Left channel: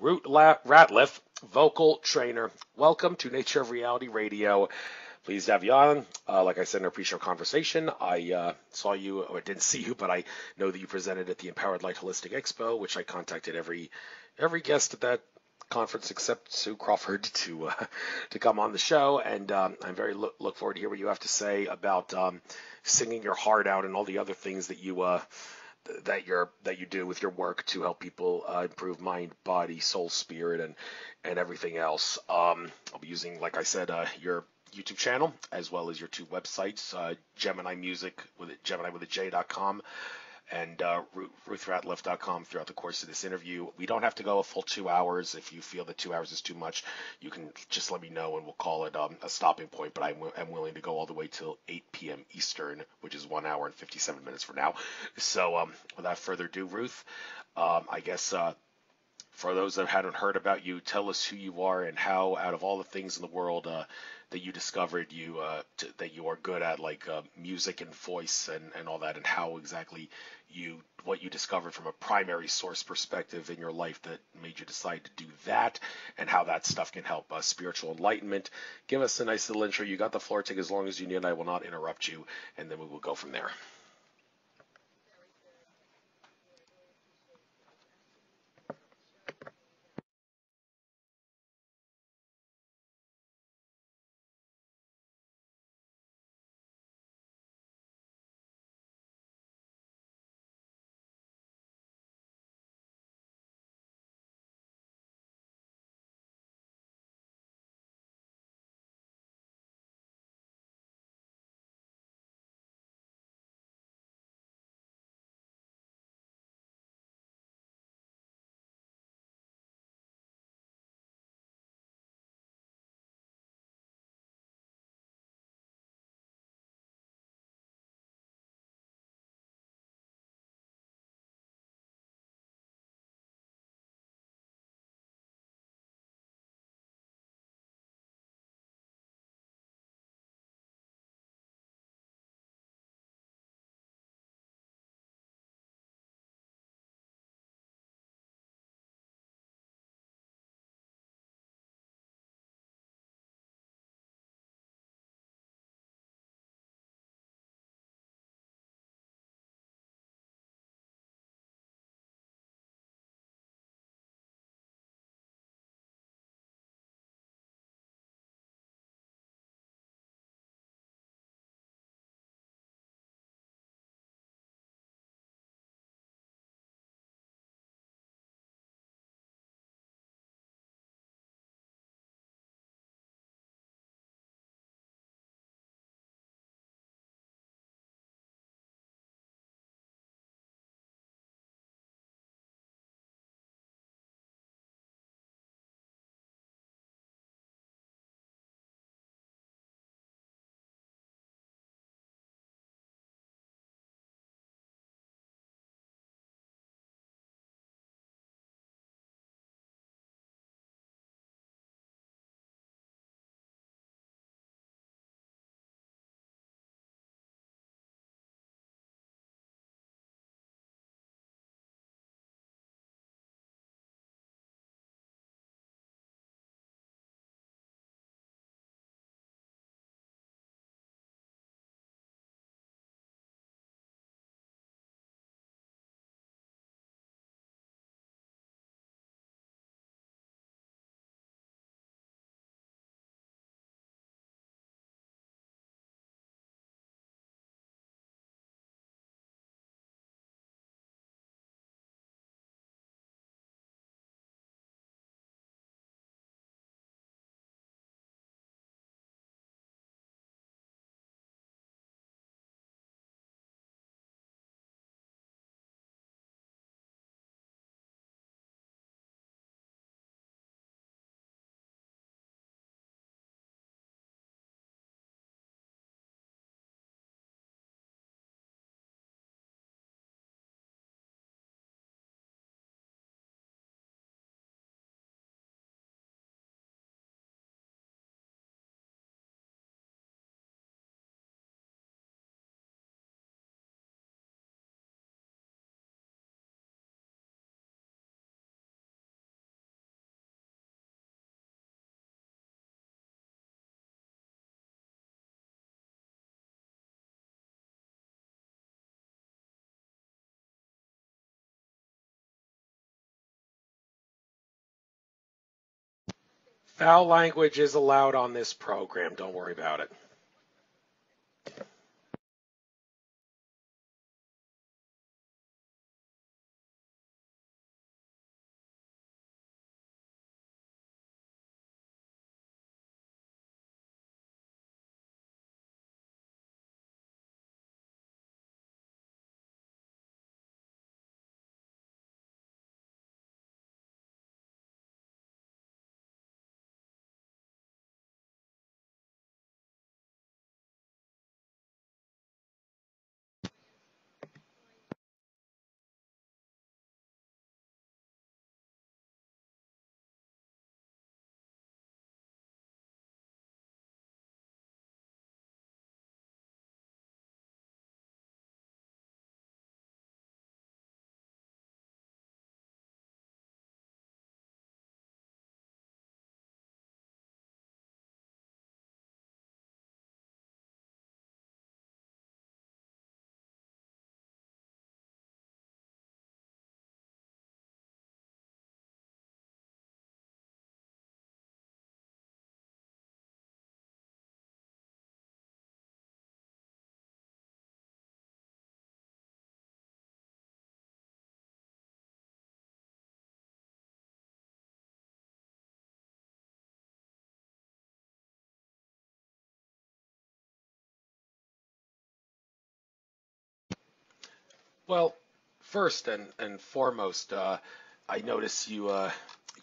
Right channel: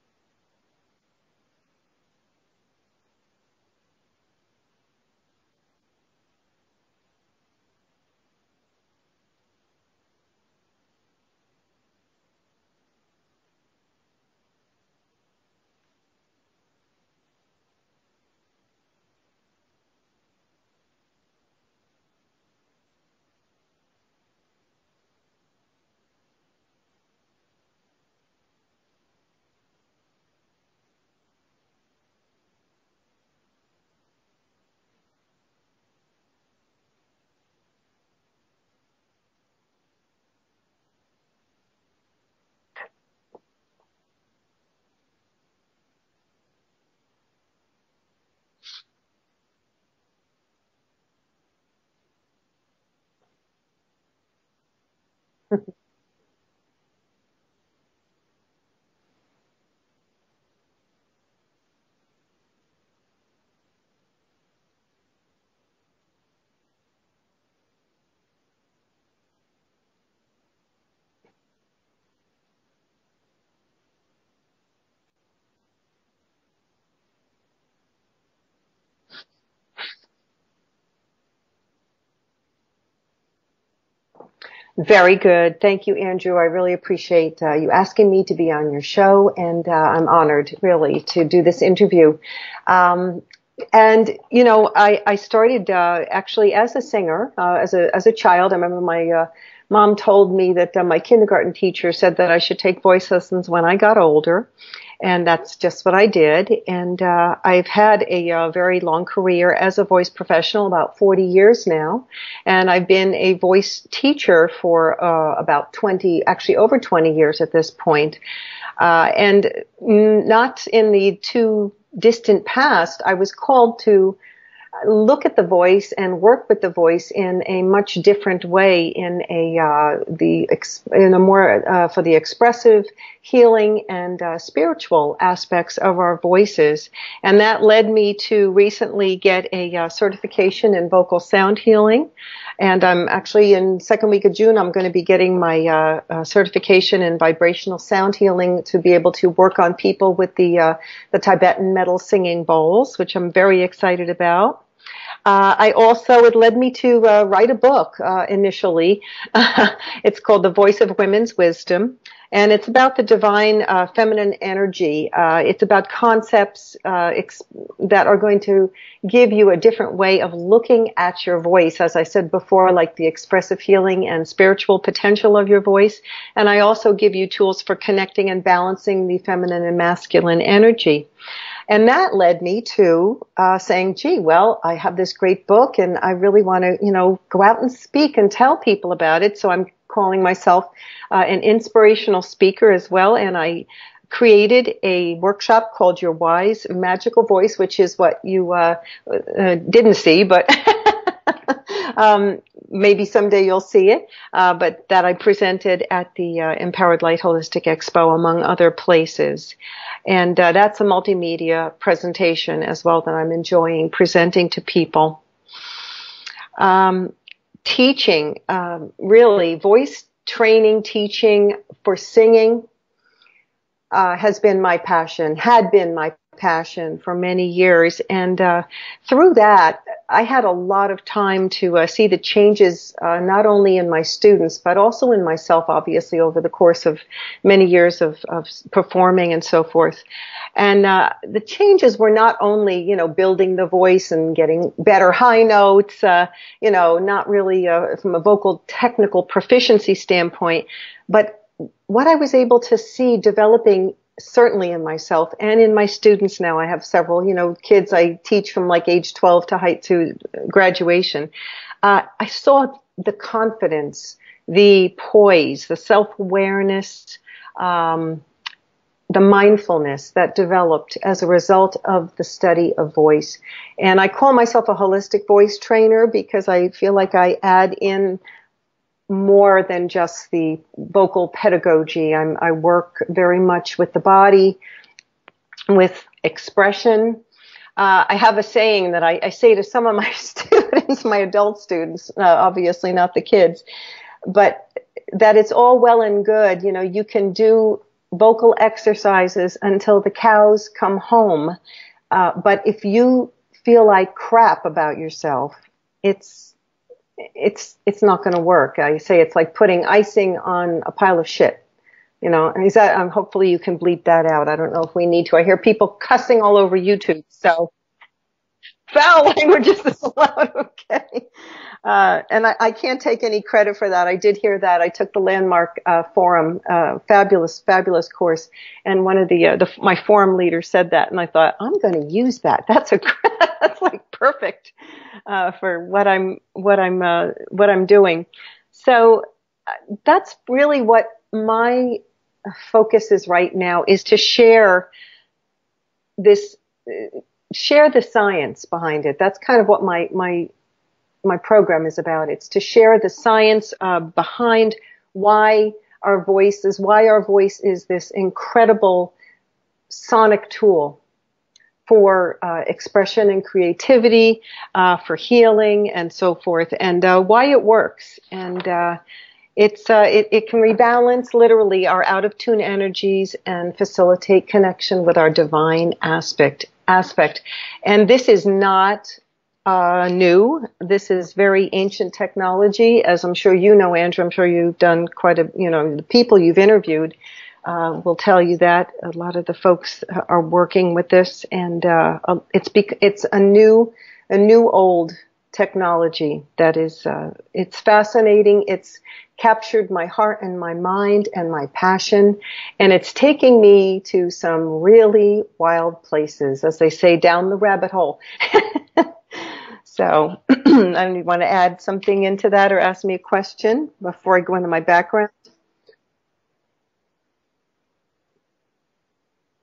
Ruth Ratliff, vocal trainer. Welcome to Nature of Reality Radio. Pleased to have you on. Like I said in our pre-show conversation, I saw you, or didn't see you, but I know that you presented at the Empowered Light Holistic Expo, which I contacted every guest at that conference except Sue Crawford to come on the show, and I'm very look forward to hear what you have to say about singing your heart out and all the other things that you do with your work to help people improve mind, body, soul, spirit, and everything else. I'll be using, like I said, your YouTube channel as well as your two websites, Gemini Music with it, Gemini with a J.com and RuthRatliff.com throughout the course of this interview. We don't have to go a full 2 hours. If you feel that 2 hours is too much, you can just let me know and we'll call it a stopping point. But I'm willing to go all the way till 8 p.m. Eastern, which is 1 hour and 57 minutes from now. So without further ado, Ruth, I guess for those that hadn't heard about you, tell us who you are and how, out of all the things in the world that you discovered that you are good at, like music and voice and all that, and how exactly what you discovered from a primary source perspective in your life that made you decide to do that, and how that stuff can help spiritual enlightenment. Give us a nice little intro. You got the floor. Take as long as you need. I will not interrupt you, and then we will go from there. Very good. Thank you, Andrew. I really appreciate you asking me to be on your show, and I'm honored, really, to do this interview. And, you know, I started actually as a singer, as a child. I remember my mom told me that my kindergarten teacher said that I should take voice lessons when I got older. And that's just what I did. And I've had a very long career as a voice professional, about 40 years now. And I've been a voice teacher for about 20, actually over 20 years at this point. And not in the too distant past, I was called to look at the voice and work with the voice in a much different way, in a more for the expressive, healing, and spiritual aspects of our voices. And that led me to recently get a certification in vocal sound healing. And I'm actually in second week of June, I'm going to be getting my certification in vibrational sound healing to be able to work on people with the Tibetan metal singing bowls, which I'm very excited about. It led me to write a book initially. It's called The Voice of Women's Wisdom, and it's about the divine feminine energy. It's about concepts that are going to give you a different way of looking at your voice, as I said before, like the expressive healing and spiritual potential of your voice. And I also give you tools for connecting and balancing the feminine and masculine energy. And that led me to saying, gee, well, I have this great book and I really want to, go out and speak and tell people about it. So I'm calling myself an inspirational speaker as well. And I created a workshop called Your Wise Magical Voice, which is what you didn't see, but maybe someday you'll see it, but that I presented at the Empowered Light Holistic Expo, among other places. And that's a multimedia presentation as well that I'm enjoying presenting to people. Teaching, really, voice training, teaching for singing has been my passion, had been my passion for many years. And through that, I had a lot of time to see the changes, not only in my students, but also in myself, obviously, over the course of many years of performing and so forth. And the changes were not only, building the voice and getting better high notes, not really from a vocal technical proficiency standpoint, but what I was able to see developing certainly in myself and in my students now. I have several, kids I teach from like age 12 to graduation. I saw the confidence, the poise, the self-awareness, the mindfulness that developed as a result of the study of voice. And I call myself a holistic voice trainer because I feel like I add in more than just the vocal pedagogy. I work very much with the body, with expression. I have a saying that I say to some of my students, my adult students, obviously not the kids, but that it's all well and good. You can do vocal exercises until the cows come home. But if you feel like crap about yourself, it's not going to work. I say it's like putting icing on a pile of shit. You know, and hopefully you can bleep that out. I don't know if we need to. I hear people cussing all over Foul YouTube. language is allowed on this program. Foul language is allowed, okay. And I can't take any credit for that. I did hear that. I took the Landmark Forum, fabulous course, and one of my forum leaders said that, and I thought, I'm going to use that. That's like perfect for what I'm doing. So that's really what my focus is right now, is to share the science behind it. That's kind of what my program is about. It's to share the science behind why our voice is this incredible sonic tool for expression and creativity, for healing and so forth, and why it works. And it can rebalance literally our out of tune energies and facilitate connection with our divine aspect. And this is not new. This is very ancient technology, as I'm sure you know, Andrew. I'm sure you've done the people you've interviewed will tell you that a lot of the folks are working with this, and it's a new old technology that is it's fascinating. It's captured my heart and my mind and my passion, and it's taking me to some really wild places, as they say, down the rabbit hole. So I want to add something into that or ask me a question before I go into my background. Well, first and foremost, I notice you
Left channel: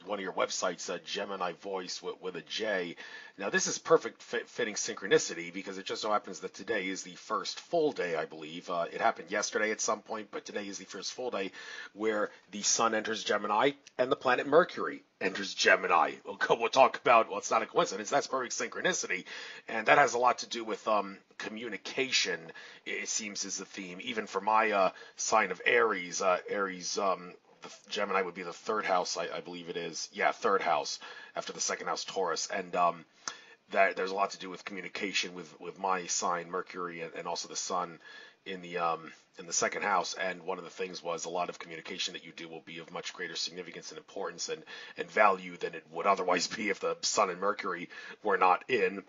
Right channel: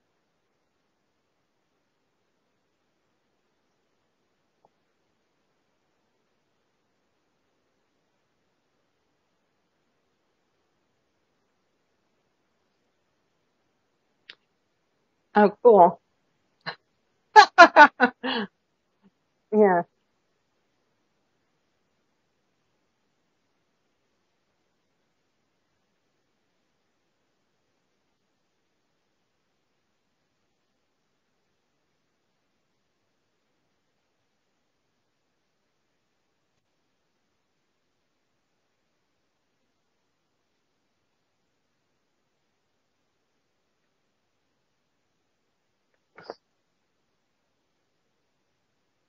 one of your websites, Gemini Voice with a J. Now, this is perfect fitting synchronicity, because it just so happens that today is the first full day, I believe. It happened yesterday at some point, but today is the first full day where the sun enters Gemini and the planet Mercury enters Gemini. We'll talk about, well, it's not a coincidence, that's perfect synchronicity. Yeah. And that has a lot to do with communication, it seems, is the theme. Even for my sign of Aries, the Gemini would be the third house, I believe it is. Yeah, third house after the second house, Taurus. And that there's a lot to do with communication with my sign, Mercury, and also the sun in the second house. And one of the things was a lot of communication that you do will be of much greater significance and importance and value than it would otherwise be if the sun and Mercury were not in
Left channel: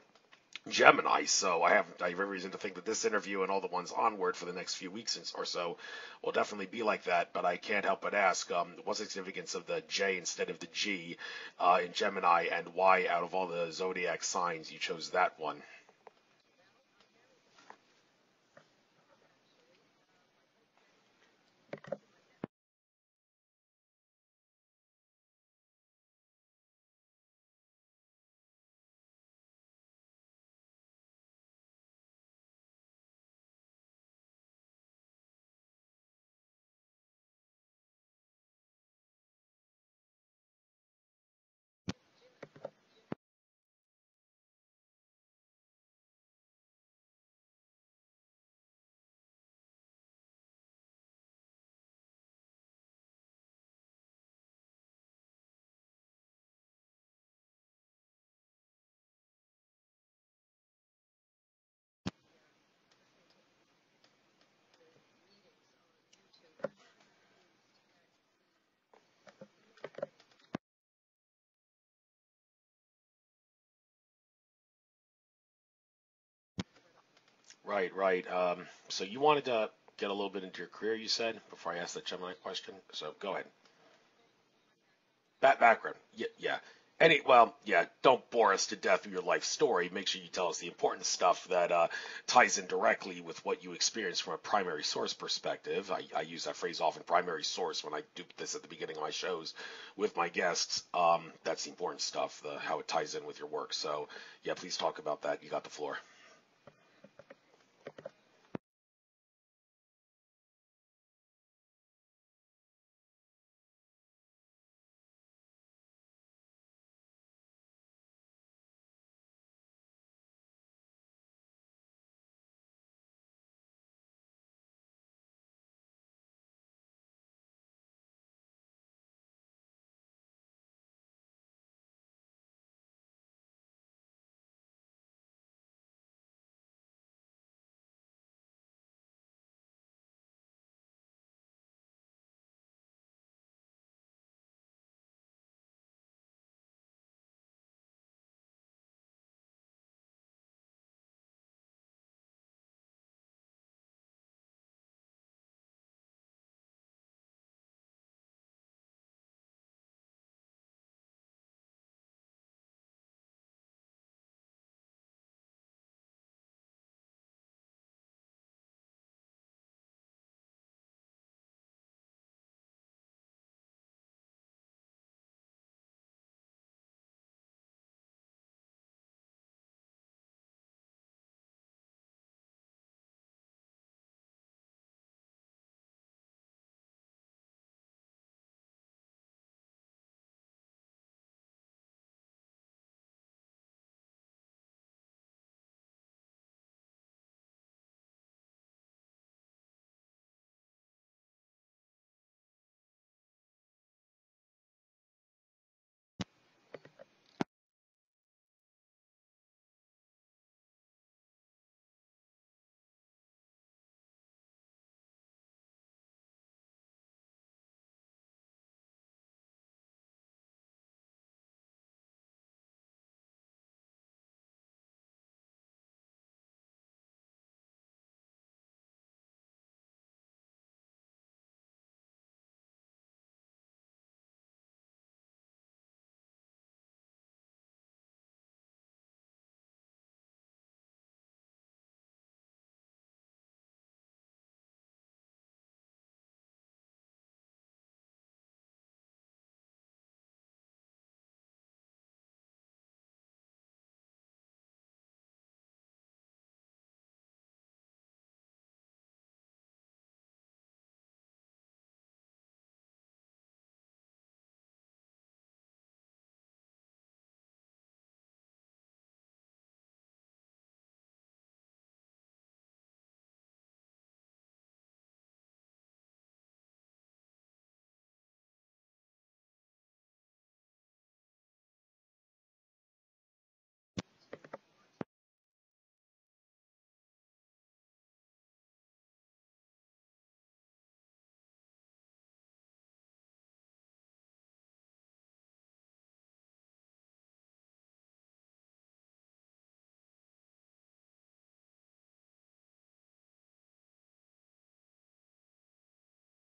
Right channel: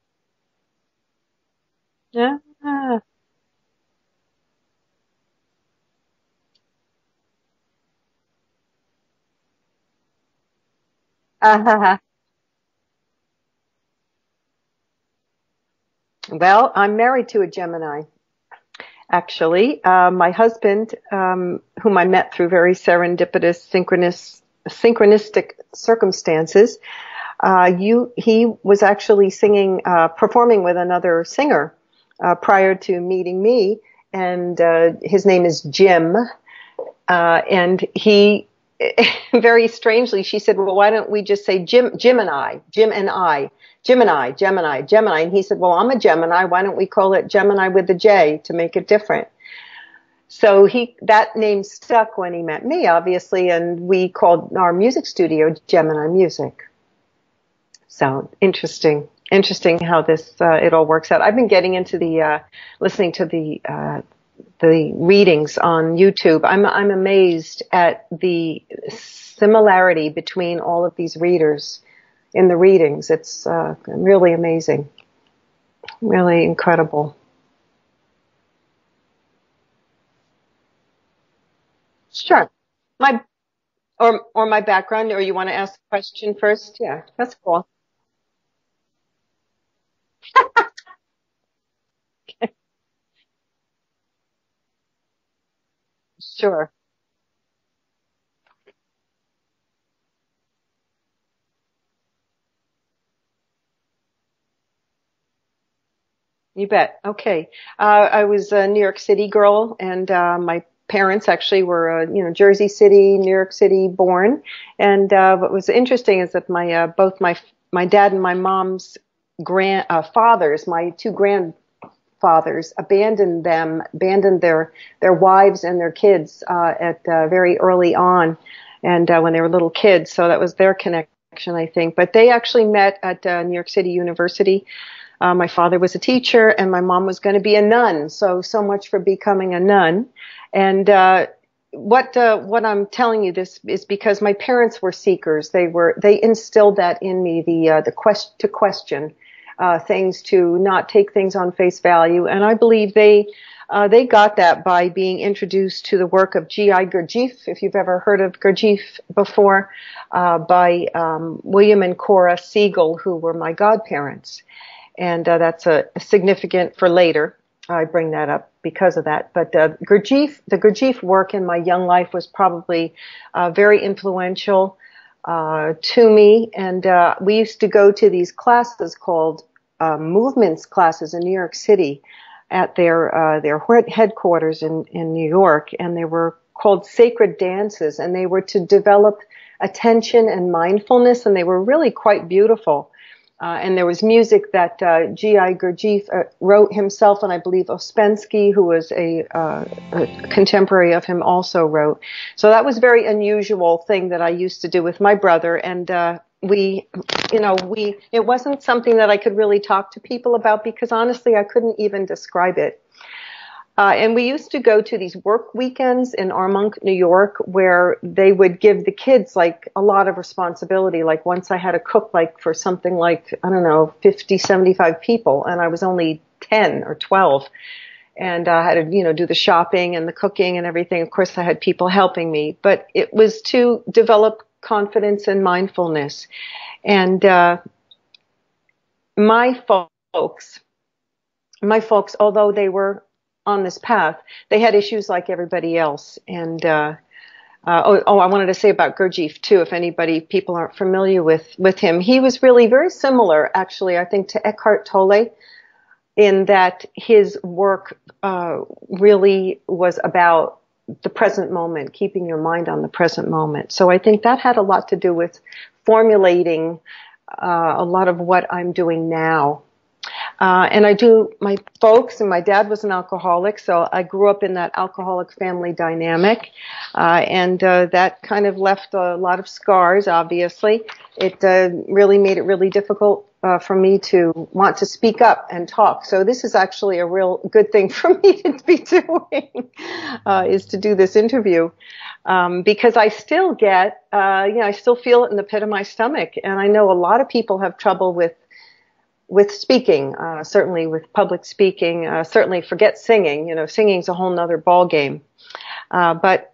Gemini. So I have reason to think that this interview and all the ones onward for the next few weeks or so will definitely be like that. But I can't help but ask, what's the significance of the J instead of the G in Gemini, and why, out of all the zodiac signs, you chose that one? Well, I'm married to a Gemini, actually. My husband, whom I met through very serendipitous, synchronistic circumstances, he was actually performing with another singer prior to meeting me, and his name is Jim. And he, very strangely, she said, well, why don't we just say Gemini, Gemini. And he said, well, I'm a Gemini. Why don't we call it Gemini with a J to make it different? So that name stuck when he met me, obviously, and we called our music studio Gemini Music. So interesting how this it all works out. I've been getting into listening to the readings on YouTube. I'm amazed at the similarity between all of these readers in the readings. It's really amazing, really incredible. Right. So you wanted to get a little bit into your career, you said, before I ask that Gemini question. So go ahead. Or my background, or you want to ask a question first? Yeah. Cool. Yeah, don't bore us to death with your life story. Make sure you tell us the important stuff that ties in directly with what you experience from a primary source perspective. I use the phrase often, primary source, when I do this at the beginning of my shows with my guests. That's the important stuff, how it ties in with your work. So, yeah, please talk about that. You got the floor. You bet. Okay. I was a New York City girl, and my parents actually were, Jersey City, New York City born. And what was interesting is that both my dad and my mom's fathers, my two grandfathers, abandoned their wives and their kids at very early on. and when they were little kids. So that was their connection, I think. But they actually met at New York City University. My father was a teacher, and my mom was going to be a nun. So much for becoming a nun. And what I'm telling you this is because my parents were seekers. They instilled that in me, to question things, to not take things on face value. And I believe they got that by being introduced to the work of G.I. Gurdjieff, if you've ever heard of Gurdjieff before, by William and Cora Siegel, who were my godparents. And that's a significant for later. I bring that up because of that. But the Gurdjieff work in my young life was probably very influential to me. And we used to go to these classes called movements classes in New York City at their headquarters in New York. And they were called sacred dances. And they were to develop attention and mindfulness. And they were really quite beautiful. And there was music that G.I. Gurdjieff wrote himself, and I believe Ouspensky, who was a contemporary of him, also wrote. So that was a very unusual thing that I used to do with my brother, and it wasn't something that I could really talk to people about because honestly, I couldn't even describe it. And we used to go to these work weekends in Armonk, New York, where they would give the kids like a lot of responsibility. Like once I had to cook like for something like, I don't know, 50, 75 people, and I was only 10 or 12. And I had to, do the shopping and the cooking and everything. Of course, I had people helping me, but it was to develop confidence and mindfulness. And my folks, although they were on this path, they had issues like everybody else. And I wanted to say about Gurdjieff too, if people aren't familiar with him, he was really very similar, actually, I think, to Eckhart Tolle, in that his work really was about the present moment, keeping your mind on the present moment. So I think that had a lot to do with formulating a lot of what I'm doing now. And my folks, and my dad was an alcoholic, so I grew up in that alcoholic family dynamic, and that kind of left a lot of scars, obviously. It really made it really difficult for me to want to speak up and talk. So this is actually a real good thing for me to be doing, is to do this interview. Because I still get, I still feel it in the pit of my stomach. And I know a lot of people have trouble with speaking, certainly with public speaking, certainly forget singing. Singing's a whole nother ball game. But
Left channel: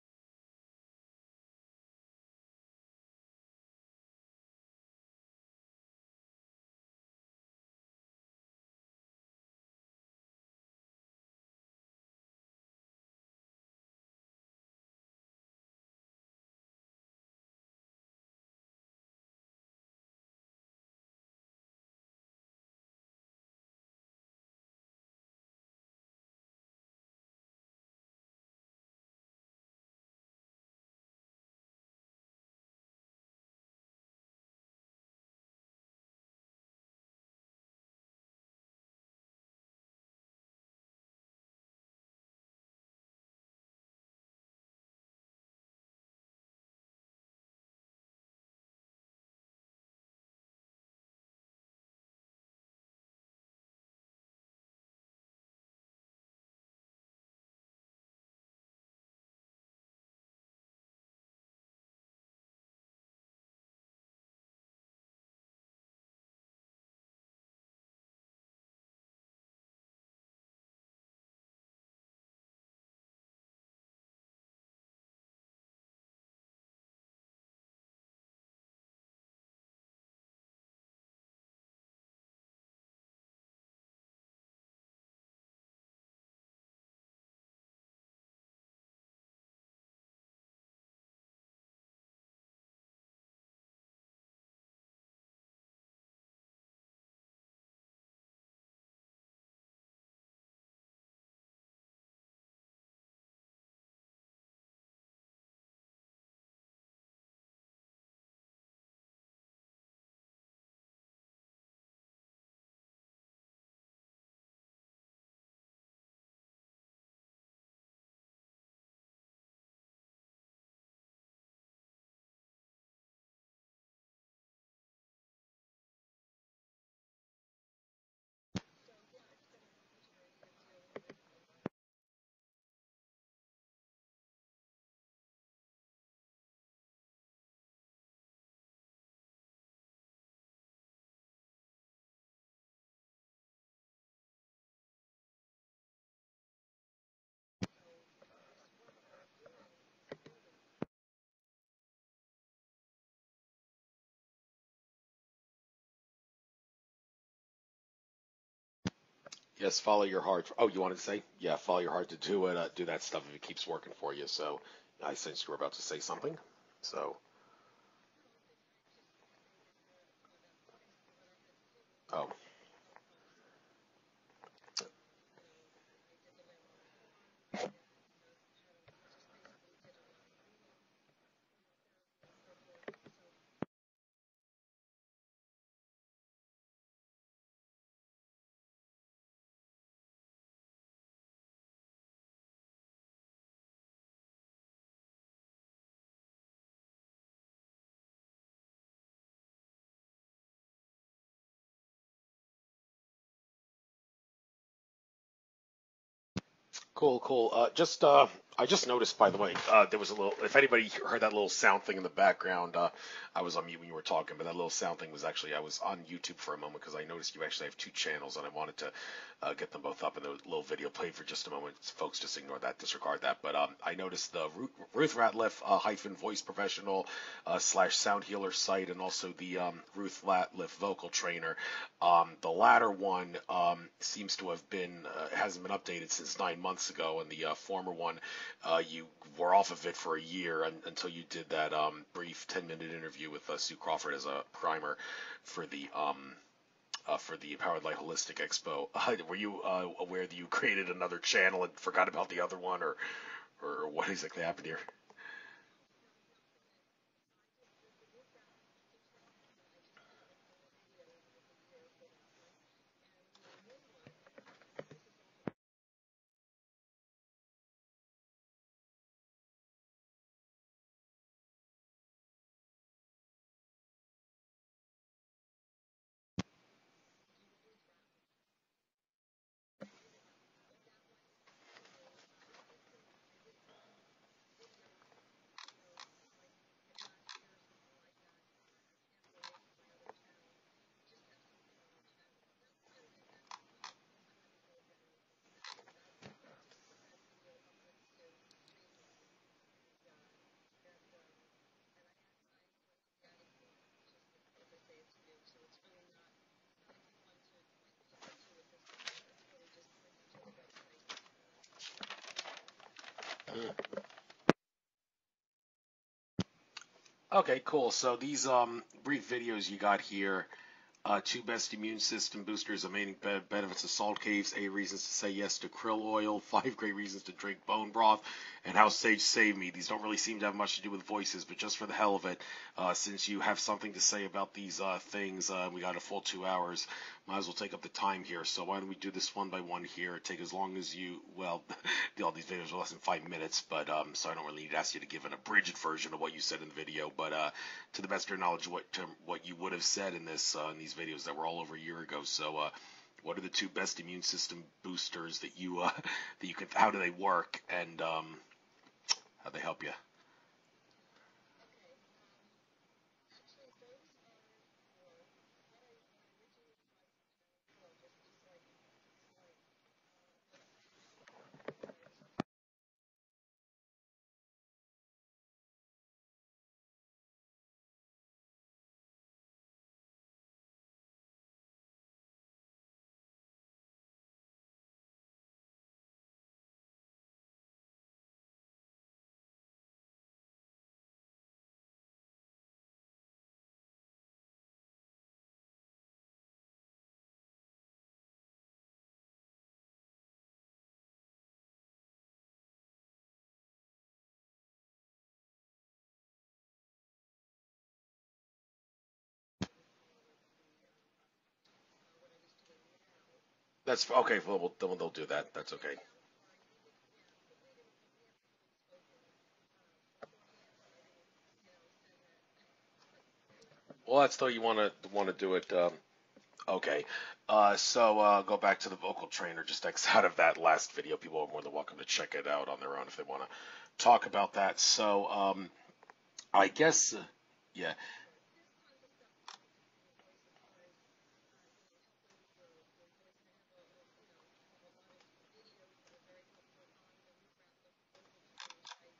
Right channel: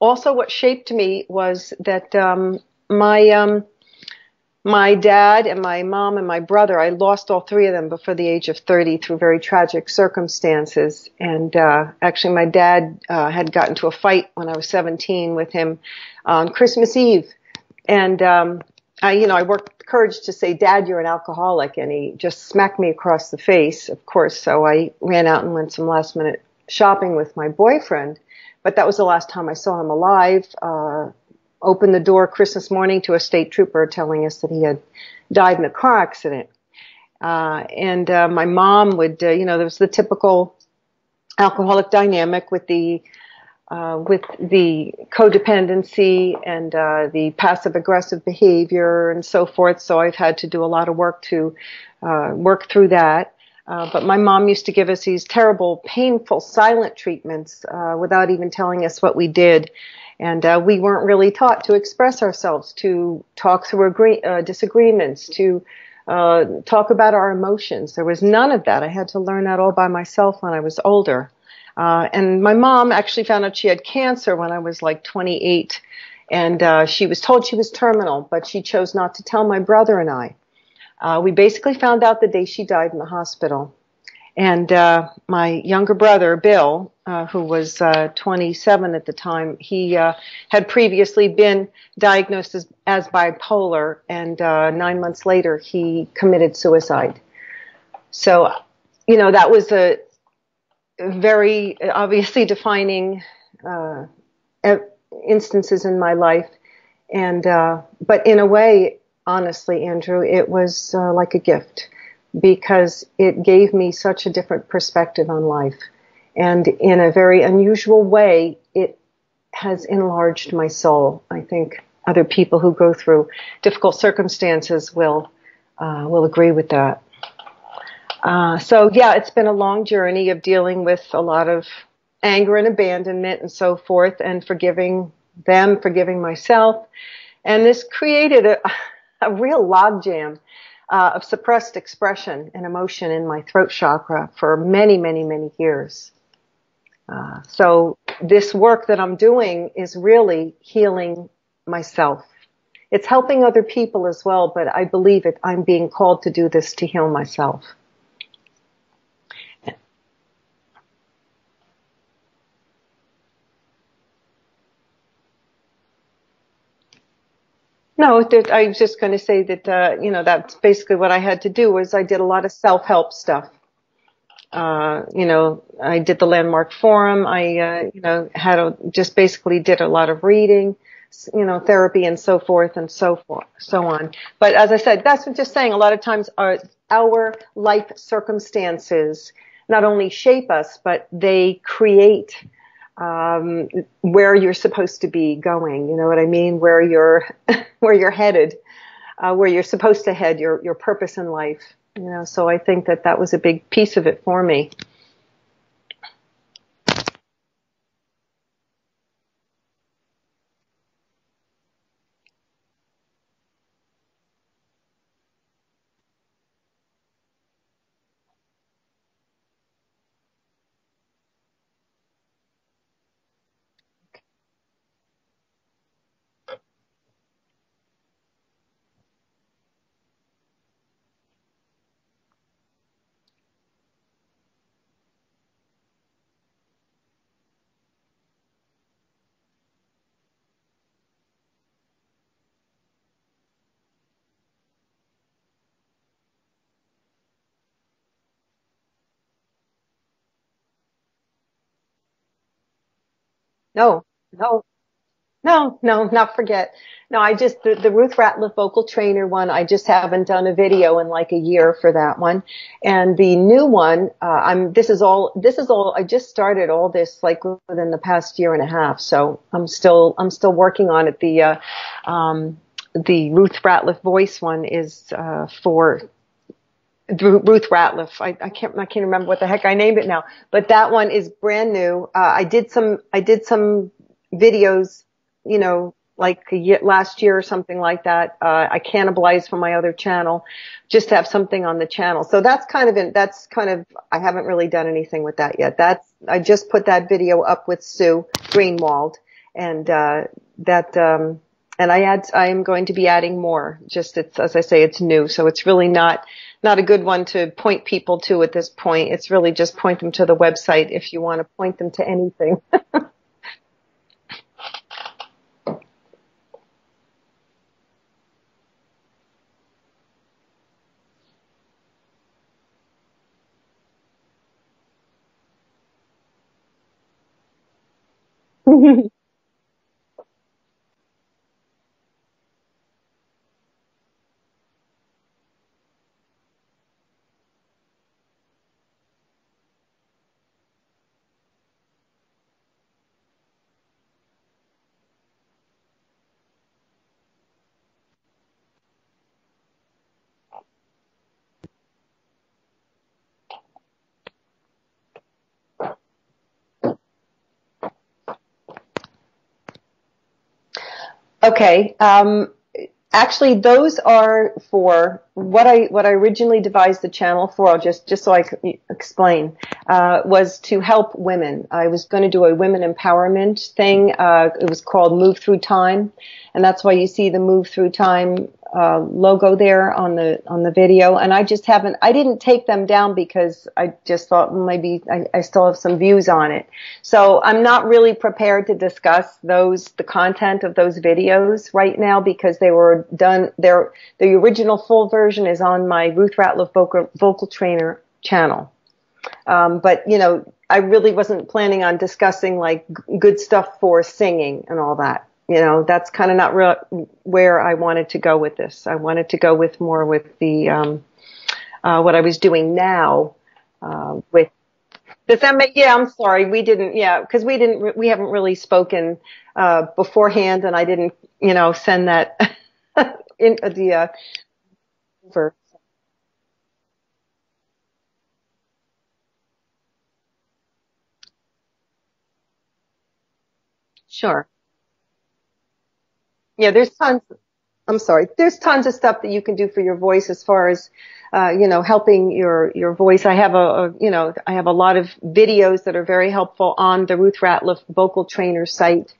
also what shaped me was that my dad and my mom and my brother, I lost all three of them before the age of 30 through very tragic circumstances. And actually, my dad had gotten into a fight when I was 17 with him on Christmas Eve. And I worked the courage to say, "Dad, you're an alcoholic," and he just smacked me across the face, of course. So I ran out and went some last minute shopping with my boyfriend. But that was the last time I saw him alive. Opened the door Christmas morning to a state trooper telling us that he had died in a car accident. And my mom would, there was the typical alcoholic dynamic with the codependency and the passive aggressive behavior and so forth. So I've had to do a lot of work to work through that. But my mom used to give us these terrible, painful, silent treatments without even telling us what we did. And we weren't really taught to express ourselves, to talk through disagreements, to talk about our emotions. There was none of that. I had to learn that all by myself when I was older. And my mom actually found out she had cancer when I was like 28. And she was told she was terminal, but she chose not to tell my brother and I. We basically found out the day she died in the hospital. And my younger brother, Bill, who was 27 at the time, he had previously been diagnosed as bipolar, and 9 months later, he committed suicide. So, that was a very obviously defining instances in my life. And but in a way, honestly, Andrew, it was like a gift, because it gave me such a different perspective on life. And in a very unusual way, it has enlarged my soul. I think other people who go through difficult circumstances will agree with that. So yeah, it's been a long journey of dealing with a lot of anger and abandonment and so forth, and forgiving them, forgiving myself. And this created a real logjam of suppressed expression and emotion in my throat chakra for many, many, many years. So this work that I'm doing is really healing myself. It's helping other people as well, but I believe I'm being called to do this to heal myself. Yes, follow your heart. Oh, you wanted to say? Yeah, follow your heart to do it. Do that stuff if it keeps working for you. So I sensed you were about to say something. So. No, I was just going to say that, that's basically what I had to do was I did a lot of self-help stuff. I did the Landmark Forum. I, just basically did a lot of reading, therapy and so forth and so on. But as I said, that's what just saying a lot of times our life circumstances not only shape us, but they create where you're supposed to be going. You know what I mean? Where you're headed, where you're supposed to head, your purpose in life. So I think that was a big piece of it for me. Cool. I just noticed, by the way, there was a little, if anybody heard that little sound thing in the background, I was on mute when you were talking, but that little sound thing was actually, I was on YouTube for a moment because I noticed you actually have two channels and I wanted to get them both up, and the little video played for just a moment. Folks, just ignore that, disregard that. But I noticed the Ruth Ratliff voice professional / sound healer site, and also the Ruth Ratliff vocal trainer. The latter one seems to have been hasn't been updated since 9 months ago, and the former one you were off of it for a year until you did that brief 10-minute interview with Sue Crawford as a primer for the Empowered Light Holistic Expo. Were you aware that you created another channel and forgot about the other one, or no, what exactly happened here? No, not forget. No, I just, the Ruth Ratliff vocal trainer one, I just haven't done a video in like a year for that one. And the new one, this is all, I just started all this like within the past year and a half. So I'm still working on it. The Ruth Ratliff voice one is, for Ruth Ratliff. I can't remember what the heck I named it now, but that one is brand new. I did some videos, like last year or something like that. I cannibalized from my other channel just to have something on the channel. So that's kind of, I haven't really done anything with that yet. I just put that video up with Sue Greenwald, and, and I am going to be adding more. Just as I say, it's new. So it's really not a good one to point people to at this point. It's really just point them to the website if you want to point them to anything. Okay, cool. So these brief videos you got here, 2 best immune system boosters, amazing benefits of salt caves, 8 reasons to say yes to krill oil, 5 great reasons to drink bone broth, and how sage saved me. These don't really seem to have much to do with voices, but just for the hell of it, since you have something to say about these things, we got a full 2 hours. Might as well take up the time here. So why don't we do this one by one here? Take as long as you, all these videos are less than 5 minutes, but so I don't really need to ask you to give an abridged version of what you said in the video, but to the best of your knowledge, what you would have said in these videos that were all over a year ago. So what are the 2 best immune system boosters that you can, how do they work, and how they help you? Okay. Actually, those are for what I originally devised the channel for. I'll just so I can explain, was to help women. I was going to do a women empowerment thing. It was called Move Through Time, and that's why you see the Move Through Time logo there on the video. And I didn't take them down because I just thought maybe I still have some views on it. So I'm not really prepared to discuss the content of those videos right now because they were done. The original full version is on my Ruth Ratliff vocal trainer channel. But I really wasn't planning on discussing like good stuff for singing and all that. That's kind of not where I wanted to go with this. I wanted to go with more with the what I was doing now. Yes, okay, we'll do that. Does that make? Yeah, I'm sorry, we didn't. Yeah, because we haven't really spoken beforehand, and I didn't, send that in the. Well, that's still you want to For, do it. Okay. Go back to the vocal trainer. Just X out of that last video. People are more than welcome to check it out on their own if they want to talk sure. about that. I Yeah, there's guess, tons. yeah. I'm sorry. There's tons of stuff that you can do for your voice as far as, helping your voice. I have I have a lot of videos that are very helpful on the Ruth Ratliff vocal trainer site.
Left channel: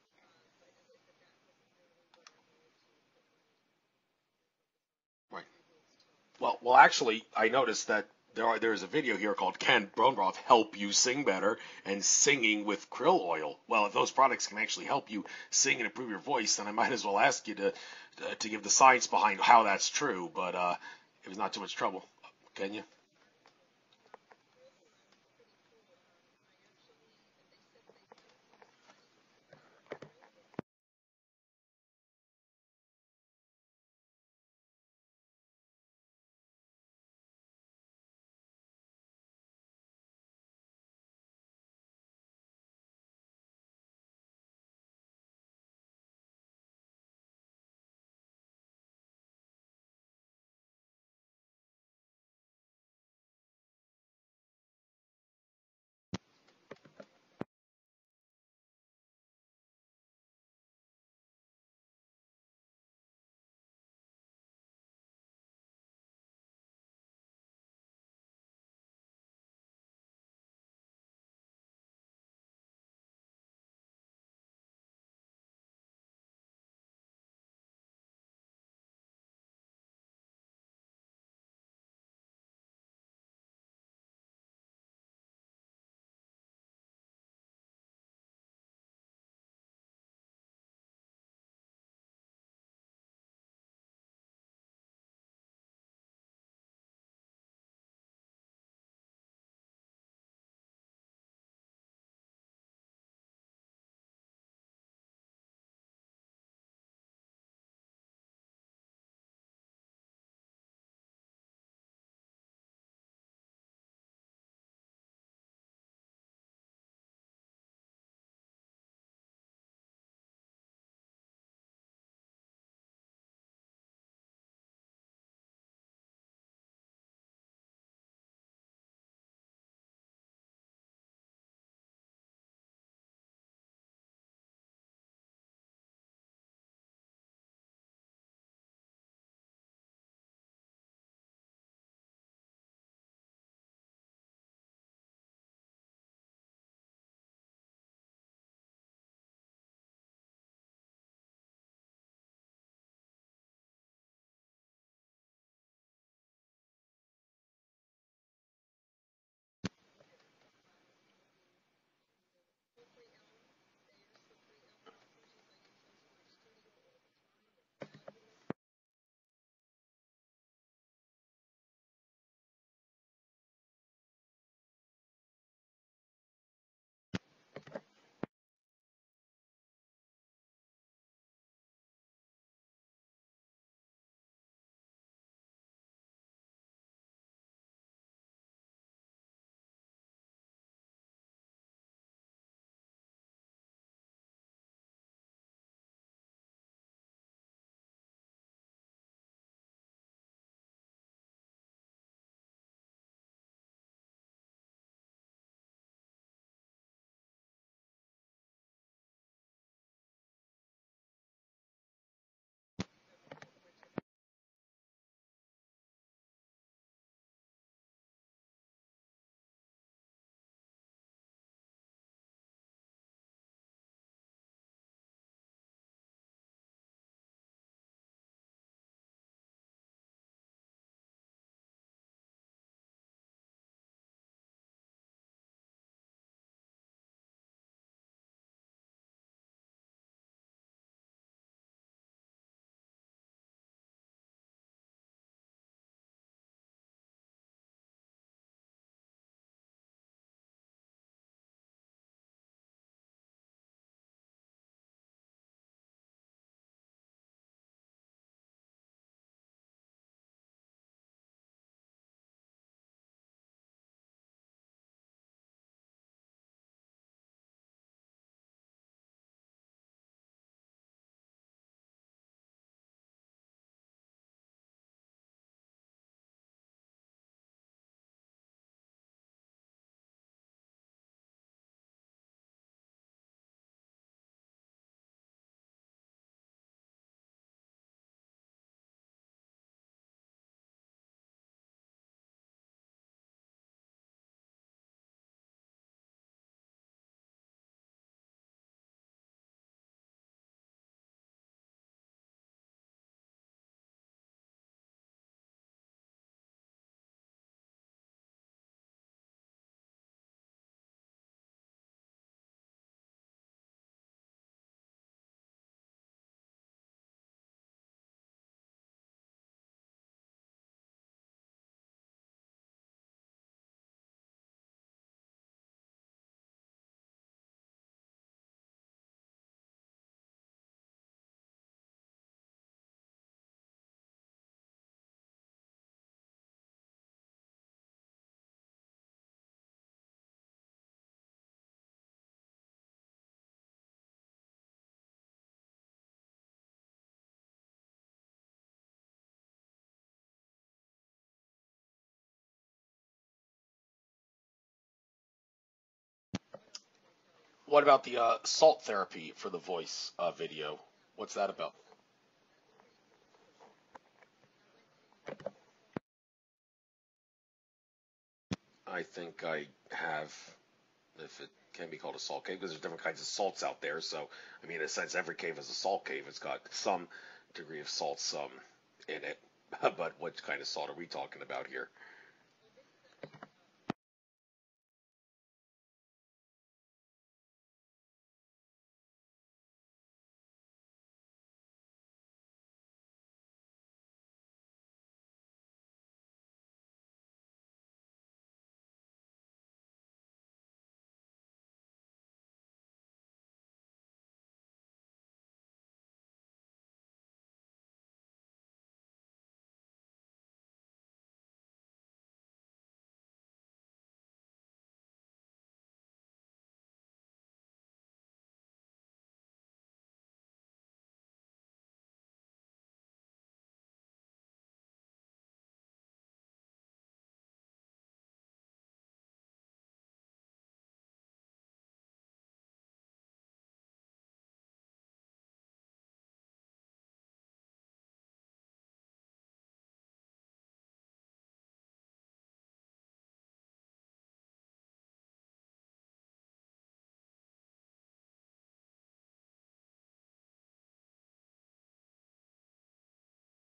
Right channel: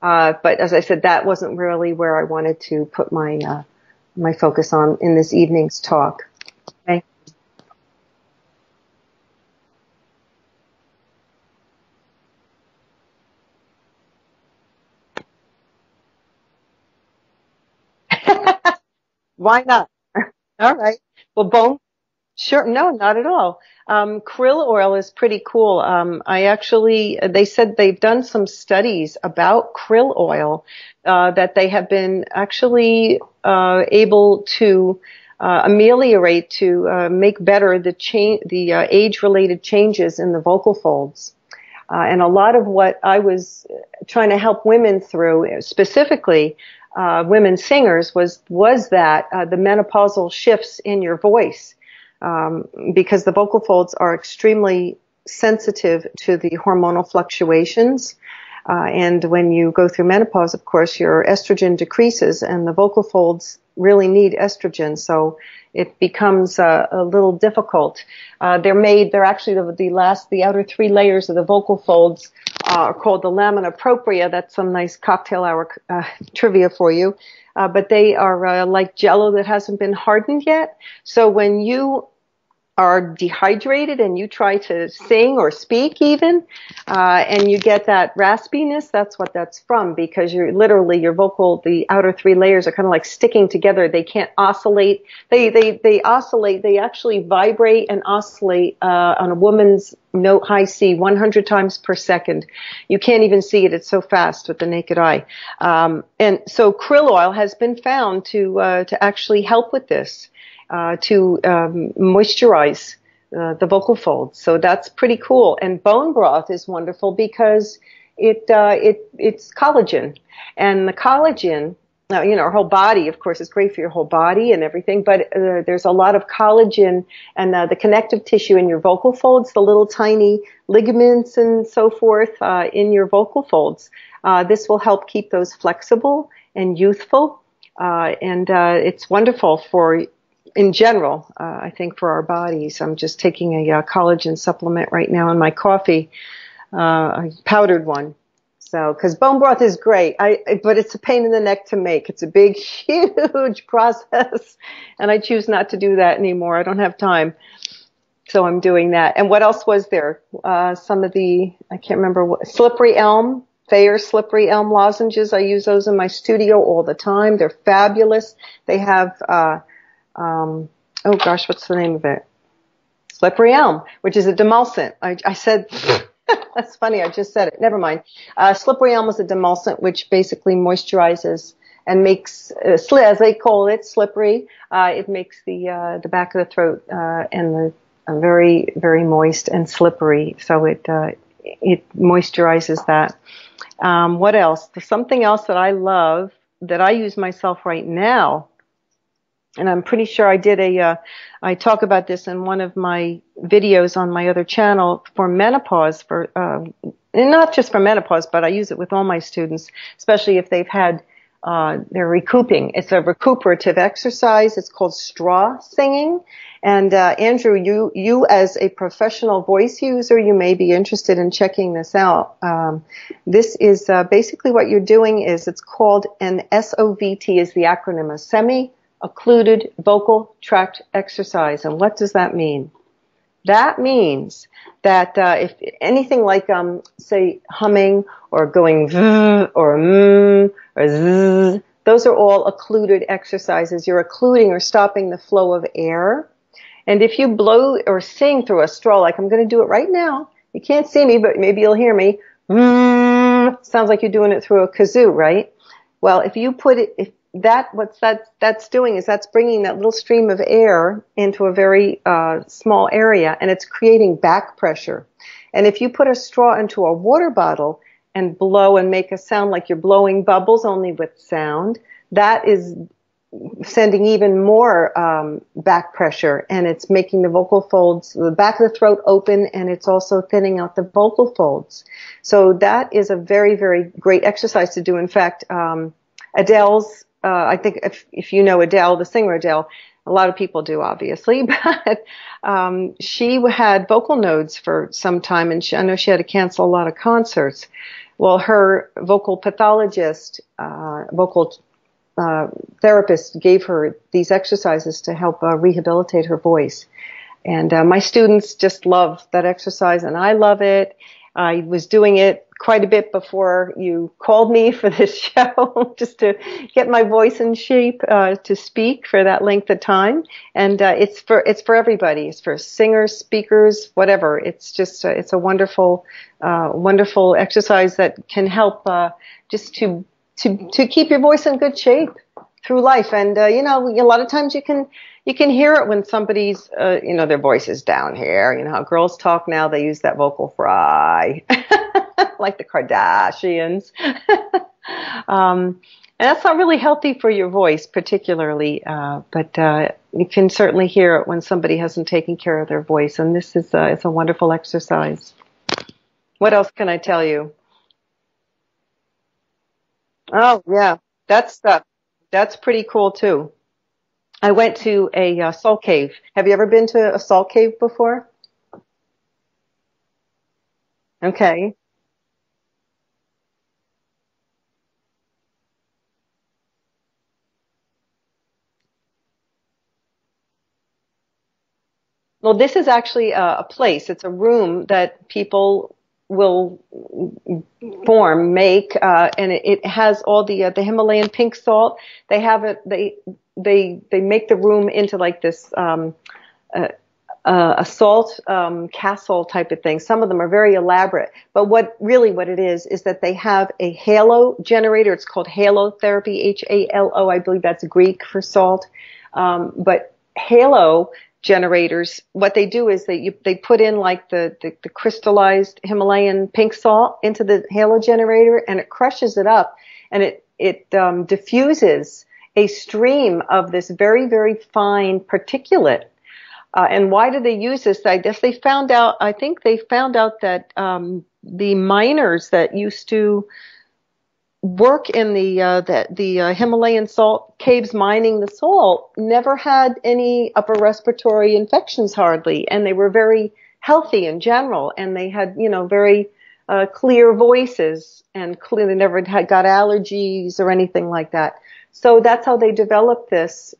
But as I said, that wasn't really where I wanted to put my focus on in this evening's talk. Well, actually, I noticed that there's a video here called "Can Bone Broth Help You Sing Better?" and "Singing with Krill Oil." Well, if those products can actually help you sing and improve your voice, then I might as well ask you to give the science behind how that's true. But All right. it was Well, not too much trouble. Sure. No, not at all. Krill oil is pretty cool. They said they've done some studies about krill oil, that they have been actually, able to, ameliorate, to, make better the age-related changes in the vocal folds. And a lot of what I was trying to help women through, specifically, women singers, was that, the menopausal shifts in your voice. Because the vocal folds are extremely sensitive to the hormonal fluctuations. And when you go through menopause, of course, your estrogen decreases and the vocal folds really need estrogen. So it becomes a little difficult. They're actually the outer three layers of the vocal folds are called the lamina propria. That's some nice cocktail hour trivia for you. But they are like jello that hasn't been hardened yet. So when you are dehydrated and you try to sing or speak even, and you get that raspiness, that's what that's from, because the outer three layers are kind of like sticking together. They can't oscillate. They oscillate. They actually vibrate and oscillate, on a woman's note high C 100 times per second. You can't even see it. It's so fast with the naked eye. And so krill oil has been found to actually help with this. To moisturize the vocal folds. So that's pretty cool. And bone broth is wonderful because it's collagen. And the collagen, now, our whole body, of course, is great for your whole body and everything, but there's a lot of collagen and the connective tissue in your vocal folds, the little tiny ligaments and so forth in your vocal folds. This will help keep those flexible and youthful. And it's wonderful in general, I think for our bodies. I'm just taking a collagen supplement right now in my coffee, a powdered one. So, because bone broth is great, but it's a pain in the neck to make. It's a big, huge process, and I choose not to do that anymore. I don't have time, so I'm doing that. And what else was there? I can't remember slippery elm. Thayer slippery elm lozenges. I use those in my studio all the time. They're fabulous. They have what's the name of it? Slippery elm, which is a demulcent. I said, that's funny, I just said it. Never mind. Slippery elm is a demulcent, which basically moisturizes and makes, as they call it, slippery. It makes the back of the throat and very, very moist and slippery. So it moisturizes that. What else? Something else that I love that I use myself right now. And I'm pretty sure I talk about this in one of my videos on my other channel for menopause, and not just for menopause, but I use it with all my students, especially if they've had, they're recouping. It's a recuperative exercise. It's called straw singing. And, Andrew, you as a professional voice user, you may be interested in checking this out. This is, basically what you're doing is it's called an SOVT is the acronym, a semi-occluded vocal tract exercise. And what does that mean? That means that if anything like, say, humming or going v or or z, those are all occluded exercises. You're occluding or stopping the flow of air. And if you blow or sing through a straw, like I'm going to do it right now, you can't see me, but maybe you'll hear me. Sounds like you're doing it through a kazoo, right? Well, if you put it, that's doing is that's bringing that little stream of air into a very small area, and it's creating back pressure. And if you put a straw into a water bottle and blow and make a sound like you're blowing bubbles only with sound, that is sending even more back pressure, and it's making the vocal folds, the back of the throat open, and it's also thinning out the vocal folds. So that is a very, very great exercise to do. In fact, Adele's, I think if you know Adele, the singer Adele, a lot of people do, obviously, but she had vocal nodes for some time, and I know she had to cancel a lot of concerts. Well, her vocal pathologist, vocal therapist gave her these exercises to help rehabilitate her voice. And my students just love that exercise, and I love it. I was doing it quite a bit before you called me for this show, just to get my voice in shape to speak for that length of time. And it's for everybody. It's for singers, speakers, whatever. It's just it's a wonderful wonderful exercise that can help just to keep your voice in good shape through life. And you know, a lot of times you can hear it when somebody's you know, their voice is down here. You know how girls talk now, they use that vocal fry like the Kardashians. And that's not really healthy for your voice particularly, but you can certainly hear it when somebody hasn't taken care of their voice, and this is it's a wonderful exercise. What else can I tell you? What about the salt therapy for the voice? Oh, Video? yeah, What's that's pretty cool too. I went to a salt cave. Have you ever been to a salt cave before? I think I have. Okay. It can be called a salt cave because there's different kinds of salts out there. So, I mean, in a sense, every cave is a salt cave. It's got some degree of salts in it. But what kind of salt are we talking about here? Well, this is actually a place. It's a room that people will make, and it has all the Himalayan pink salt. They have it. They make the room into like this a salt castle type of thing. Some of them are very elaborate, but what it is that they have a halo generator. It's called halotherapy, HALO. I believe that's Greek for salt. But halo generators, what they do is they put in like the crystallized Himalayan pink salt into the halo generator, and it crushes it up, and it diffuses a stream of this very, very fine particulate. And why do they use this? I guess they found out, I think they found out that the miners that used to work in the Himalayan salt caves mining the salt never had any upper respiratory infections hardly, and they were very healthy in general, and they had, you know, very clear voices, and clearly never got allergies or anything like that. So that's how they developed this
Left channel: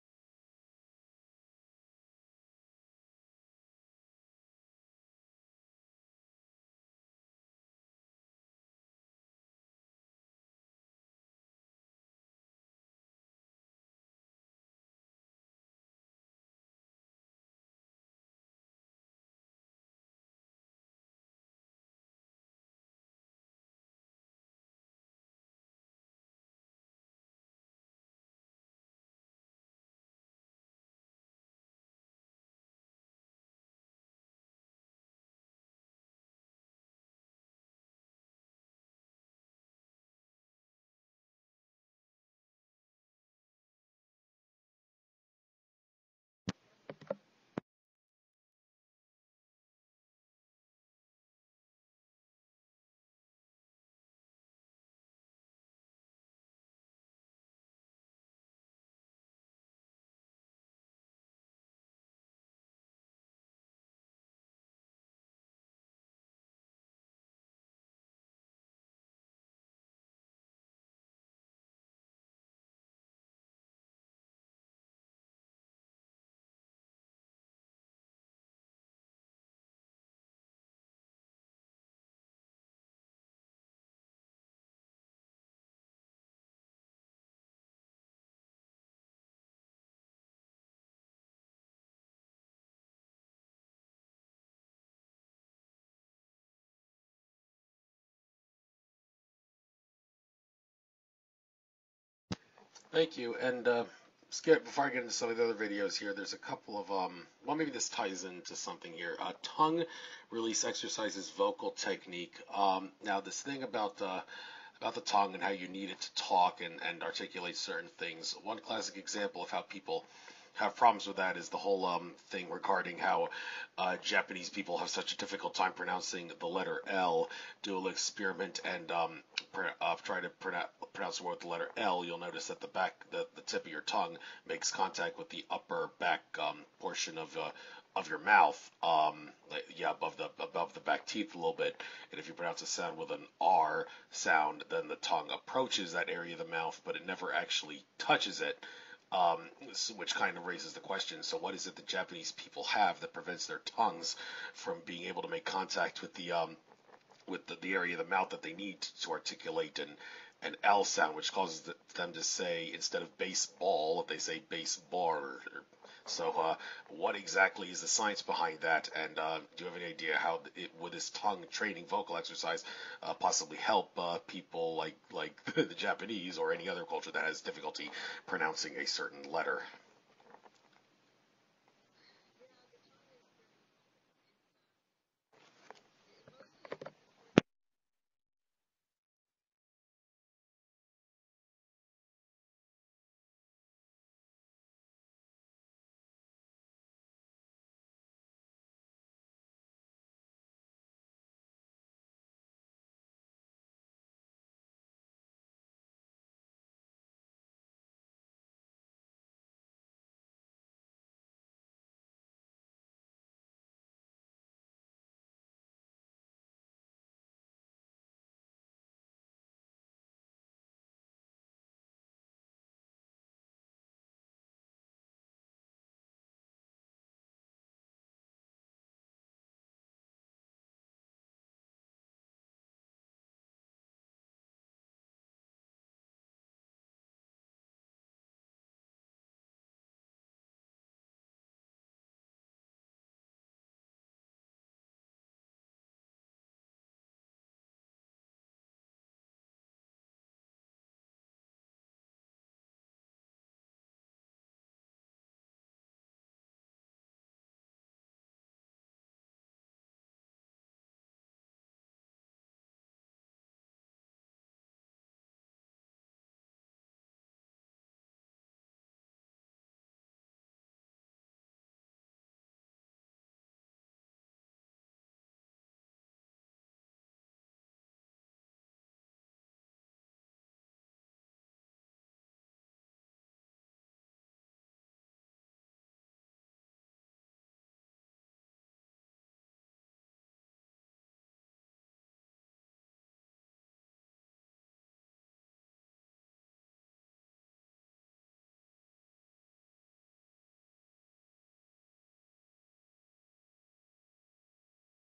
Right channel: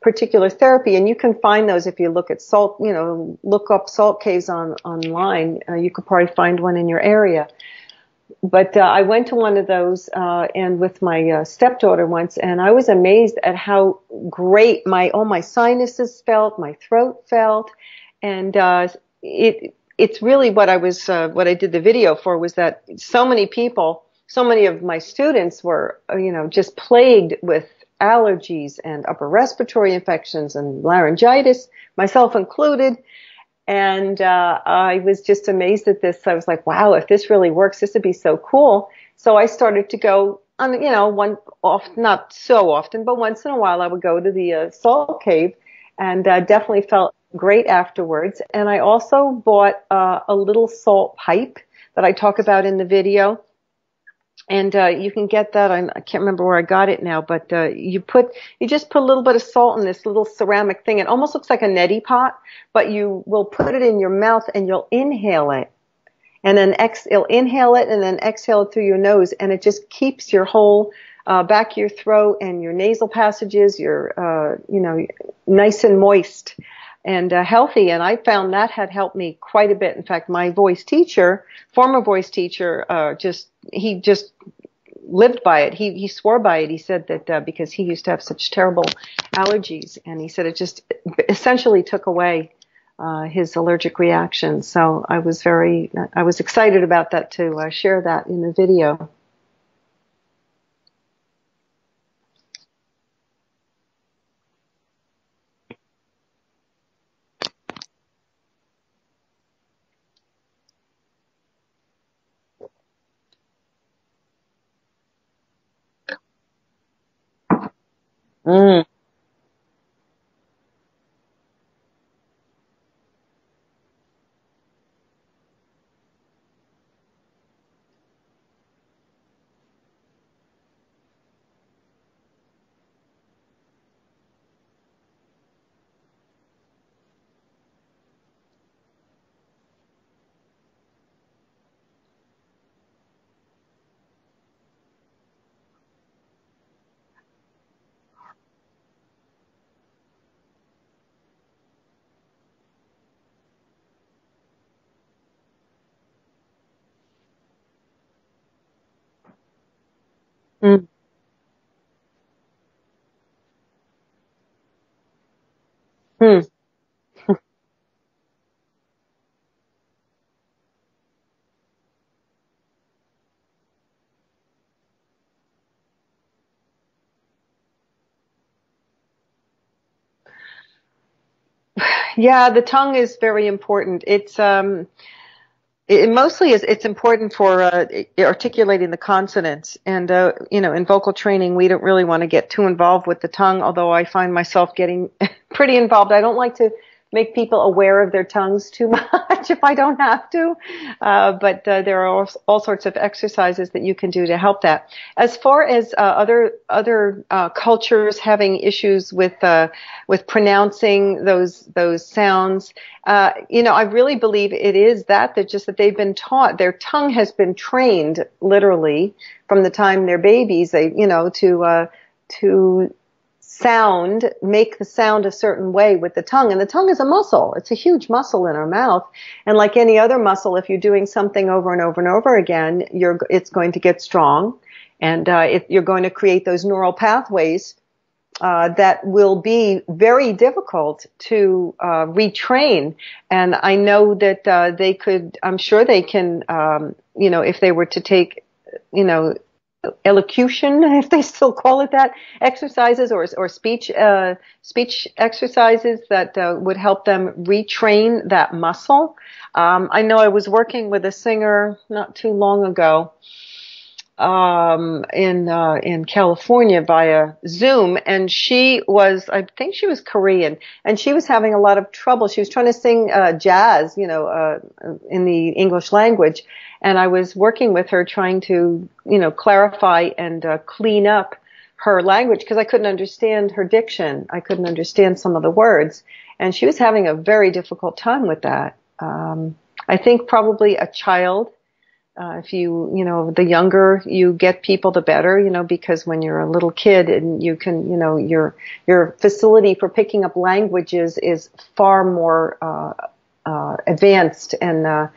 particular therapy, and you can find those if you look at salt, you know, look up salt caves online. You could probably find one in your area. But I went to one of those and with my stepdaughter once, and I was amazed at how great all my sinuses felt, my throat felt, and it's really what I did the video for was that so many of my students were, you know, just plagued with allergies and upper respiratory infections and laryngitis, myself included. And I was just amazed at this. I was like, wow, if this really works, this would be so cool. So I started to go on, you know, not so often, but once in a while I would go to the salt cave, and definitely felt great afterwards. And I also bought a little salt pipe that I talk about in the video. And you can get that. I can't remember where I got it now, but you just put a little bit of salt in this little ceramic thing. It almost looks like a neti pot, but you will put it in your mouth and you'll inhale it, and then you'll inhale it and then exhale it through your nose, and it just keeps your whole back of your throat and your nasal passages, your you know, nice and moist and healthy. And I found that had helped me quite a bit. In fact, my former voice teacher, he just lived by it. He swore by it. He said that because he used to have such terrible allergies, and he said it just essentially took away his allergic reactions. So I was excited about that to share that in the video. Thank you. And Skip, before I get into some of the other videos here, there's a couple of, well, maybe this ties into something here. Tongue release exercises, vocal technique. Now, this thing about the tongue and how you need it to talk and articulate certain things. One classic example of how people have problems with that is the whole thing regarding how Japanese people have such a difficult time pronouncing the letter L. Do a little experiment and try to pronounce the word with the letter L. You'll notice that the tip of your tongue makes contact with the upper back portion of your mouth, above the back teeth a little bit. And if you pronounce a sound with an R sound, then the tongue approaches that area of the mouth, but it never actually touches it. Which kind of raises the question, so what is it that Japanese people have that prevents their tongues from being able to make contact with the area of the mouth that they need to articulate an L sound, which causes them to say, instead of baseball, if they say baseball. So what exactly is the science behind that, and do you have any idea how would this tongue training vocal exercise possibly help people like the Japanese or any other culture that has difficulty pronouncing a certain letter? Yeah, the tongue is very important. It's it's important for articulating the consonants. And in vocal training, we don't really want to get too involved with the tongue, although I find myself getting pretty involved. I don't like to make people aware of their tongues too much if I don't have to. But there are all sorts of exercises that you can do to help that. As far as other cultures having issues with pronouncing those sounds, I really believe it is that just that they've been taught. Their tongue has been trained literally from the time they're babies. To make the sound a certain way with the tongue. And the tongue is a muscle. It's a huge muscle in our mouth. And like any other muscle, if you're doing something over and over and over again, it's going to get strong. And you're going to create those neural pathways that will be very difficult to retrain. And I know that I'm sure they can, if they were to take, elocution, if they still call it that, exercises or speech exercises that would help them retrain that muscle. I know I was working with a singer not too long ago in California via Zoom, and I think she was Korean, and she was having a lot of trouble. She was trying to sing jazz, in the English language. And I was working with her trying to, clarify and clean up her language because I couldn't understand her diction. I couldn't understand some of the words. And she was having a very difficult time with that. I think probably a child, if the younger you get people, the better, because when you're a little kid and you can, your facility for picking up languages is far more advanced and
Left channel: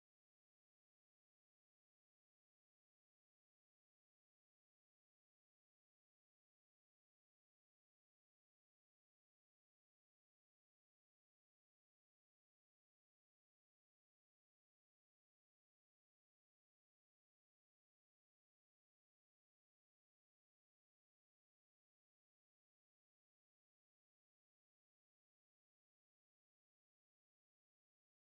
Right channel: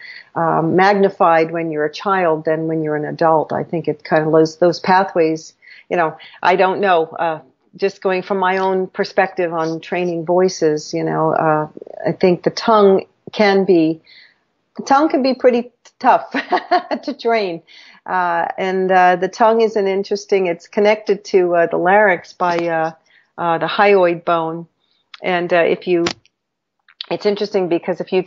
magnified when you're a child than when you're an adult. I think it kind of those pathways, I don't know, just going from my own perspective on training voices, I think the tongue can be pretty tough to train. And the tongue is it's connected to the larynx by the hyoid bone. And it's interesting because if you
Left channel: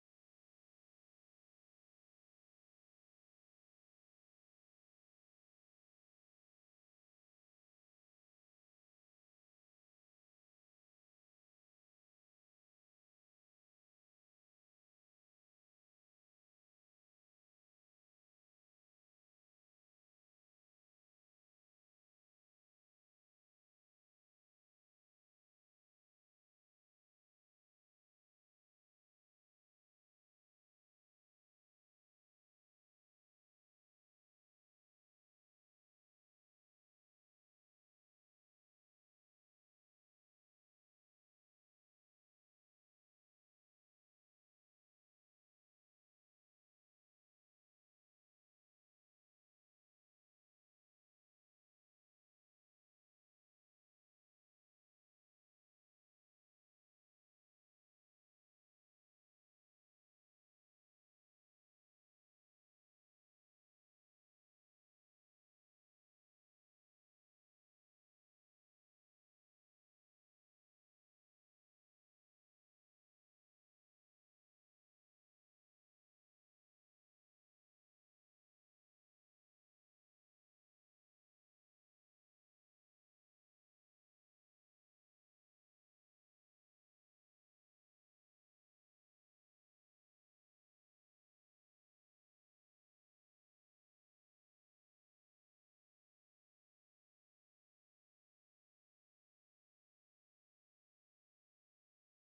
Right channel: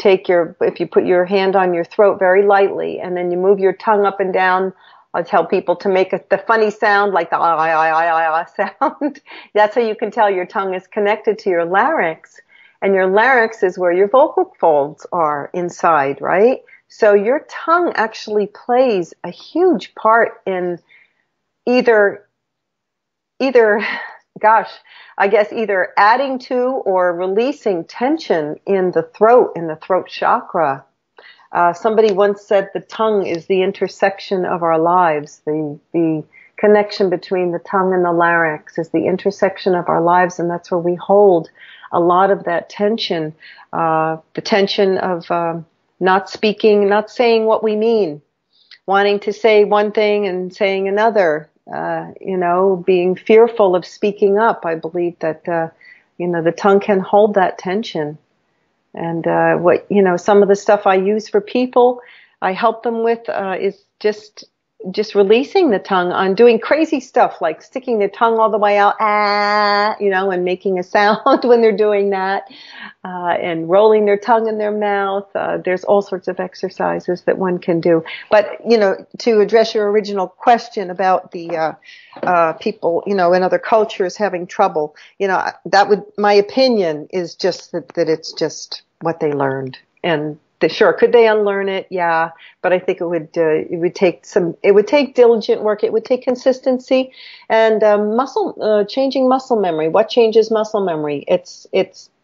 put your hand on your throat very lightly and then you move your tongue up and down, I tell people to make the funny sound, like the ah sound. That's how you can tell your tongue is connected to your larynx. And your larynx is where your vocal folds are inside, right? So your tongue actually plays a huge part in either adding to or releasing tension in the throat chakra. Somebody once said the tongue is the intersection of our lives. The connection between the tongue and the larynx is the intersection of our lives, and that's where we hold a lot of that tension. The tension of not speaking, not saying what we mean, wanting to say one thing and saying another. Being fearful of speaking up. I believe that, the tongue can hold that tension. And, some of the stuff I use for people, I help them with, is just, just releasing the tongue on doing crazy stuff like sticking their tongue all the way out, and making a sound when they're doing that, and rolling their tongue in their mouth. There's all sorts of exercises that one can do. But, to address your original question about the people, in other cultures having trouble, my opinion is just that it's just what they learned. And sure, could they unlearn it? Yeah, but I think it would take diligent work. It would take consistency and changing muscle memory. What changes muscle memory? It's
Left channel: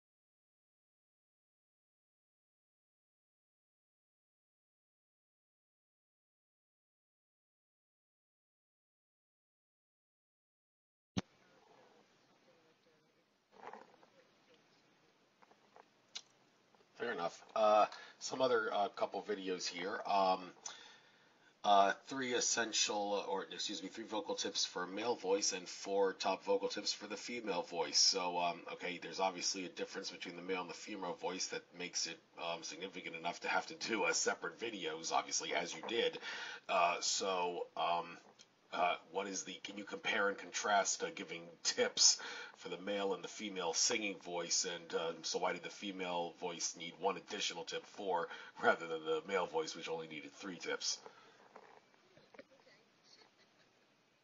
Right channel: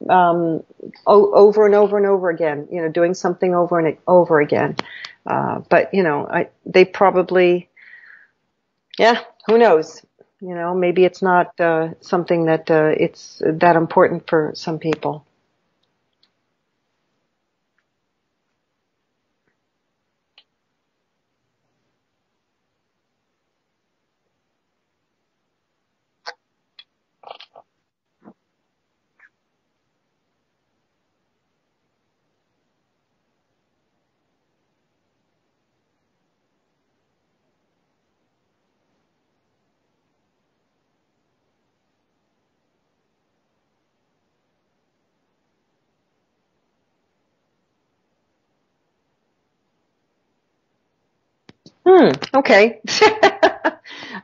over and over and over again. Doing something over and over again. But they probably, yeah, who knows? Maybe it's not something that it's that important for some people. Fair enough. Some other couple videos here. Three vocal tips for male voice and 4 top vocal tips for the female voice. So, okay, there's obviously a difference between the male and the female voice that makes it significant enough to have to do separate videos, obviously, as you did. Can you compare and contrast giving tips for the male and the female singing voice, and so why did the female voice need 1 additional tip rather than the male voice, which only needed 3 tips? Okay. I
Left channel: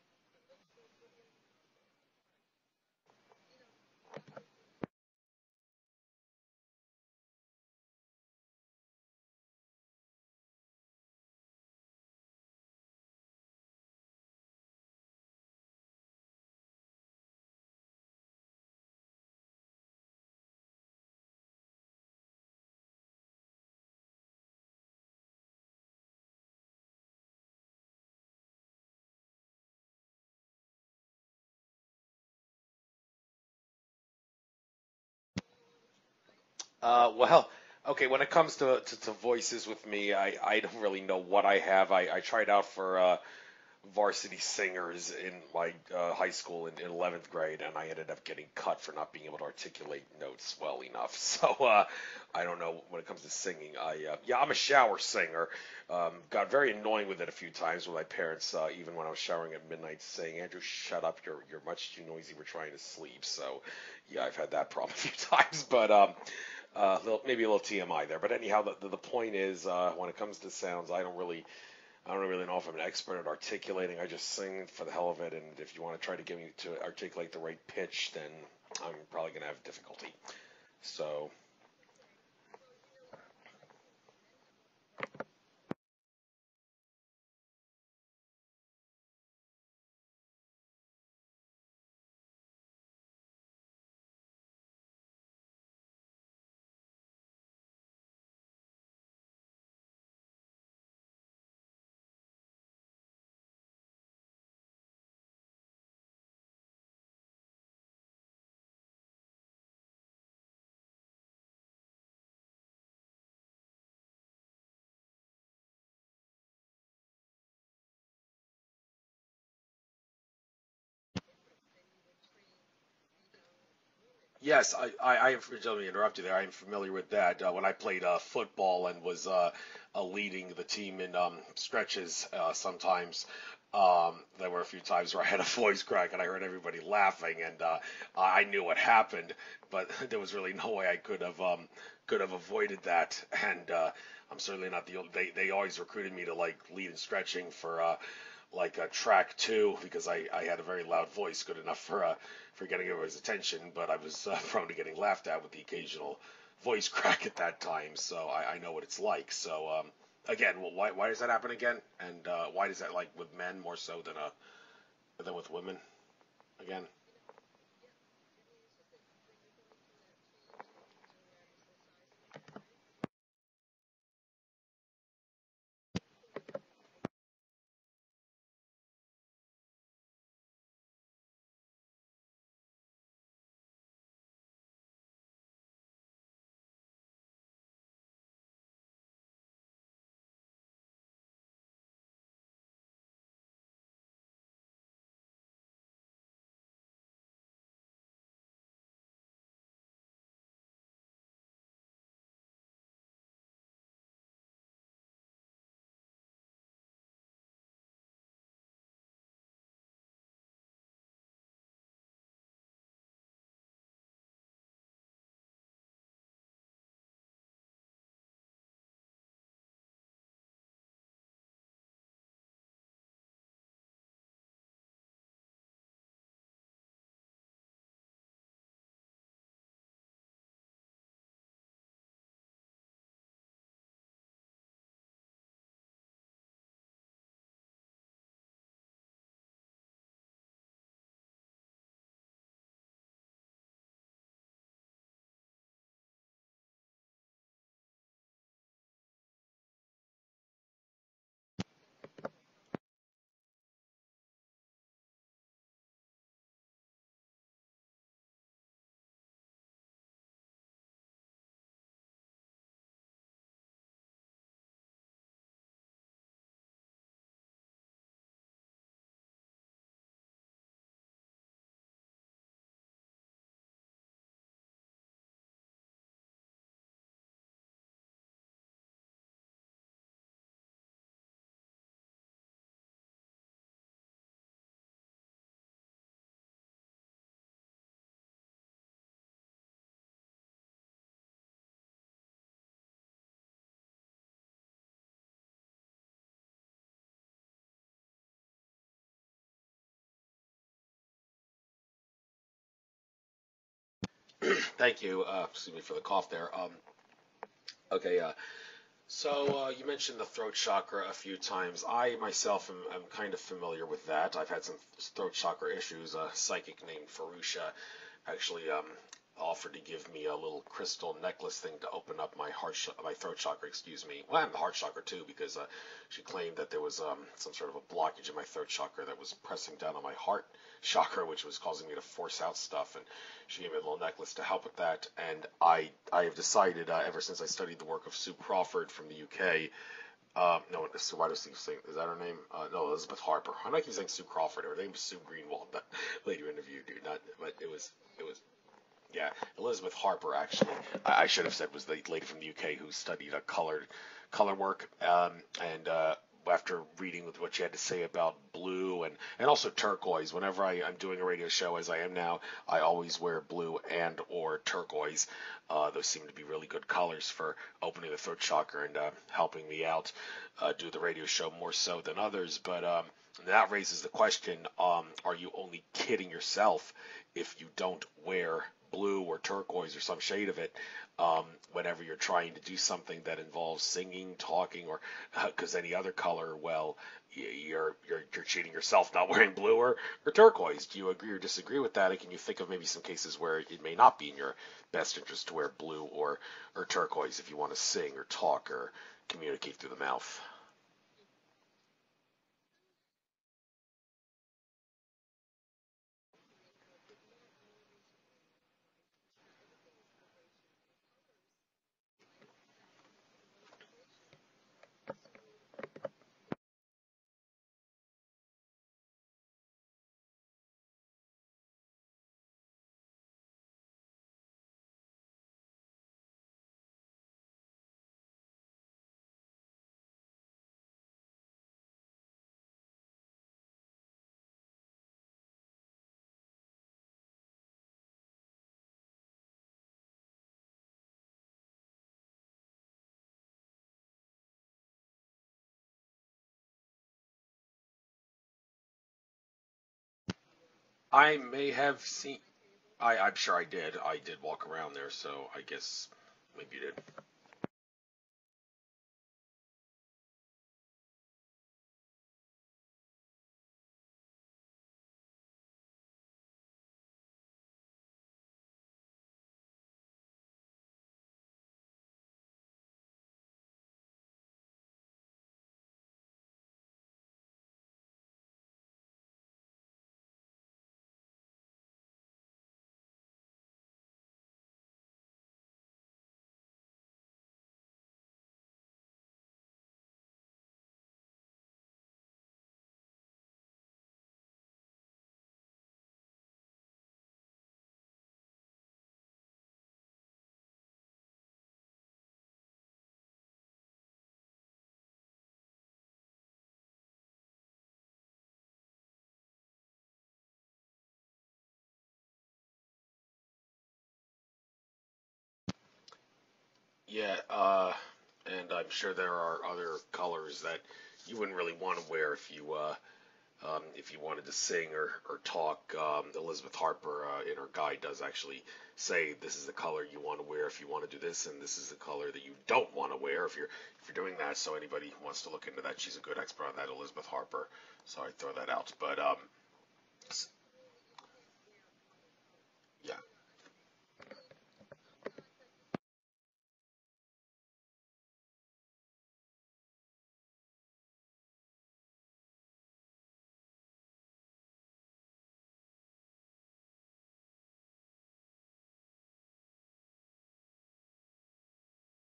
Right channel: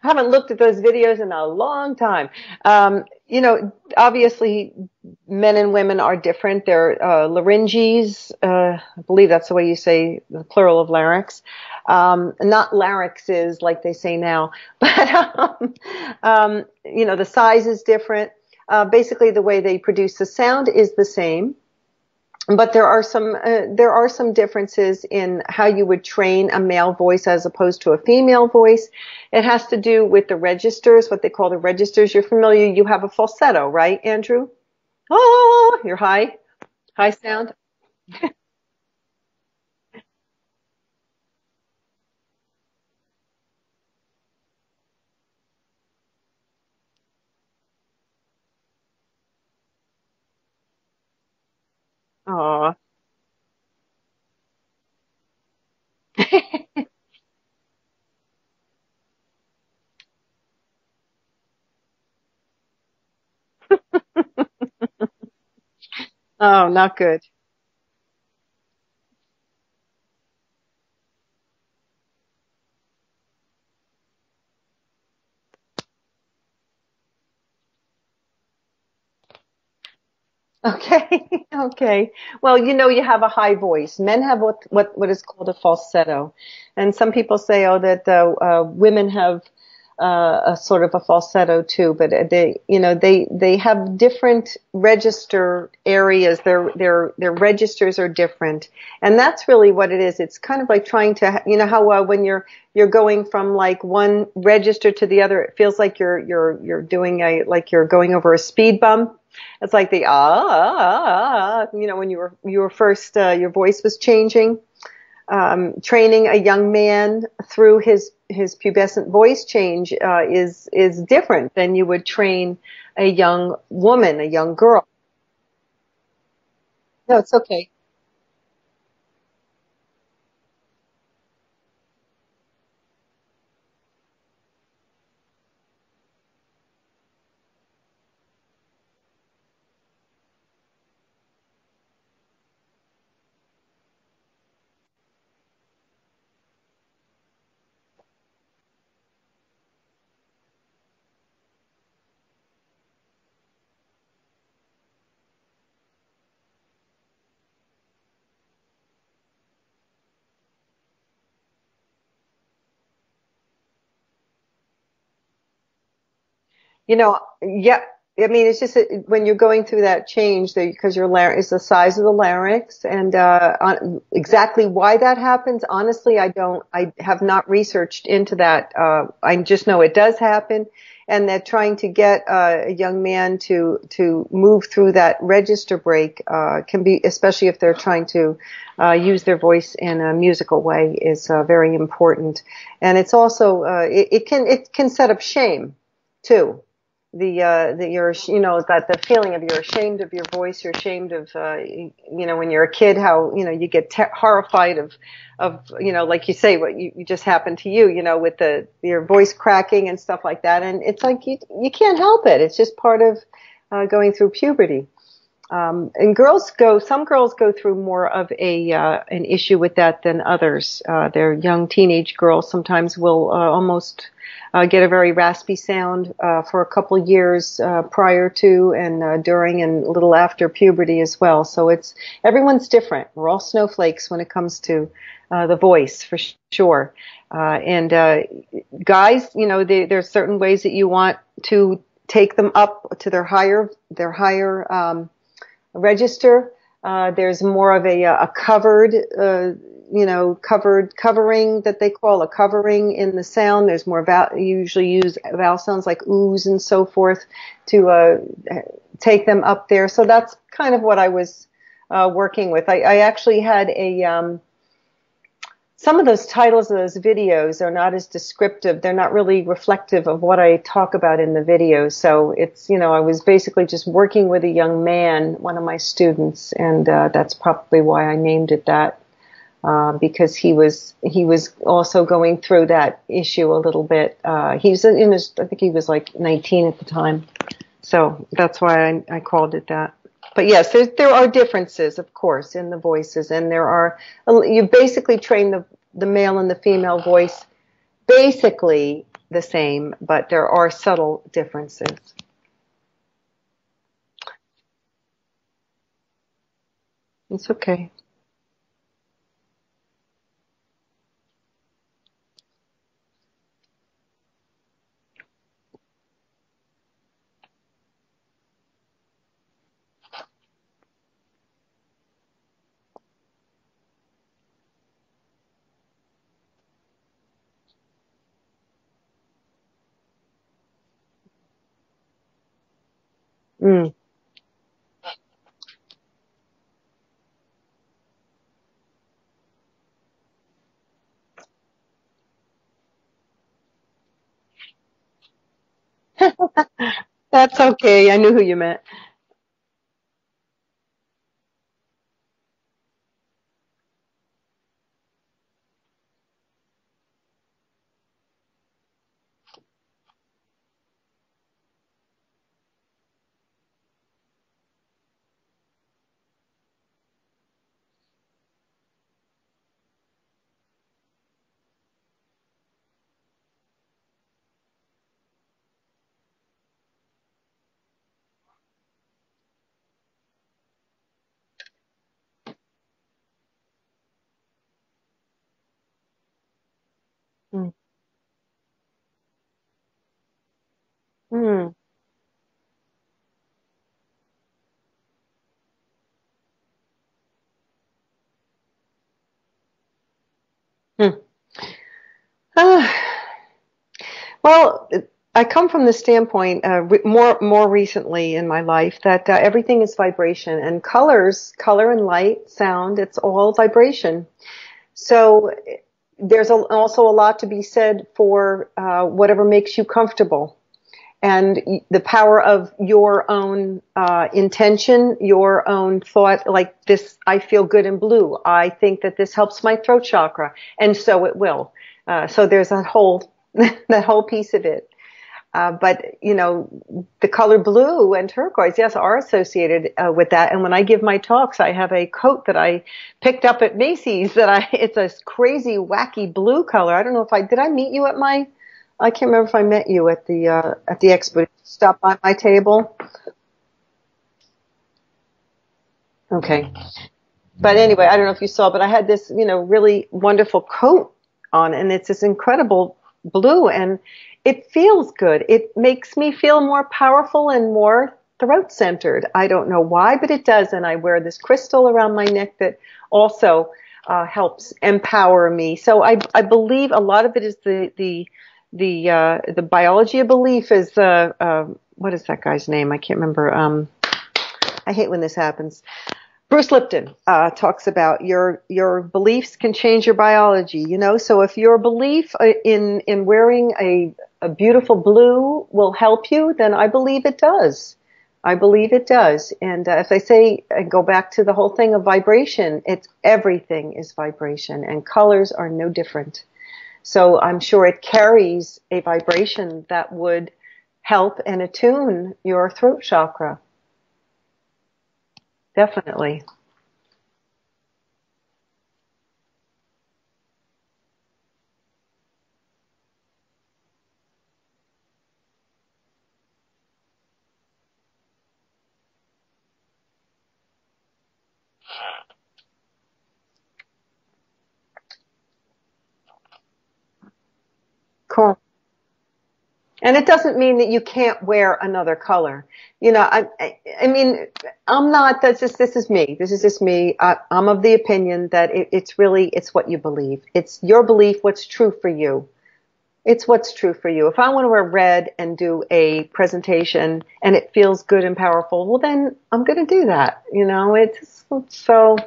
haven't looked at those videos in a long time. Obviously men and women are different. They're larynges. I believe that's the way you say the plural of larynx. Not larynxes like they say now, but, the size is different. Basically the way they produce the sound is the same. But there are some differences in how you would train a male voice as opposed to a female voice. It has to do with the registers, what they call the registers. You're familiar. You have a falsetto, right, Andrew? Oh, you're high sound. Okay, when it comes to voices with me, I don't really know what I have. I tried out for varsity singers in my high school in 11th grade, and I ended up getting cut for not being able to articulate notes well enough. So I don't know, when it comes to singing, I'm a shower singer. Got very annoying with it a few times with my parents, even when I was showering at midnight, saying, "Andrew, shut up! You're much too noisy. We're trying to sleep." So yeah, I've had that problem a few times, but not good. Maybe a little TMI there. But anyhow, the point is, when it comes to sounds, I don't really know if I'm an expert at articulating. I just sing for the hell of it, and if you want to try to get me to articulate the right pitch, then I'm probably going to have difficulty. Okay. Okay. Well, you have a high voice. Men have what is called a falsetto, and some people say, that women have a sort of a falsetto too, but they have different register areas. Their registers are different, and that's really what it is. It's kind of like trying to, how when you're going from like one register to the other, it feels like you're doing like you're going over a speed bump. It's like the when you were first your voice was changing. Training a young man through his pubescent voice change is different than you would train a young woman, a young girl. Let me interrupt you there. I am familiar with No, that. it's okay. When I played football and was leading the team in stretches, sometimes there were a few times where I had a voice crack and I heard everybody laughing, and I knew what happened, but there was really no way I could have avoided that. And I'm certainly not the only. They always recruited me to like lead in stretching for track 2 because I had a very loud voice, good enough for getting everybody's attention, but I was prone to getting laughed at with the occasional voice crack at that time. So I know what it's like. So again, why does that happen again? And why does that, like with men more so than with women? Again. Yeah. I mean, it's just when you're going through that change, because your larynx is the size of the larynx, and exactly why that happens, honestly, I have not researched into that. I just know it does happen, and that trying to get a young man to move through that register break can be, especially if they're trying to use their voice in a musical way, is very important. And it's also it can set up shame too. that you're, that the feeling of you're ashamed of your voice, you're ashamed of, when you're a kid, how, you get horrified of, like you say, what you just happened to you, with your voice cracking and stuff like that. And it's like, you can't help it. It's just part of, going through puberty. And some girls go through more of an issue with that than others. Their young teenage girls sometimes will, almost, get a very raspy sound, for a couple years, prior to and, during and a little after puberty as well. So everyone's different. We're all snowflakes when it comes to, the voice for sure. And guys, there's certain ways that you want to take them up to their higher, register. There's more of a covered, covering that they call a covering in the sound. There's more you usually use vowel sounds like oohs and so forth to take them up there. So that's kind of what I was working with. I actually had some of those titles of those videos are not as descriptive. They're not really reflective of what I talk about in the videos. So it's, I was basically just working with a young man, one of my students, and that's probably why I named it that, because he was also going through that issue a little bit. He's I think he was like 19 at the time. So that's why I called it that. But yes, there are differences, of course, in the voices, and you basically train the male and the female voice basically the same, but there are subtle differences. Thank you. Excuse me for the cough there. It's okay. Okay. So you mentioned the throat chakra a few times. I myself am kind of familiar with that. I've had some throat chakra issues. A psychic named Farusha actually offered to give me a little crystal necklace thing to open up my my throat chakra, well, and the heart chakra too, because she claimed that there was some sort of a blockage in my throat chakra that was pressing down on my heart chakra, which was causing me to force out stuff, and she gave me a little necklace to help with that. And I have decided, ever since I studied the work of Sue Crawford from the UK, no, why does she say, is that her name? No, Elizabeth Harper. I'm not keep saying Sue Crawford. Her name is Sue Greenwald. That's okay. I knew who you meant. Yeah, Elizabeth Harper, actually. I should have said was the lady from the UK who studied color work. And after reading with what she had to say about blue and also turquoise, whenever I'm doing a radio show, as I am now, I always wear blue and or turquoise. Those seem to be really good colors for opening the throat chakra and helping me out do the radio show more so than others. But that raises the question, are you only kidding yourself if you don't wear blue or turquoise or some shade of it whenever you're trying to do something that involves singing, talking, or because any other color, well, you're cheating yourself not wearing blue or turquoise. Do you agree or disagree with that? And can you think of maybe some cases where it may not be in your best interest to wear blue or turquoise if you want to sing or talk or communicate through the mouth? Well, I come from the standpoint, more recently in my life, that everything is vibration, and color and light, sound, it's all vibration. So there's also a lot to be said for whatever makes you comfortable, and the power of your own intention, your own thought, like this, I feel good in blue. I think that this helps my throat chakra, and so it will. So there's that whole piece of it. But, the color blue and turquoise, yes, are associated with that. And when I give my talks, I have a coat that I picked up at Macy's it's a crazy, wacky blue color. I don't know did I meet you at I can't remember if I met you at the expo. Did you stop by my table? I'm sure I did. I did walk around there, so I guess. Okay. But anyway, I don't know if you saw, but I had this, really wonderful coat on, and it's this incredible blue, and it feels good. It makes me feel more powerful and more throat-centered. I don't know why, but it does. And I wear this crystal around my neck that also helps empower me. So I believe a lot of it is the biology of belief is what is that guy's name? I can't remember. I hate when this happens. Bruce Lipton talks about your beliefs can change your biology, So if your belief in wearing a a beautiful blue will help you, then I believe it does. I believe it does. And as I say, I go back to the whole thing of vibration. It's everything is vibration, and colors are no different. So I'm sure it carries a vibration that would help and attune your throat chakra. Definitely. Yeah, and I'm sure there are other colors that you wouldn't really want to wear if you wanted to sing or talk. Elizabeth Harper in her guide does actually say this is the color you want to wear if you want to do this, and this is the color that you don't want to wear if you're doing that. So anybody who wants to look into that, she's a good expert on that, Elizabeth Harper. So I throw that out. But and it doesn't mean that you can't wear another color. You know, I mean, I'm not. This is me. This is just me. I'm of the opinion that it's what you believe. It's your belief. What's true for you. It's what's true for you. If I want to wear red and do a presentation and it feels good and powerful, well, then I'm going to do that. You know, it's so,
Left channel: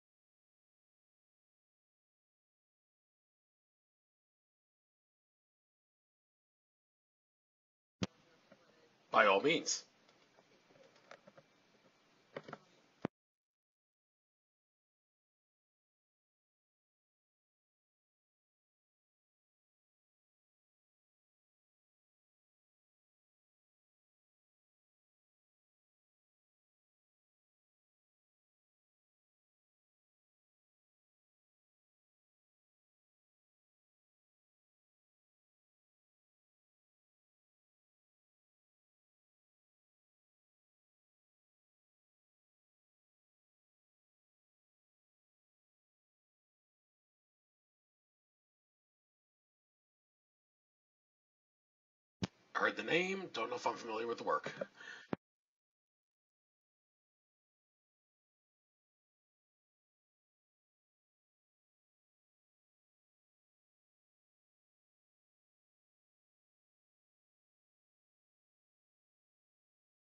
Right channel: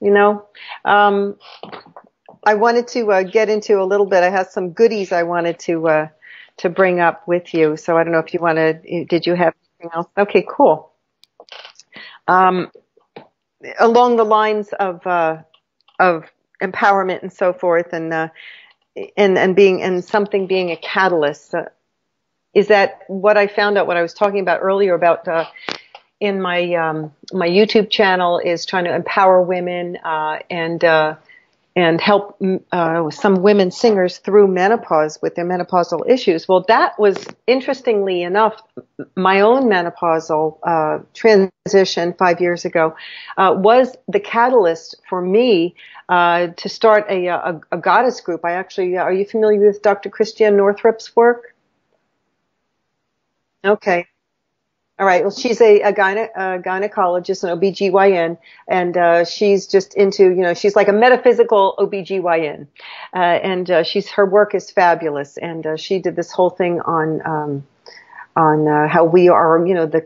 you know, I wanted to get into a little bit. I have some goodies I wanted to bring up with you. So I don't know if you want to, did you have anything else? Okay, cool. Along the lines of empowerment and so forth, and something being a catalyst, is that what I found out, what I was talking about earlier about in my my YouTube channel is trying to empower women and help some women singers through menopause with their menopausal issues. Well, that was, interestingly enough, my own menopausal transition 5 years ago was the catalyst for me to start a goddess group. I actually, are you familiar with Dr. Christiane Northrup's work? Heard the name, don't know if I'm familiar with the work. All right. Well, she's a gynecologist, an OBGYN, and she's just into, you know, she's like a metaphysical OBGYN. And her work is fabulous. And she did this whole thing on how we are, you know, the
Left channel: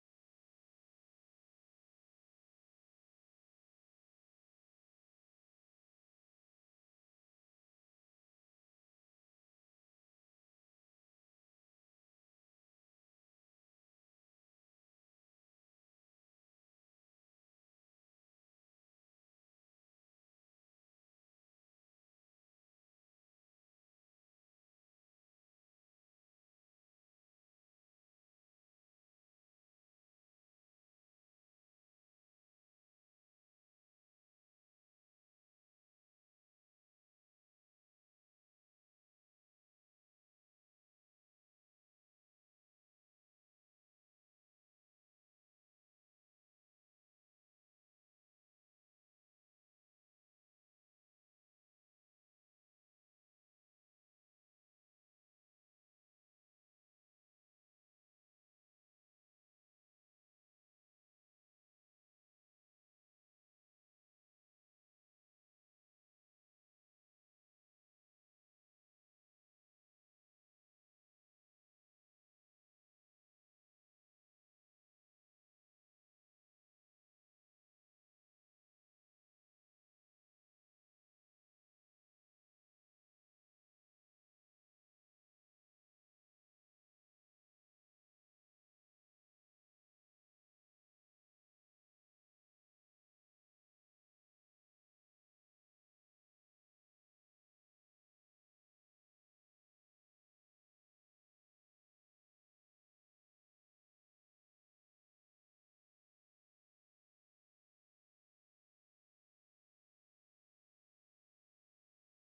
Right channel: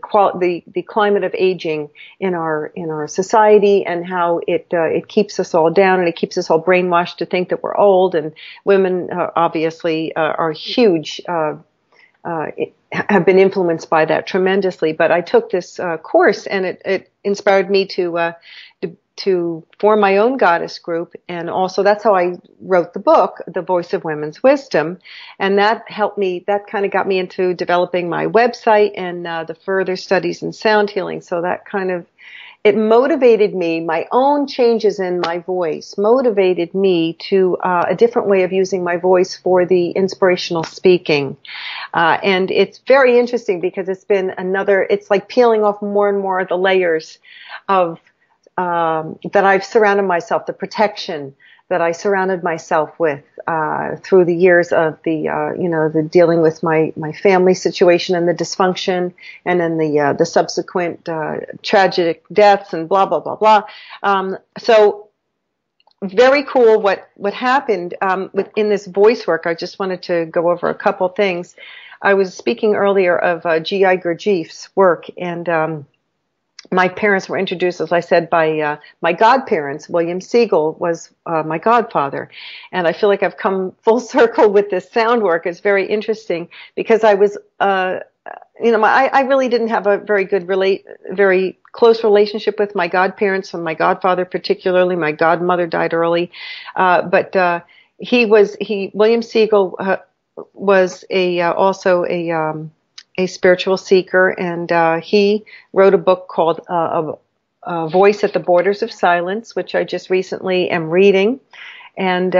climate of aging in our society, and how it keeps us all down, and it keeps us all brainwashed to think that we're old. And women obviously are huge. Have been influenced by that tremendously. But I took this course, and it inspired me to form my own goddess group. And also that's how I wrote the book, The Voice of Women's Wisdom. And that helped me, that kind of got me into developing my website and the further studies in sound healing. So that kind of, it motivated me, my own changes in my voice motivated me to a different way of using my voice for the inspirational speaking. And it's very interesting because it's been it's like peeling off more and more of the layers of that I've surrounded myself, the protection that I surrounded myself with through the years of the dealing with my family situation and the dysfunction, and then the subsequent tragic deaths and blah blah blah blah. So very cool what happened in this voice work. I just wanted to go over a couple things. I was speaking earlier of G.I. Gurdjieff's work, and my parents were introduced, as I said, by my godparents. William Siegel was my godfather. And I feel like I've come full circle with this sound work. It's very interesting because I was, I really didn't have a very close relationship with my godparents, and my godfather particularly. My godmother died early. But William Siegel was also a spiritual seeker, and he wrote a book called A Voice at the Borders of Silence, which I just recently am reading. And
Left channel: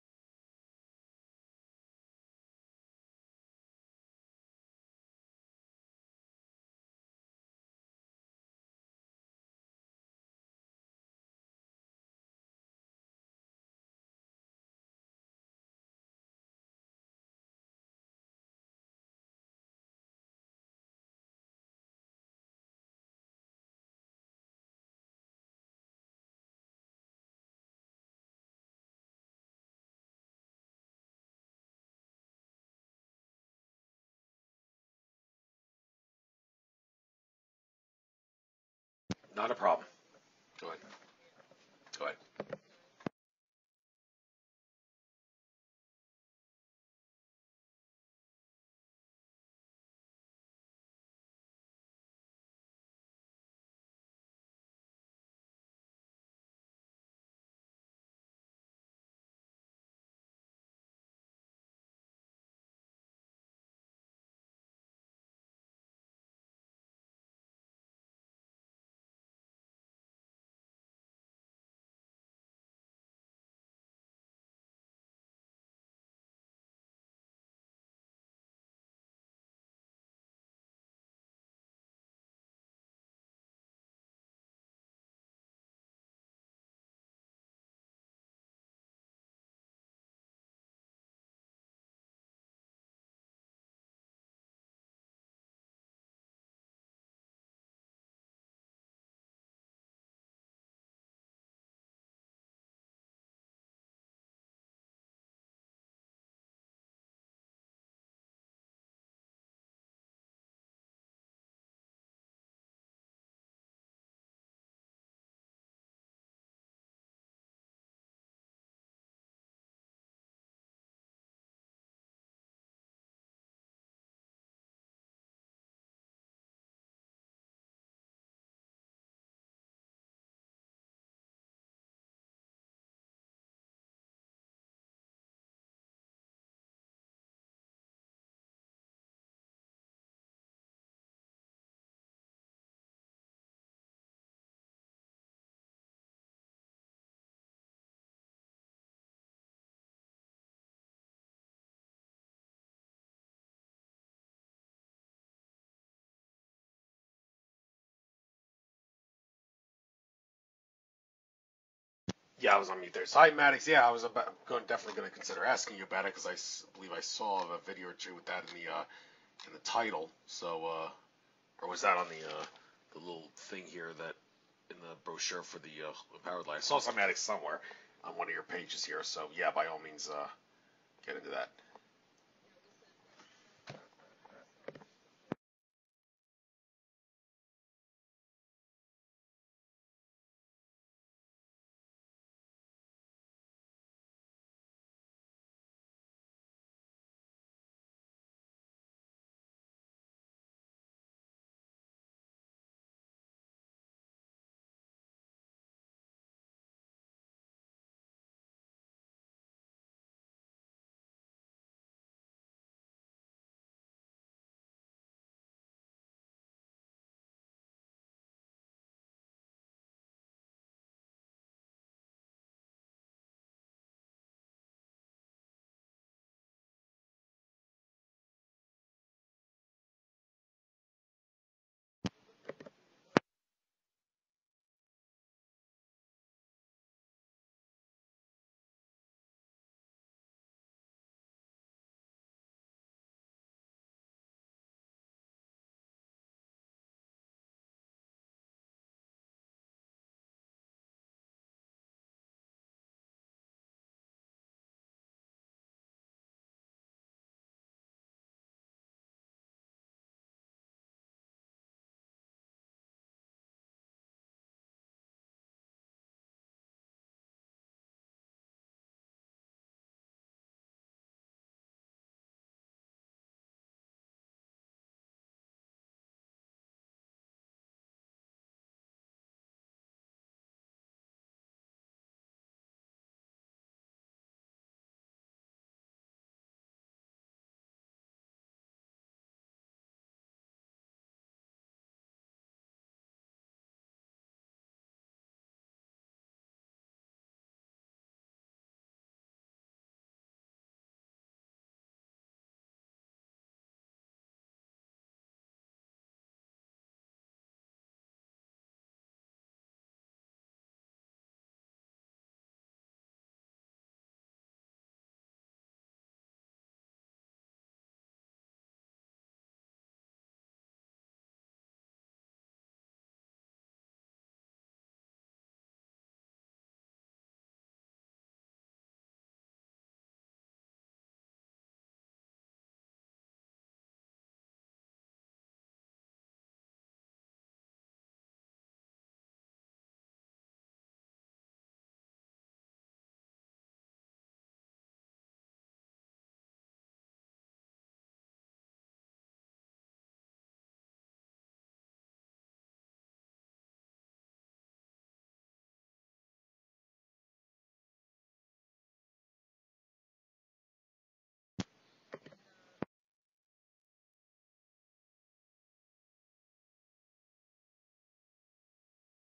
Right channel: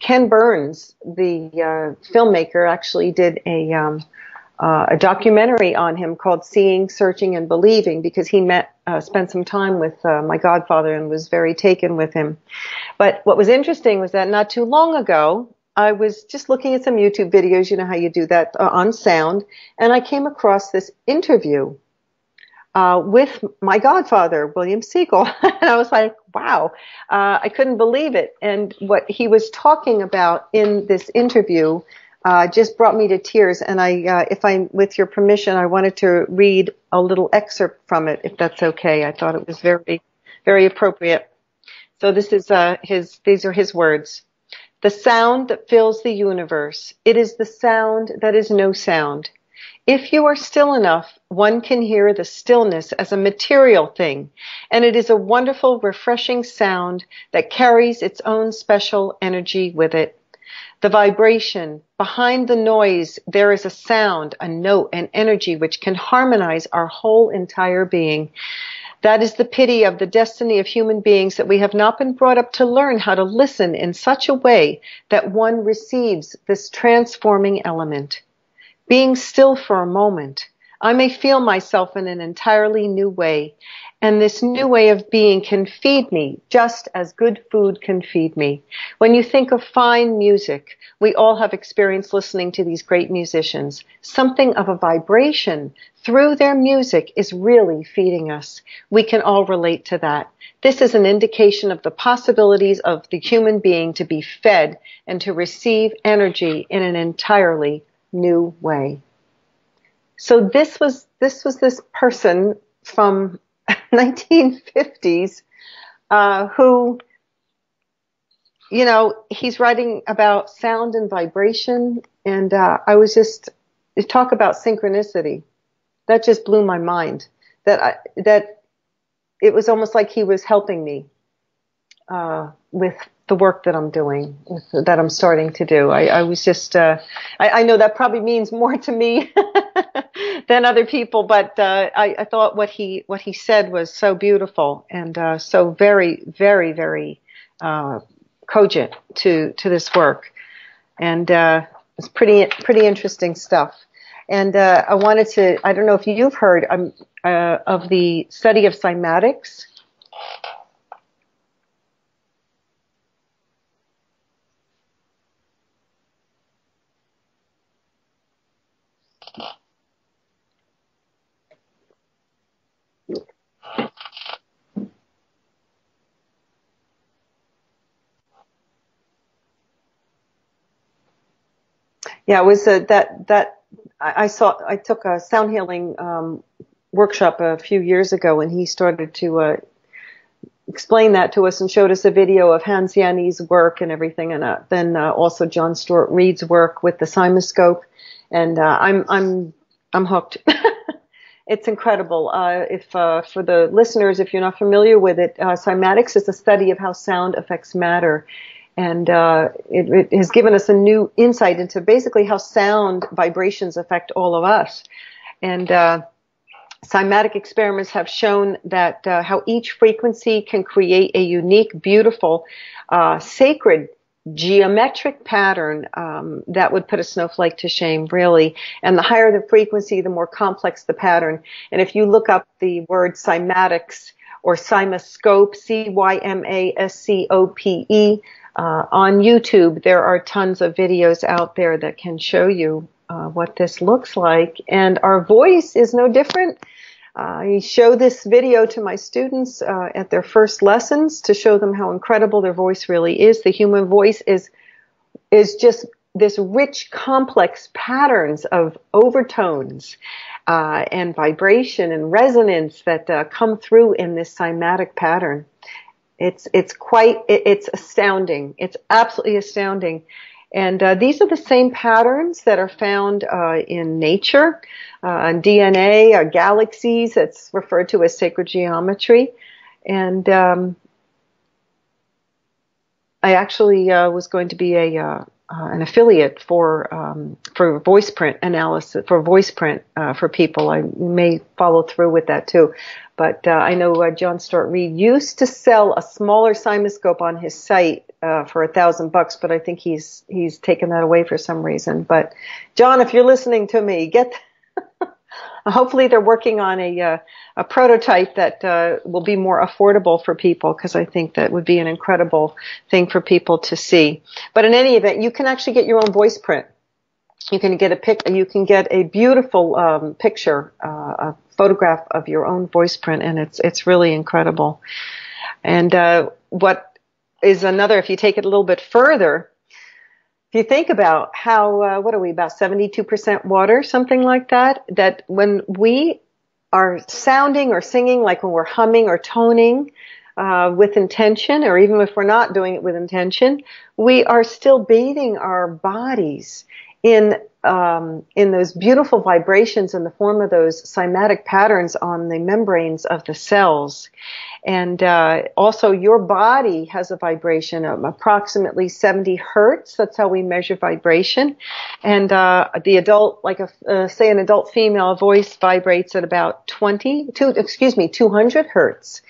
Ken Burns, the filmmaker, actually did a documentary on him called Seeing, Searching, and Believing, because he spent some time with my godfather and was very taken with him. But what was interesting was that not too long ago, I was just looking at some YouTube videos, you know how you do that on sound, and I came across this interview with my godfather, William Siegel. And I was like, wow, I couldn't believe it. And what he was talking about in this interview just brought me to tears. And with your permission, I wanted to read a little excerpt from it, if that's okay. I thought it was very, very appropriate. So this is these are his words. the sound that fills the universe. It is the sound that is no sound. If you are still enough, one can hear the stillness as a material thing, and it is a wonderful, refreshing sound that carries its own special energy with it. The vibration, behind the noise, there is a sound, a note, an energy which can harmonize our whole entire being. That is the pity of the destiny of human beings, that we have not been brought up to learn how to listen in such a way that one receives this transforming element. Being still for a moment, I may feel myself in an entirely new way, and this new way of being can feed me just as good food can feed me. When you think of fine music, we all have experience listening to these great musicians. Something of a vibration through their music is really feeding us. We can all relate to that. This is an indication of the possibilities of the human being to be fed and to receive energy in an entirely new way. So this was this person from 1950s who, you know, he's writing about sound and vibration, and I was just talk about synchronicity. That just blew my mind. That it was almost like he was helping me with the work that I'm doing, that I'm starting to do. I was just, I know that probably means more to me than other people, but I thought what he said was so beautiful and so very, very, very cogent to this work, and it's pretty interesting stuff. And I wanted to, I don't know if you've heard of the study of cymatics. Yeah, I was on mute there. Cymatics, yeah, I was definitely going to consider asking you about it, because I believe I saw a video or two with that in the title. So, or was that on the little thing here that in the brochure for the Empowered Light? I saw Cymatics somewhere on one of your pages here. So, yeah, by all means, get into that. Yeah, it was I took a sound healing workshop a few years ago, and he started to explained that to us and showed us a video of Hans Yanni's work and everything, and then also John Stuart Reid's work with the cymoscope, and I'm hooked. It's incredible. If for the listeners, if you're not familiar with it, cymatics is a study of how sound affects matter, and it has given us a new insight into basically how sound vibrations affect all of us, and cymatic experiments have shown that how each frequency can create a unique, beautiful, sacred geometric pattern that would put a snowflake to shame, really. And the higher the frequency, the more complex the pattern. And if you look up the word cymatics or cymoscope, Cymascope, on YouTube, there are tons of videos out there that can show you what this looks like. And our voice is no different. I show this video to my students at their first lessons to show them how incredible their voice really is. The human voice is just this rich, complex patterns of overtones and vibration and resonance that come through in this cymatic pattern. It's astounding. It's absolutely astounding. And these are the same patterns that are found in nature, DNA, galaxies. That's referred to as sacred geometry. And I actually was going to be an affiliate for voice print analysis, for voice print for people. I may follow through with that too. But I know John Stuart Reid used to sell a smaller cymoscope on his site for $1,000, but I think he's taken that away for some reason. But John, if you're listening to me, hopefully they're working on a prototype that will be more affordable for people, because I think that would be an incredible thing for people to see. But in any event, you can actually get your own voice print. You can get a beautiful picture, a photograph of your own voice print, and it's really incredible. And what is another, if you take it a little bit further, if you think about how, what are we, about 72% water, something like that, that when we are sounding or singing, like when we're humming or toning, with intention, or even if we're not doing it with intention, we are still bathing our bodies in those beautiful vibrations in the form of those cymatic patterns on the membranes of the cells. And also, your body has a vibration of approximately 70 hertz. That's how we measure vibration. And the adult, say an adult female voice vibrates at about 200 hertz.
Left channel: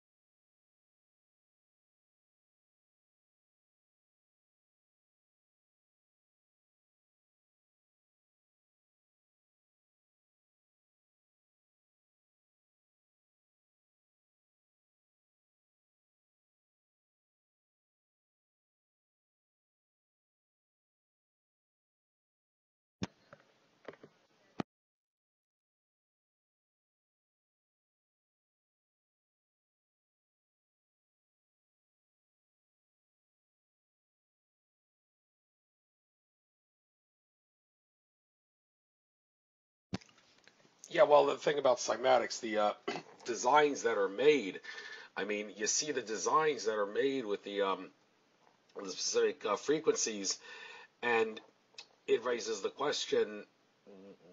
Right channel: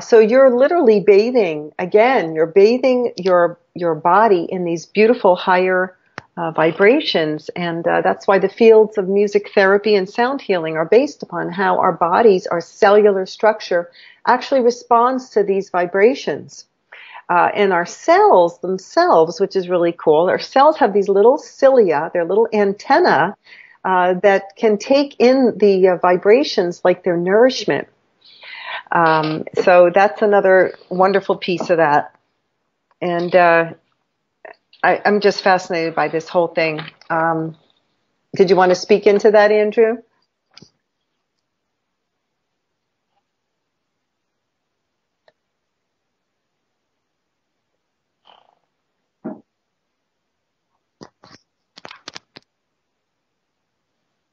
So you're literally bathing, again, you're bathing your body in these beautiful higher vibrations. And that's why the fields of music therapy and sound healing are based upon how our bodies, our cellular structure, actually responds to these vibrations. And our cells themselves, which is really cool, our cells have these little cilia, they're little antennae that can take in the vibrations like their nourishment. So that's another wonderful piece of that. And I'm just fascinated by this whole thing. Did you want to speak into that, Andrew? Yeah, well, the thing about cymatics, the designs that are made, I mean, you see the designs that are made with the specific frequencies, and it raises the question,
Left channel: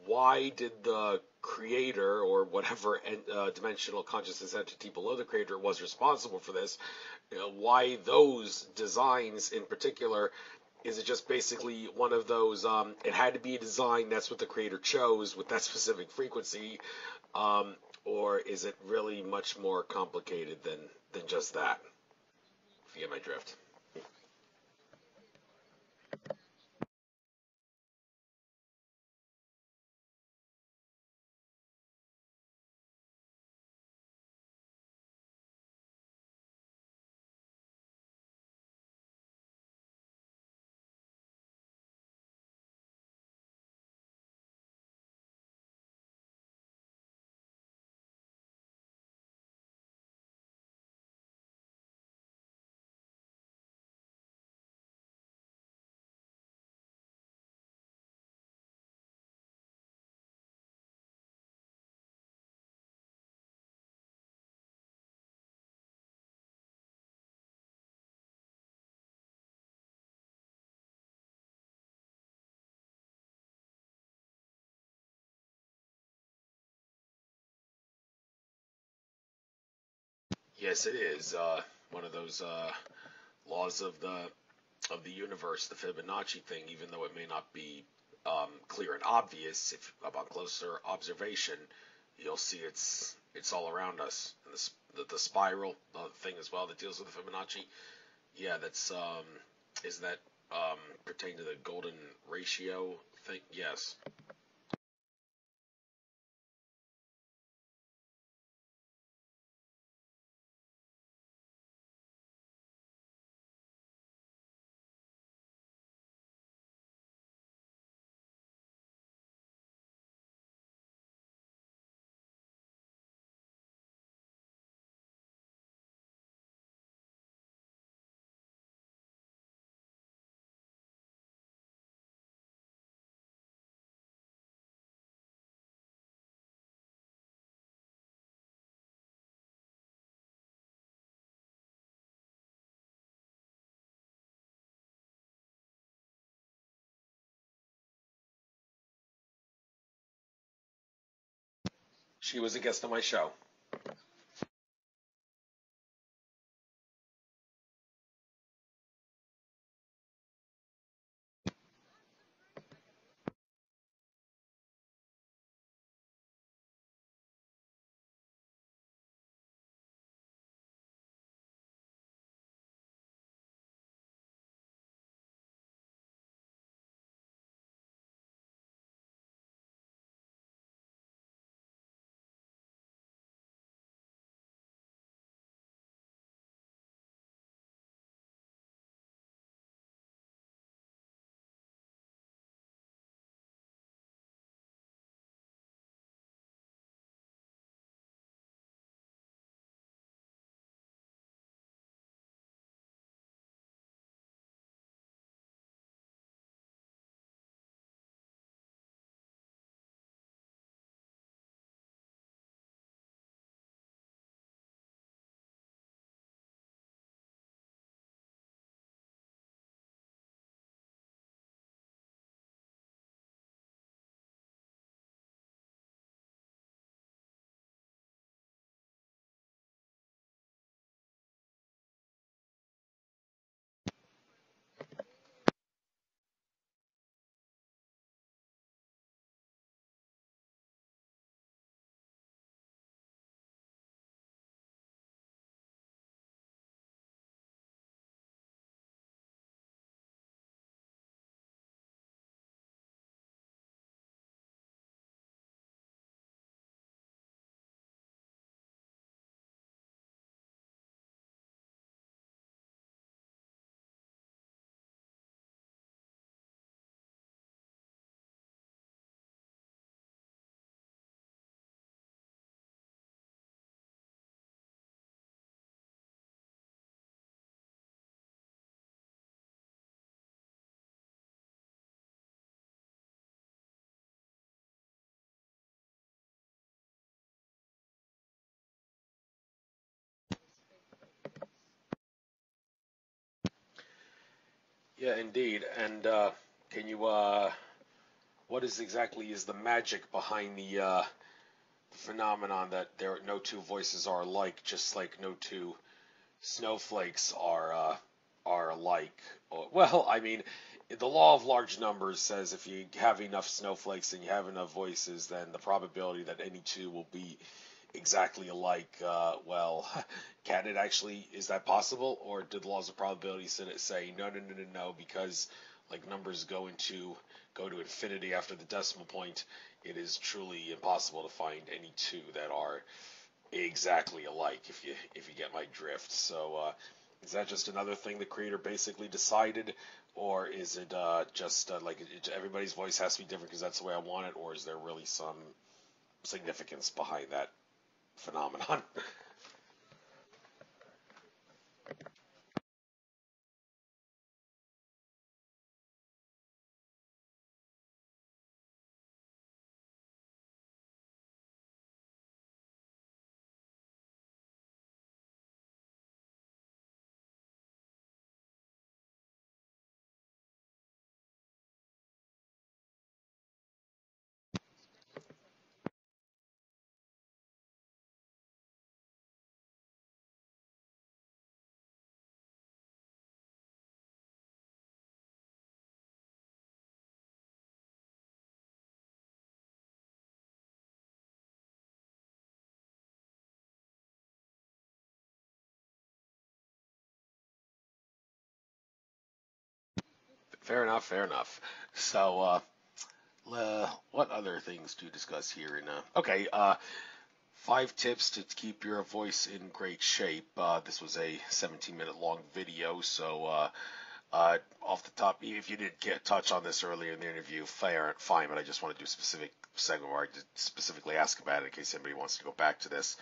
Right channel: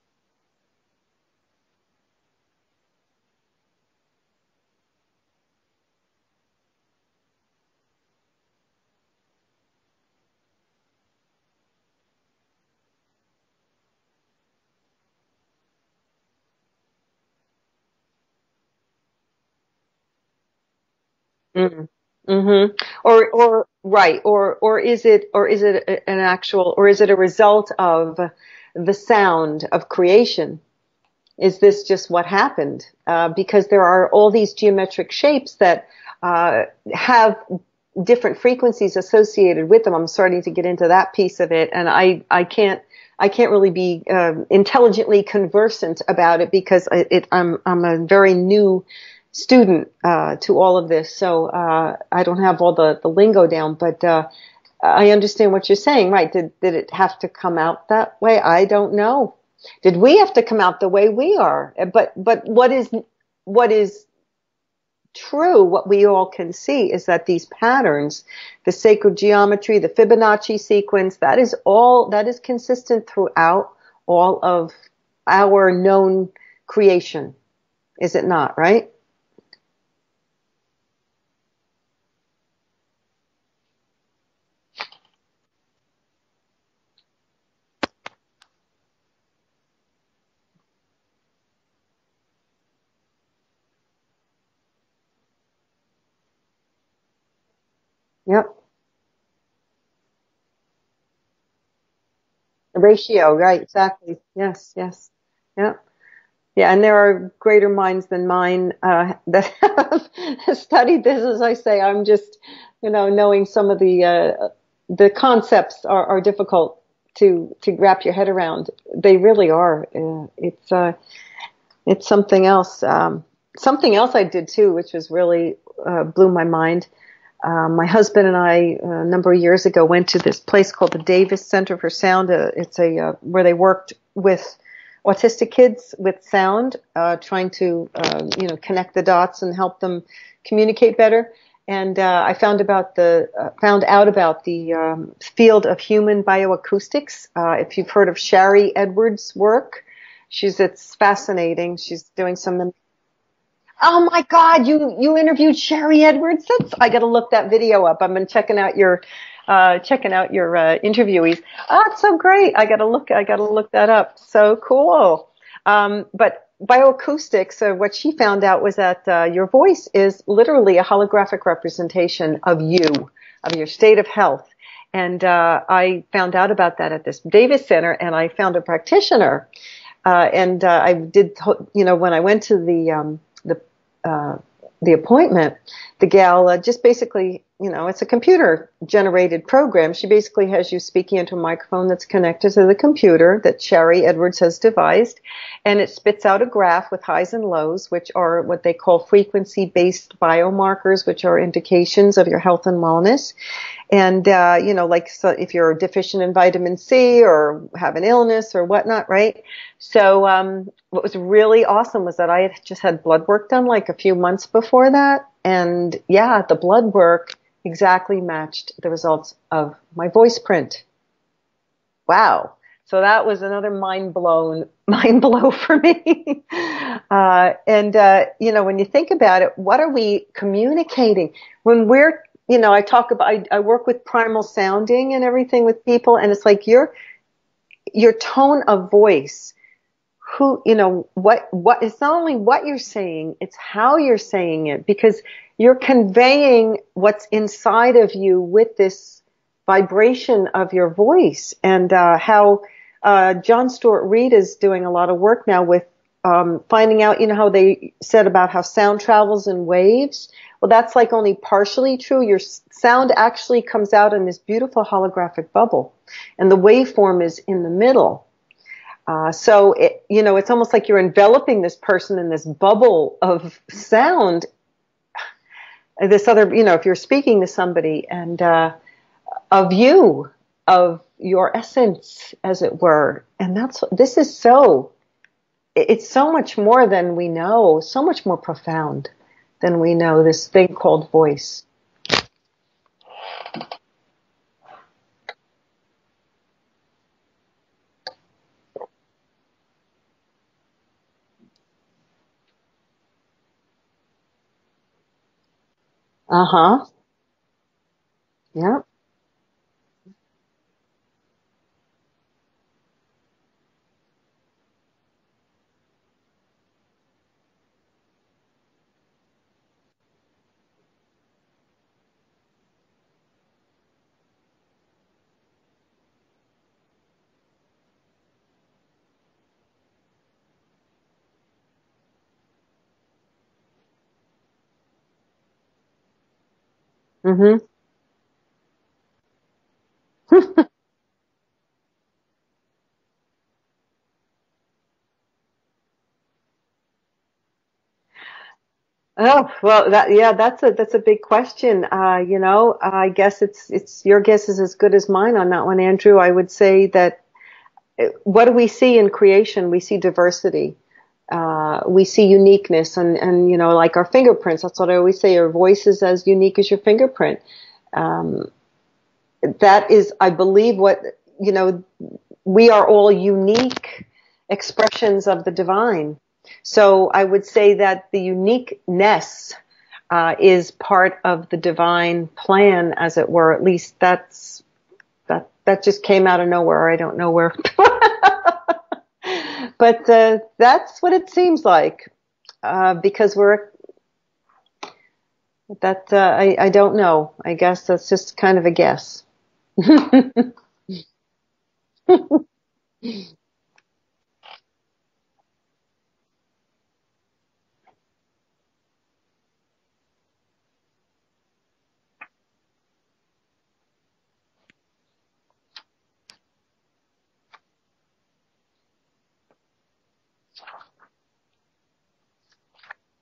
why did the creator, or whatever dimensional consciousness entity below the creator was responsible for this, why those designs in particular? Is it just basically one of those, it had to be a design, that's what the creator chose with that specific frequency, or is it really much more complicated than just that? Mm-hmm. Or is it an actual, or is it a result of the sound of creation? Is this just what happened? Because there are all these geometric shapes that have different frequencies associated with them. I'm starting to get into that piece of it, and I can't really be intelligently conversant about it because I'm a very new student to all of this, so I don't have all the lingo down. But I understand what you're saying, right? Did it have to come out that way? I don't know. Did we have to come out the way we are? But what is true, what we all can see, is that these patterns, the sacred geometry, the Fibonacci sequence, that is consistent throughout all of our known creation. Is it not, right? Yes, it is. One of those laws of the universe, the Fibonacci thing, even though it may not be clear and obvious, if upon closer observation, you'll see it's all around us. And the spiral thing as well that deals with the Fibonacci. Yep. Yeah, that's isn't that pertain to the golden ratio? Ratio, right? Yes. Exactly. Yes. Yeah. Yeah, and there are greater minds than mine that have studied this. As I say, I'm just, knowing some of the concepts are difficult to wrap your head around. They really are. It's something else. Something else I did too, which was really blew my mind. My husband and I, a number of years ago, went to this place called the Davis Center for Sound. It's where they worked with autistic kids with sound, trying to, connect the dots and help them communicate better. And I found out about the field of human bioacoustics. If you've heard of Shari Edwards' work, it's fascinating. She's doing She was a guest on my show. Oh my God, you interviewed Shari Edwards? I got to look that video up. I've been checking out your interviewees. Oh, it's so great. I got to look that up. So cool. But bioacoustics, what she found out was that your voice is literally a holographic representation of you, of your state of health. And I found out about that at this Davis Center, and I found a practitioner. And I did, when I went to the appointment, the gal just basically, it's a computer generated program. She basically has you speaking into a microphone that's connected to the computer that Shari Edwards has devised, and it spits out a graph with highs and lows, which are what they call frequency-based biomarkers, which are indications of your health and wellness. And, so if you're deficient in vitamin C or have an illness or whatnot, right? So, what was really awesome was that I had just had blood work done like a few months before that. And yeah, the blood work exactly matched the results of my voice print. Wow. So that was another mind blow for me. When you think about it, what are we communicating when we're, I work with primal sounding and everything with people, and it's like your tone of voice, what it's not only what you're saying, it's how you're saying it, because you're conveying what's inside of you with this vibration of your voice. And how John Stuart Reid is doing a lot of work now with finding out, how they said about how sound travels in waves. Well, that's like only partially true. Your sound actually comes out in this beautiful holographic bubble, and the waveform is in the middle. So it's almost like you're enveloping this person in this bubble of sound. This other, if you're speaking to somebody, and of your essence, as it were. And it's so much more than we know, so much more profound than we know, this thing called voice. Yeah, indeed. And can you, what exactly is the magic behind the phenomenon that no two voices are alike, just like no two snowflakes are alike? Well, I mean, the law of large numbers says if you have enough snowflakes and you have enough voices, then the probability that any two will be exactly alike, can it actually, is that possible? Or do the laws of probability say no, because like numbers go to infinity after the decimal point, it is truly impossible to find any two that are exactly alike, if you get my drift. So is that just another thing the creator basically decided, or is it just everybody's voice has to be different because that's the way I want it, or is there really some significance behind that phenomenon? Oh, well, that's a big question. I guess it's your guess is as good as mine on that one, Andrew. I would say that what do we see in creation? We see diversity. We see uniqueness, and like our fingerprints. That's what I always say. Your voice is as unique as your fingerprint. That is, I believe, what we are all unique expressions of the divine. So I would say that the uniqueness is part of the divine plan, as it were. At least that just came out of nowhere. I don't know where. But that's what it seems like, because I don't know. I guess that's just kind of a guess. Fair enough. So, what other things to discuss here? 5 tips to keep your voice in great shape. This was a 17-minute long video, so off the top, if you didn't touch on this earlier in the interview, fine, but I just want to do a specific segment where I did specifically ask about it in case anybody wants to go back to this.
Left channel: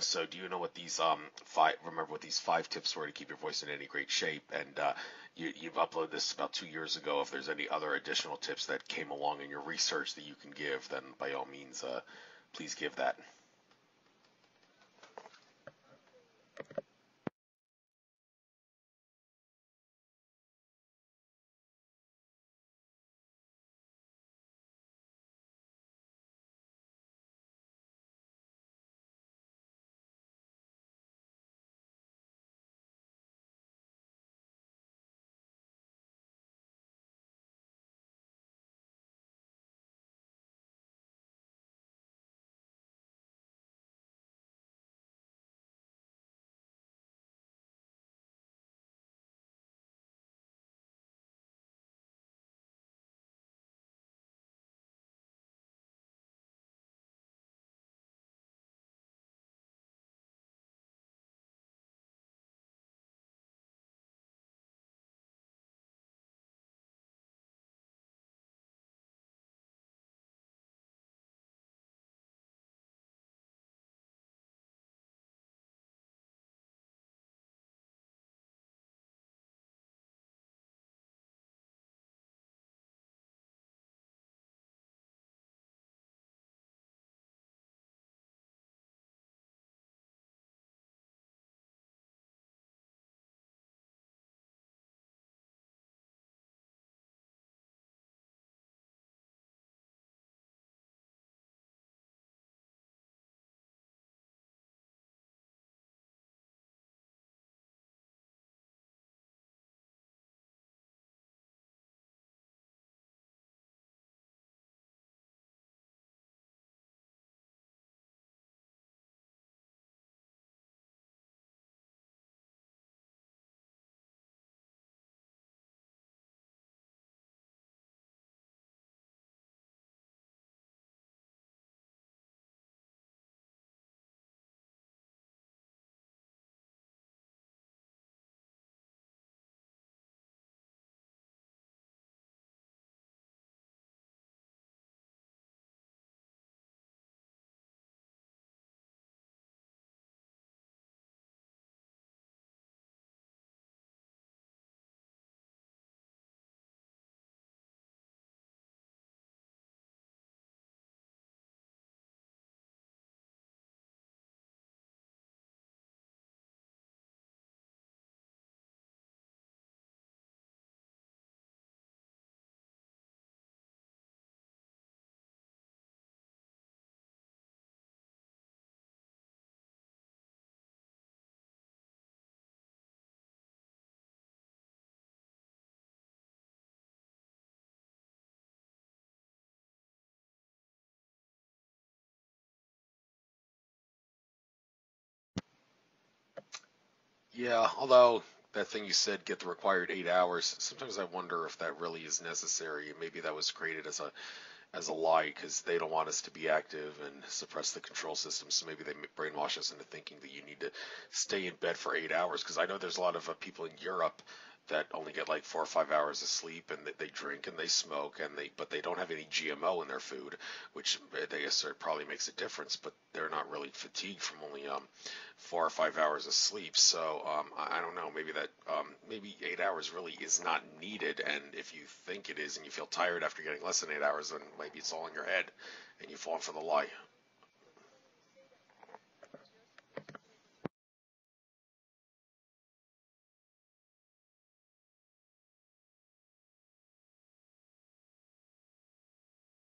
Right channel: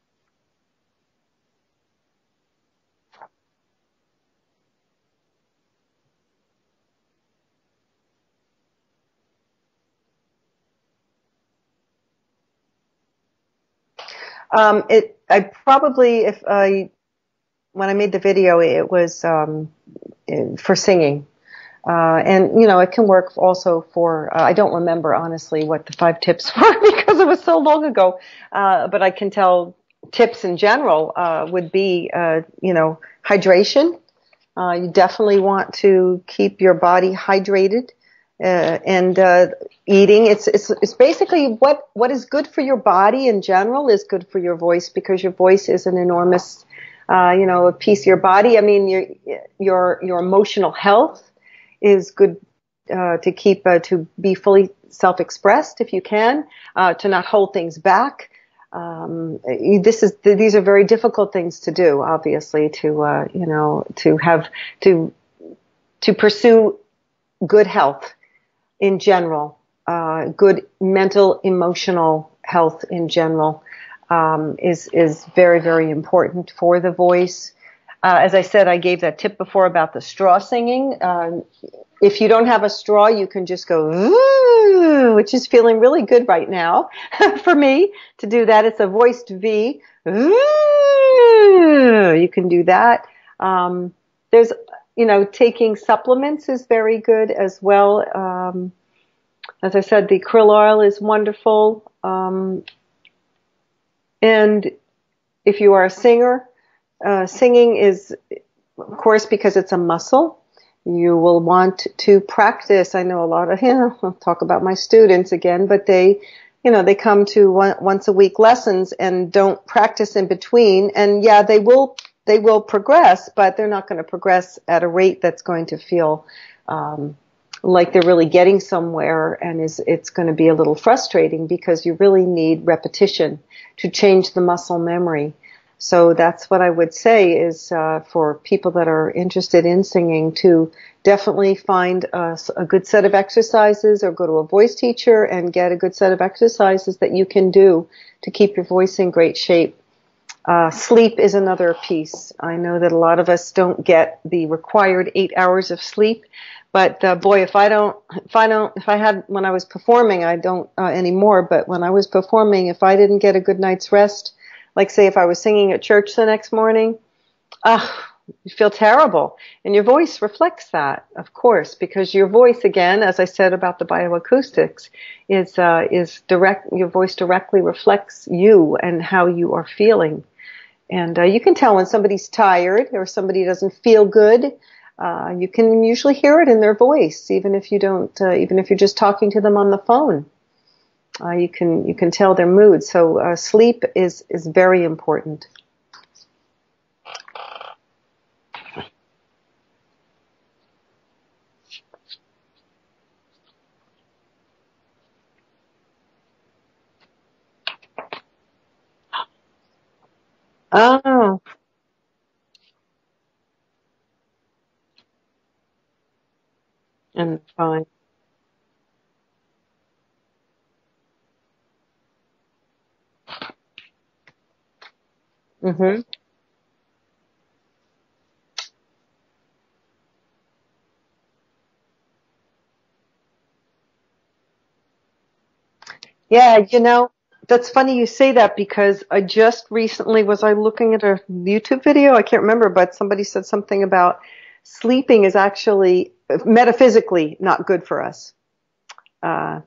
So do you know what these what these 5 tips were to keep your voice in any great shape? And you've uploaded this about 2 years ago. If there's any other additional tips that came along in your research that you can give, then by all means, please give that. When I made the video, it was for singing. And it can work also for, I don't remember honestly what the 5 tips were because it was so long ago. But I can tell tips in general would be, hydration. You definitely want to keep your body hydrated, and eating. It's basically what is good for your body in general is good for your voice, because your voice is an enormous, a piece of your body. I mean, your emotional health is good to keep, to be fully self-expressed if you can, to not hold things back. These are very difficult things to do, obviously, to pursue good health in general, good mental, emotional health in general, is very, very important for the voice. As I said, I gave that tip before about the straw singing. If you don't have a straw, you can just go, ooh, which is feeling really good right now for me to do that. It's a voiced V. Ooh. You can do that. There's, taking supplements is very good as well. As I said, the krill oil is wonderful. And if you are a singer, singing is, of course, because it's a muscle. You will want to practice. I know a lot of, I'll talk about my students again, but they come to once a week lessons and don't practice in between. And yeah, they will progress, but they're not going to progress at a rate that's going to feel like they're really getting somewhere, and it's going to be a little frustrating because you really need repetition to change the muscle memory. So that's what I would say is for people that are interested in singing to definitely find a good set of exercises or go to a voice teacher and get a good set of exercises that you can do to keep your voice in great shape. Sleep is another piece. I know that a lot of us don't get the required 8 hours of sleep, but boy, if I had when I was performing, I don't anymore, but when I was performing, if I didn't get a good night's rest, like say if I was singing at church the next morning, you feel terrible. And your voice reflects that, of course, because your voice, again, as I said about the bioacoustics, is direct. Your voice directly reflects you and how you are feeling. And you can tell when somebody's tired or somebody doesn't feel good. You can usually hear it in their voice, even if you don't, even if you're just talking to them on the phone. You can tell their mood. So sleep is very important. Yeah, although that thing you said, get the required 8 hours, sometimes I wonder if that really is necessary. Maybe that was created as a lie because they don't want us to be active and suppress the control system. So maybe they brainwash us into thinking that you need to stay in bed for 8 hours. Because I know there's a lot of people in Europe that only get like 4 or 5 hours of sleep, and they drink and they smoke, but they don't have any GMO in their food, which they assert probably makes a difference. But they're not really fatigued from only 4 or 5 hours of sleep. So I don't know. Maybe maybe 8 hours really is not needed. And if you think it is, and you feel tired after getting less than 8 hours, then maybe it's all in your head. And you fall that's funny you say that because I just recently was looking at a YouTube video. I can't remember, but somebody said something about sleeping is actually metaphysically not good for us. So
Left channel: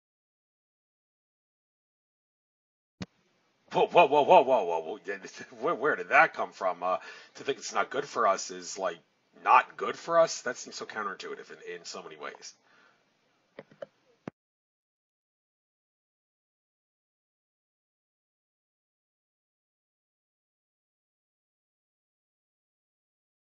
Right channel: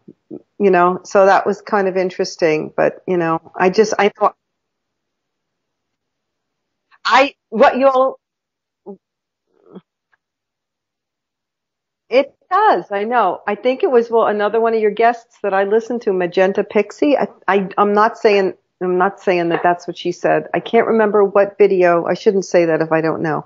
that was kind of interesting, but I just, whoa. Where did that come from? To think it's not good for us is like not good for us. That seems so counterintuitive in so many ways. It does. I know. I think it was, another one of your guests that I listened to, Magenta Pixie. I'm not saying that that's what she said. I can't remember what video. I shouldn't say that if I don't know.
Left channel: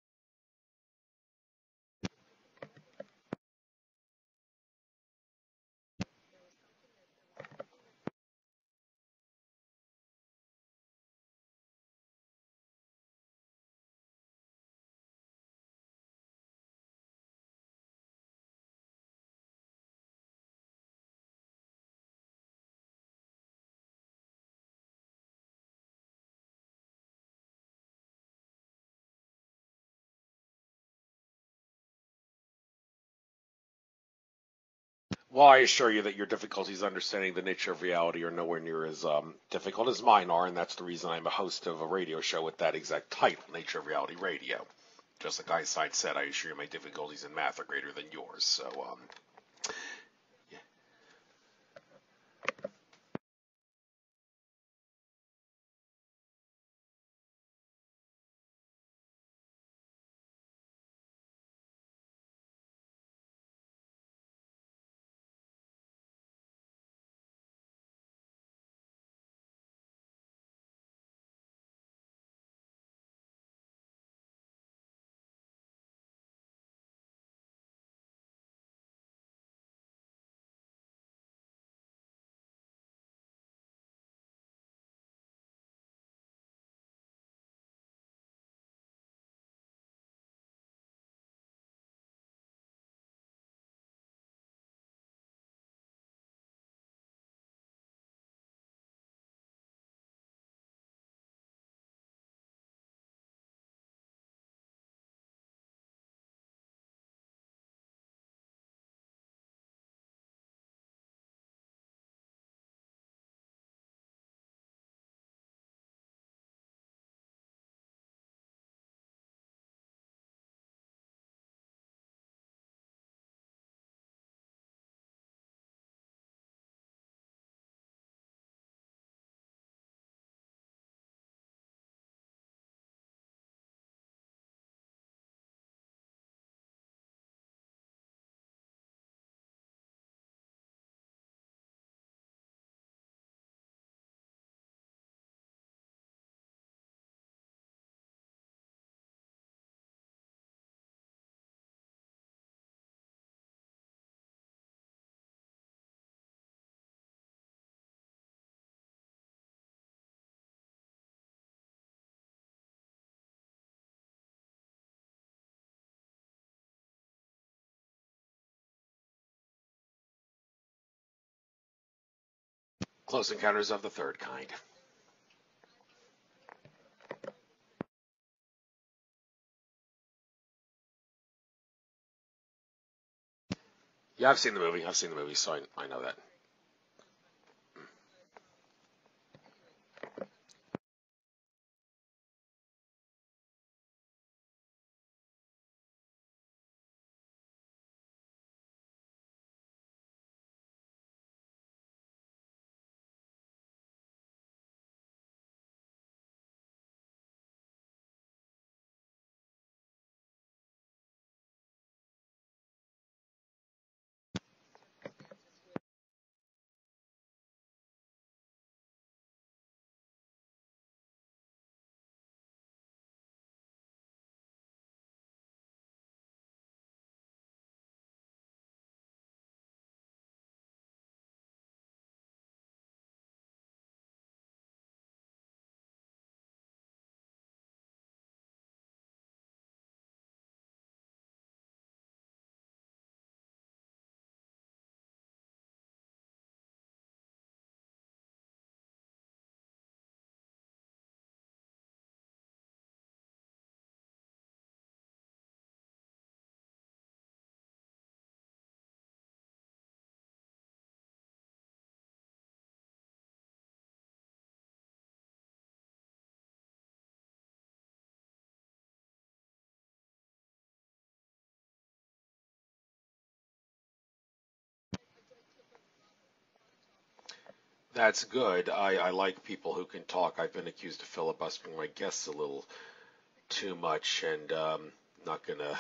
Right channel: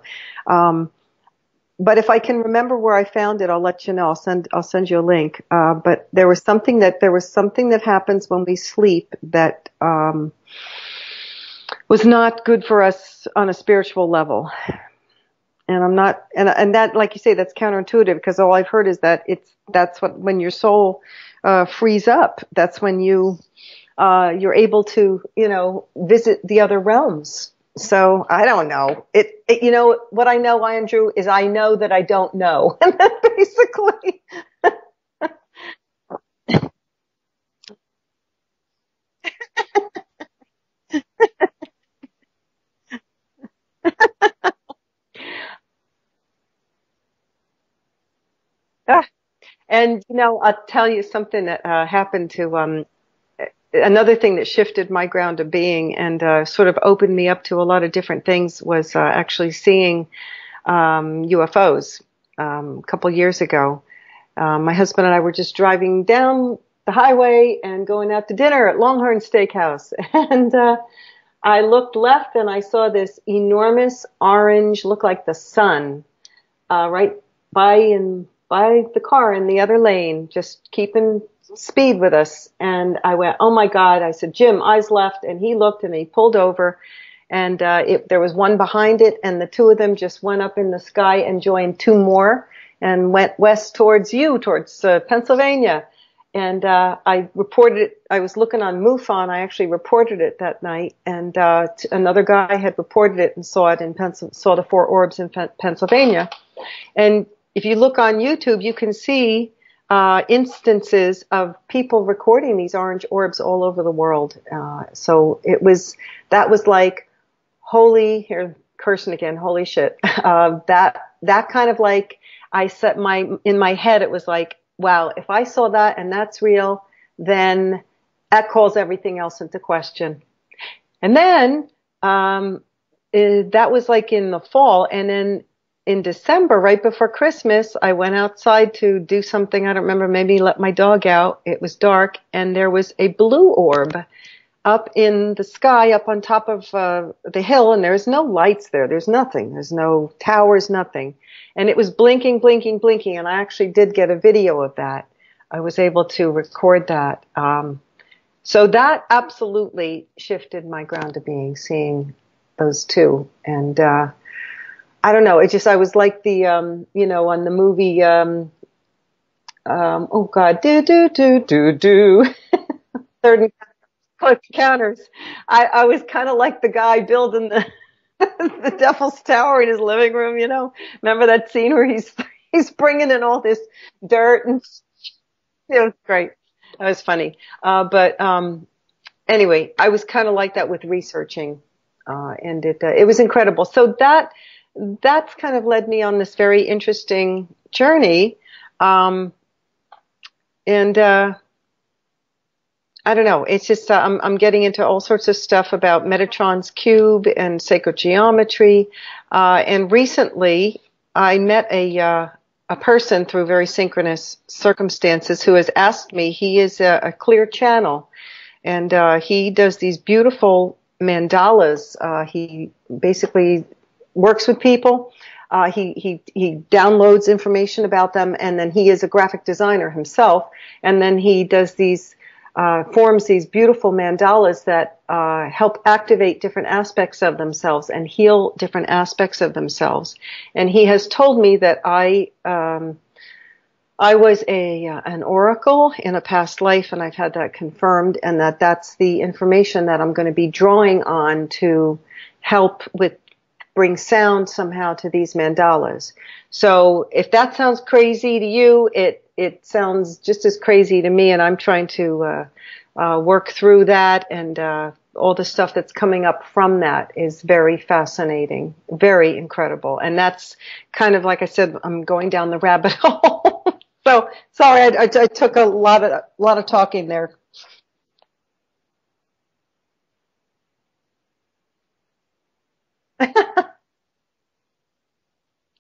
But if I can remember where I found it, I'll let you know. I'll send you a link. But there was something that happens when we sleep that was not good for us on a spiritual level. And I'm not, and that, like you say, that's counterintuitive because all I've heard is that that's when your soul frees up. That's when you're able to, visit the other realms. So I don't know. What I know, Andrew, is I know that I don't know. And basically. Well, I assure you that your difficulties understanding the nature of reality are nowhere near as difficult as mine are, and that's the reason I'm a host of a radio show with that exact title, Nature of Reality Radio. Because like Einstein said, I assure you my difficulties in math are greater than yours. So. And I'll tell you something that happened to another thing that shifted my ground of being and sort of opened me up to a lot of different things was actually seeing UFOs a couple years ago. My husband and I were just driving down the highway and going out to dinner at Longhorn Steakhouse. And I looked left and I saw this enormous orange, looked like the sun, right by the car in the other lane, just keeping speed with us. And I went, oh my God. I said, Jim, eyes left. And he looked and he pulled over. And there was one behind it. And the two of them just went up in the sky and joined two more and went west towards Pennsylvania. And I reported it. I was looking on MUFON. I actually reported it that night. And another guy had reported it and saw the four orbs in Pennsylvania. And if you look on YouTube, you can see instances of people recording these orange orbs all over the world. So that was like, here, cursing again, holy shit. That kind of like, I set in my head, it was like, wow, if I saw that and that's real, then that calls everything else into question. And then, that was like in the fall. And then in December, right before Christmas, I went outside to do something. I don't remember, maybe let my dog out. It was dark and there was a blue orb up in the sky, up on top of the hill, and there's no lights there. There's nothing. There's no towers, nothing. And it was blinking, blinking, blinking, and I actually did get a video of that. I was able to record that. So that absolutely shifted my ground of being, seeing those two. And I don't know, I was like the, on the movie, oh God, do. Close Encounters of the Third Kind. Close Encounters. I was kind of like the guy building the Devil's Tower in his living room, Remember that scene where he's bringing in all this dirt? Yeah, I've seen the movie, so I it was know that. great. That was funny. But anyway, I was kind of like that with researching, and it was incredible. So that's kind of led me on this very interesting journey, and I don't know. It's just I'm getting into all sorts of stuff about Metatron's cube and sacred geometry. And recently, I met a person through very synchronous circumstances who has asked me. He is a clear channel, and he does these beautiful mandalas. He basically works with people. He downloads information about them, and then he is a graphic designer himself. And then he does forms these beautiful mandalas that help activate different aspects of themselves and heal different aspects of themselves. And he has told me that I was an oracle in a past life, and I've had that confirmed, and that's the information that I'm going to be drawing on to help bring sound somehow to these mandalas. So if that sounds crazy to you, it sounds just as crazy to me, and I'm trying to work through that, and all the stuff that's coming up from that is very fascinating, very incredible. And that's kind of, like I said, I'm going down the rabbit hole. So sorry, I took a lot of talking there. That's good. I like people who can talk. I've been accused of filibustering my guests a little too much, and not gonna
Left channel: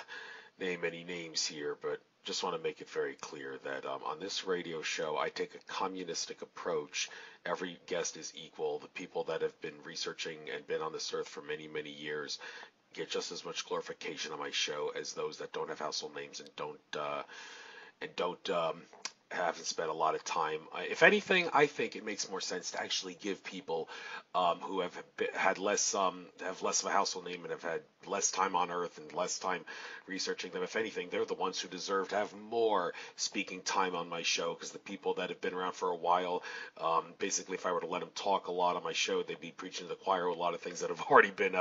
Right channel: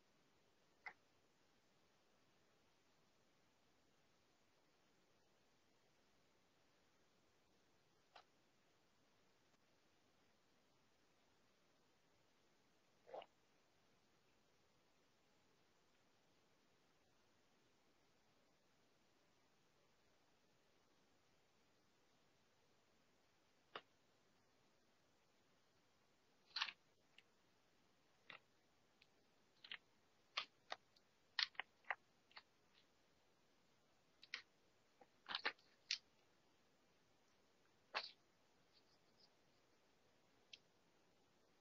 name any names here, but just want to make it very clear that on this radio show, I take a communistic approach. Every guest is equal. The people that have been researching and been on this earth for many, many years get just as much glorification on my show as those that don't have household names and don't haven't spent a lot of time. If anything, I think it makes more sense to actually give people who have less of a household name and have had less time on Earth and less time researching them. If anything, they're the ones who deserve to have more speaking time on my show, because the people that have been around for a while, basically, if I were to let them talk a lot on my show, they'd be preaching to the choir with a lot of things that have already been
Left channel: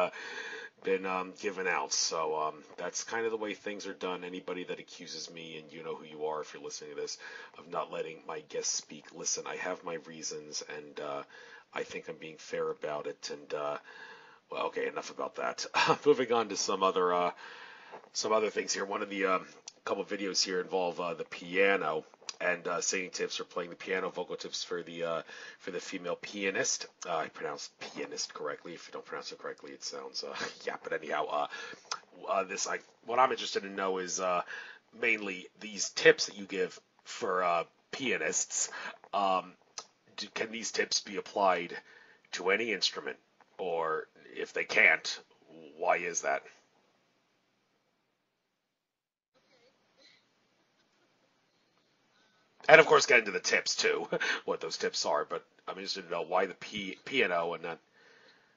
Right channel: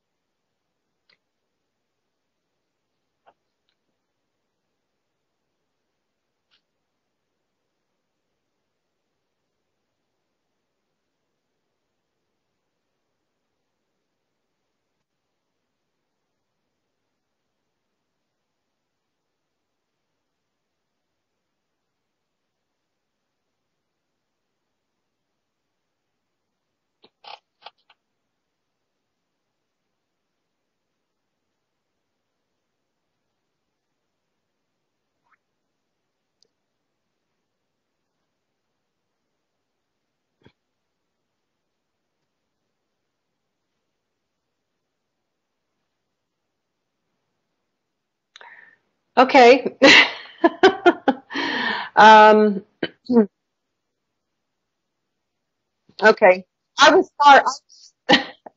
given out. So that's kind of the way things are done. Anybody that accuses me, and you know who you are if you're listening to this, of not letting my guests speak, listen, I have my reasons, and I think I'm being fair about it. And well, okay, enough about that. Moving on to some other things here. One of the couple of videos here involve the piano and singing tips for playing the piano, vocal tips for the female pianist. I pronounced pianist correctly. If you don't pronounce it correctly, it sounds yeah. But anyhow, what I'm interested in know is mainly these tips that you give for pianists. Can these tips be applied to any instrument, or if they can't, why is that? Okay. And of course, get into the tips too, what those tips are. But I mean, just know why the piano and not.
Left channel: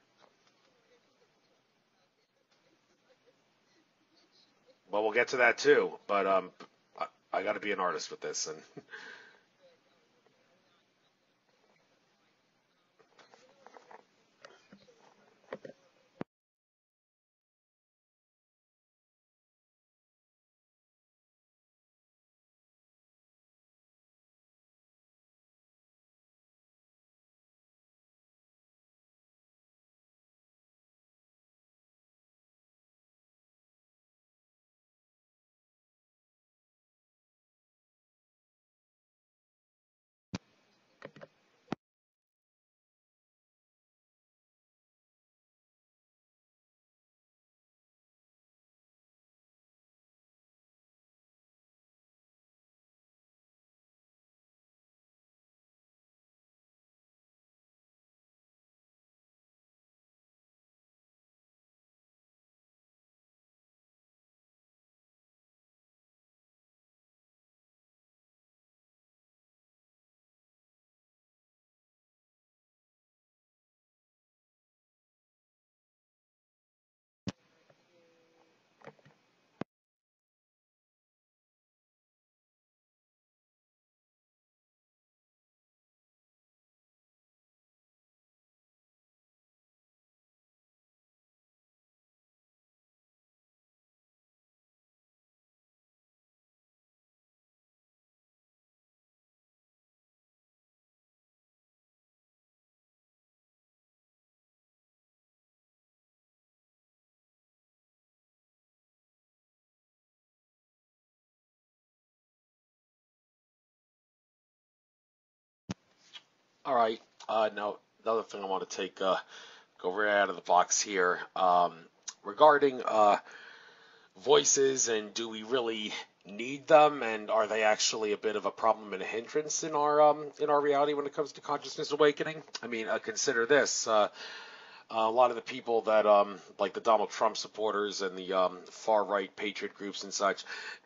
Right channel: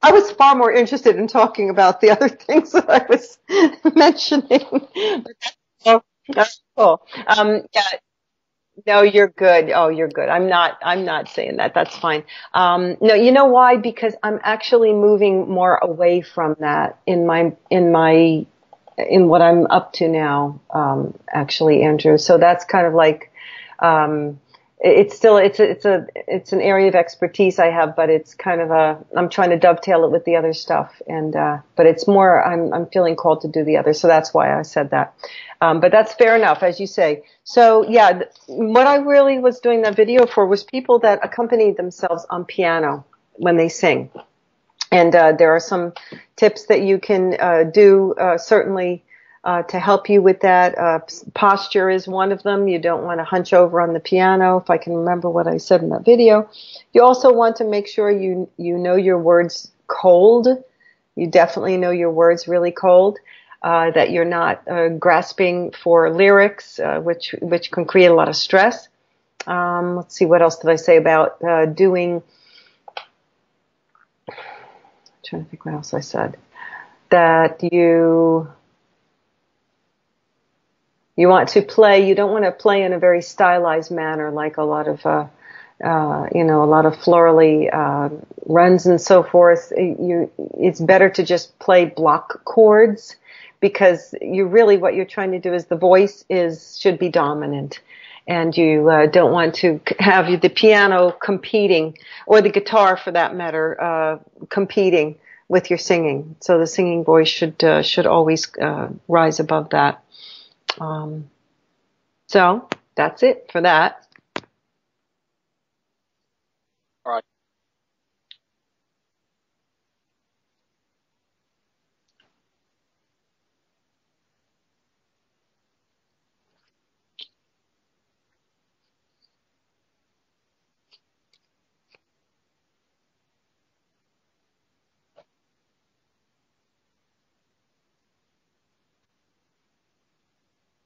I was far more interested in talking about the other things that I was mentioning. Well, we'll get to that too. But cool. I'm being honest with this. And no, you're good. Oh, you're good. I'm not saying that. That's fine. No, you know why? Because I'm actually moving more away from that in what I'm up to now, actually, Andrew. So that's kind of like, it's still, it's an area of expertise I have, but it's kind of I'm trying to dovetail it with the other stuff. And, but it's more, I'm feeling called to do the other. So that's why I said that. But that's fair enough, as you say. So yeah, what I really was doing that video for was people that accompany themselves on piano when they sing. And, there are some tips that you can, do, certainly, to help you with that. Posture is one of them. You don't want to hunch over on the piano, if I can remember what I said in that video. You also want to make sure you know your words cold. You definitely know your words really cold, that you're not grasping for lyrics, which can create a lot of stress. Let's see, what else did I say about doing? I'm trying to think what else I said. That you want to play. You don't want to play in a very stylized manner, like a lot of, a lot of florally runs and so forth. It's better to just play block chords, because what you're trying to do is the voice should be dominant, and you don't want to have the piano competing, or the guitar for that matter, competing with your singing. So the singing voice should always rise above that. So that's it for that. All right. Now, another thing I want to go right out of the box here, regarding voices, and do we really need them, and are they actually a bit of a problem and a hindrance in our reality when it comes to consciousness awakening? I mean, consider this. A lot of the people that, like the Donald Trump supporters and the far-right patriot groups and such,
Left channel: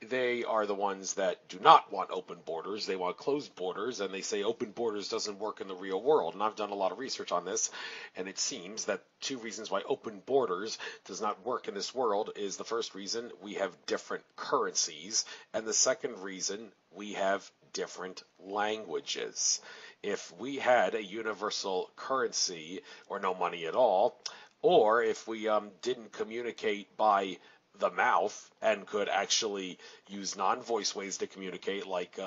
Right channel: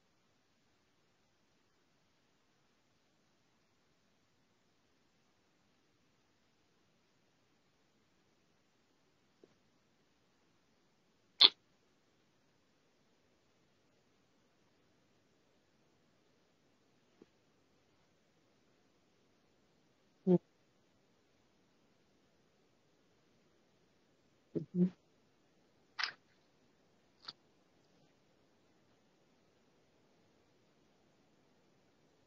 they are the ones that do not want open borders. They want closed borders, and they say open borders doesn't work in the real world. And I've done a lot of research on this, and it seems that two reasons why open borders does not work in this world is: the first reason, we have different currencies, and the second reason, we have different languages. If we had a universal currency, or no money at all, or if we didn't communicate by the mouth and could actually use non-voice ways to communicate, like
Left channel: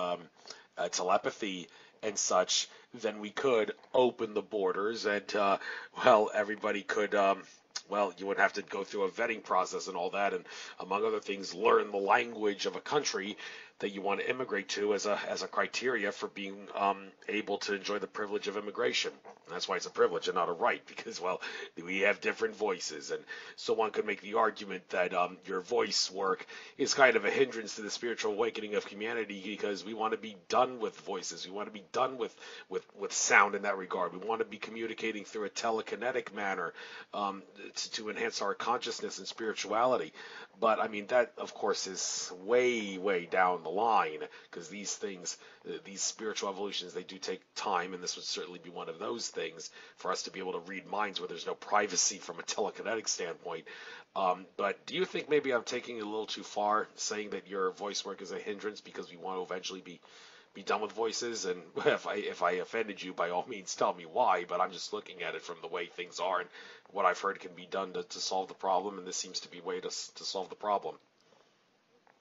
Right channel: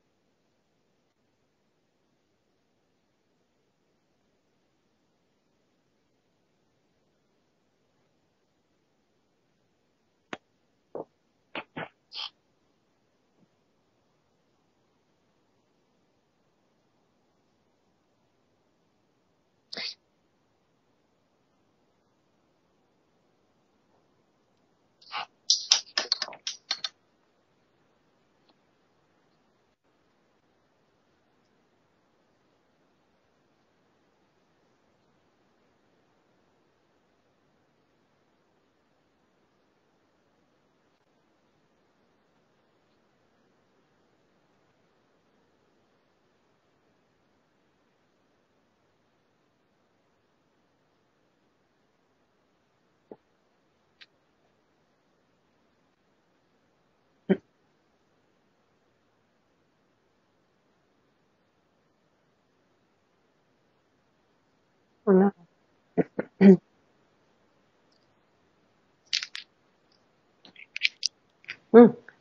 telepathy and such, then we could open the borders, and everybody could you would have to go through a vetting process and all that, and among other things, learn the language of a country that you want to immigrate to as a criteria for being able to enjoy the privilege of immigration. And that's why it's a privilege and not a right, because, we have different voices. And so one could make the argument that your voice work is kind of a hindrance to the spiritual awakening of humanity, because we want to be done with voices. We want to be done with sound in that regard. We want to be communicating through a telekinetic manner to enhance our consciousness and spirituality. But, I mean, that, of course, is way, way down the line, because these things, these spiritual evolutions, they do take time, and this would certainly be one of those things for us to be able to read minds where there's no privacy from a telekinetic standpoint. But do you think maybe I'm taking it a little too far, saying that your voice work is a hindrance because we want to eventually be done with voices? And if I offended you, by all means, tell me why, but I'm just looking at it from the way things are. What I've heard can be done to solve the problem, and this seems to be a way to solve the problem.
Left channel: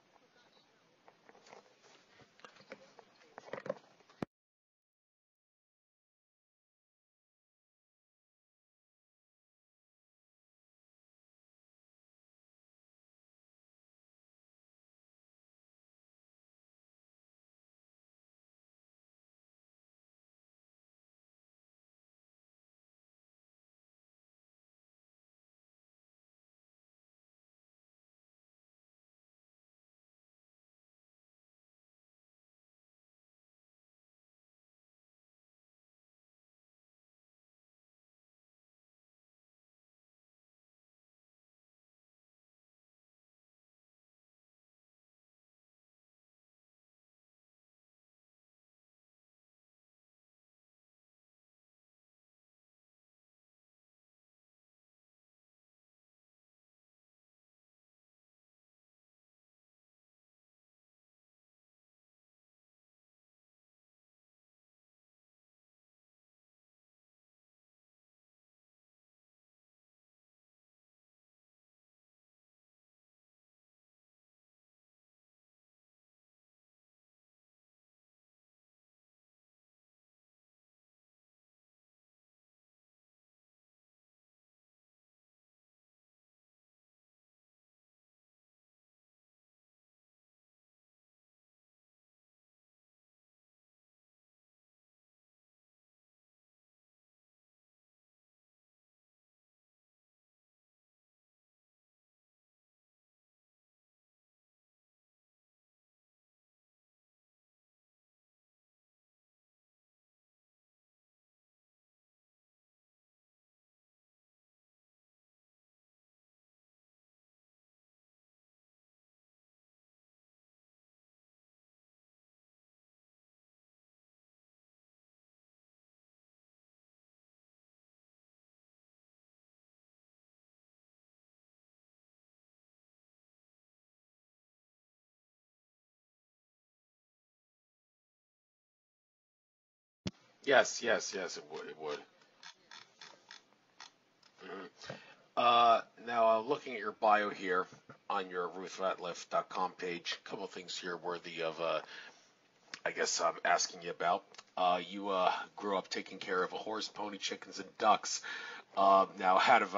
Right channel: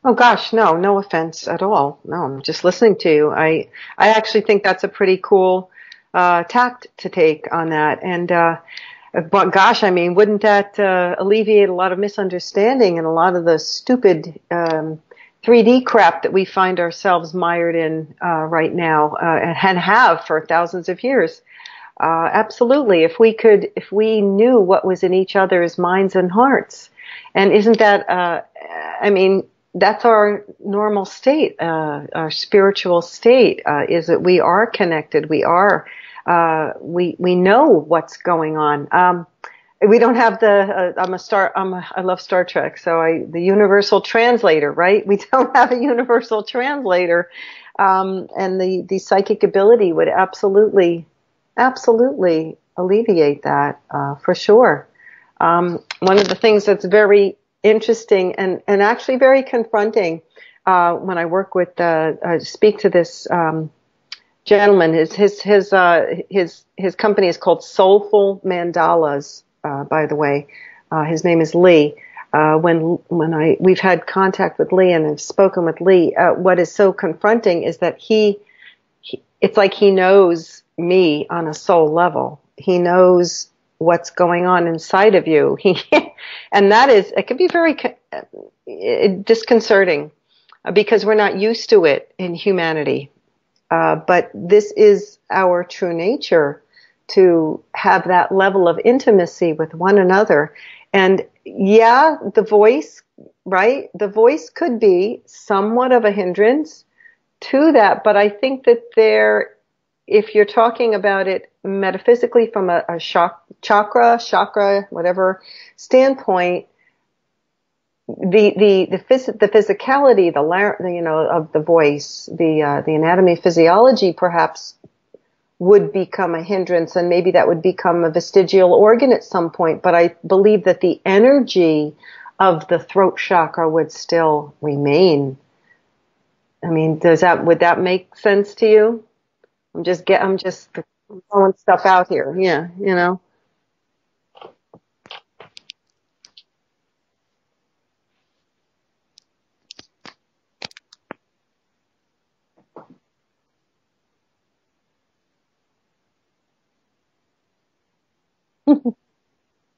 Oh gosh, no offense at all. No, I'm just listening to you. I actually think that's a pretty cool tact to take on that. And but gosh, I mean, wouldn't that alleviate a lot of misunderstanding and a lot of the stupid 3D crap that we find ourselves mired in right now, and have for thousands of years? Absolutely. If we knew what was in each other's minds and hearts, and isn't that, that's our normal state, our spiritual state, is that we are connected. We know what's going on. We don't have I love Star Trek, so the universal translator, right? We don't have a universal translator. And the psychic ability would absolutely alleviate that, for sure. One of the things that's very interesting and actually very confronting, when I work with, speak to this, gentleman, his company is called Soulful Mandalas, by the way. His name is Lee. We've had contact with Lee and have spoken with Lee, what is so confronting is that he it's like he knows me on a soul level. He knows what's going on inside of you. And it can be very disconcerting because we're not used to it in humanity. But this is our true nature, to have that level of intimacy with one another. And yeah, the voice, right? The voice could be somewhat of a hindrance to that, but I think that if you're talking about it metaphysically from a chakra, whatever standpoint, the physicality, of the voice, the anatomy, physiology, perhaps would become a hindrance, and maybe that would become a vestigial organ at some point. But I believe that the energy of the throat chakra would still remain. I mean, would that make sense to you? I'm just yes. throwing stuff out here. Yeah, you know. Now, looking at your bio here on your RuthRatliff.com page, a couple of things here worthy of, I guess, asking you about. You grew up taking care of a horse, pony, chickens, and ducks. Now, out of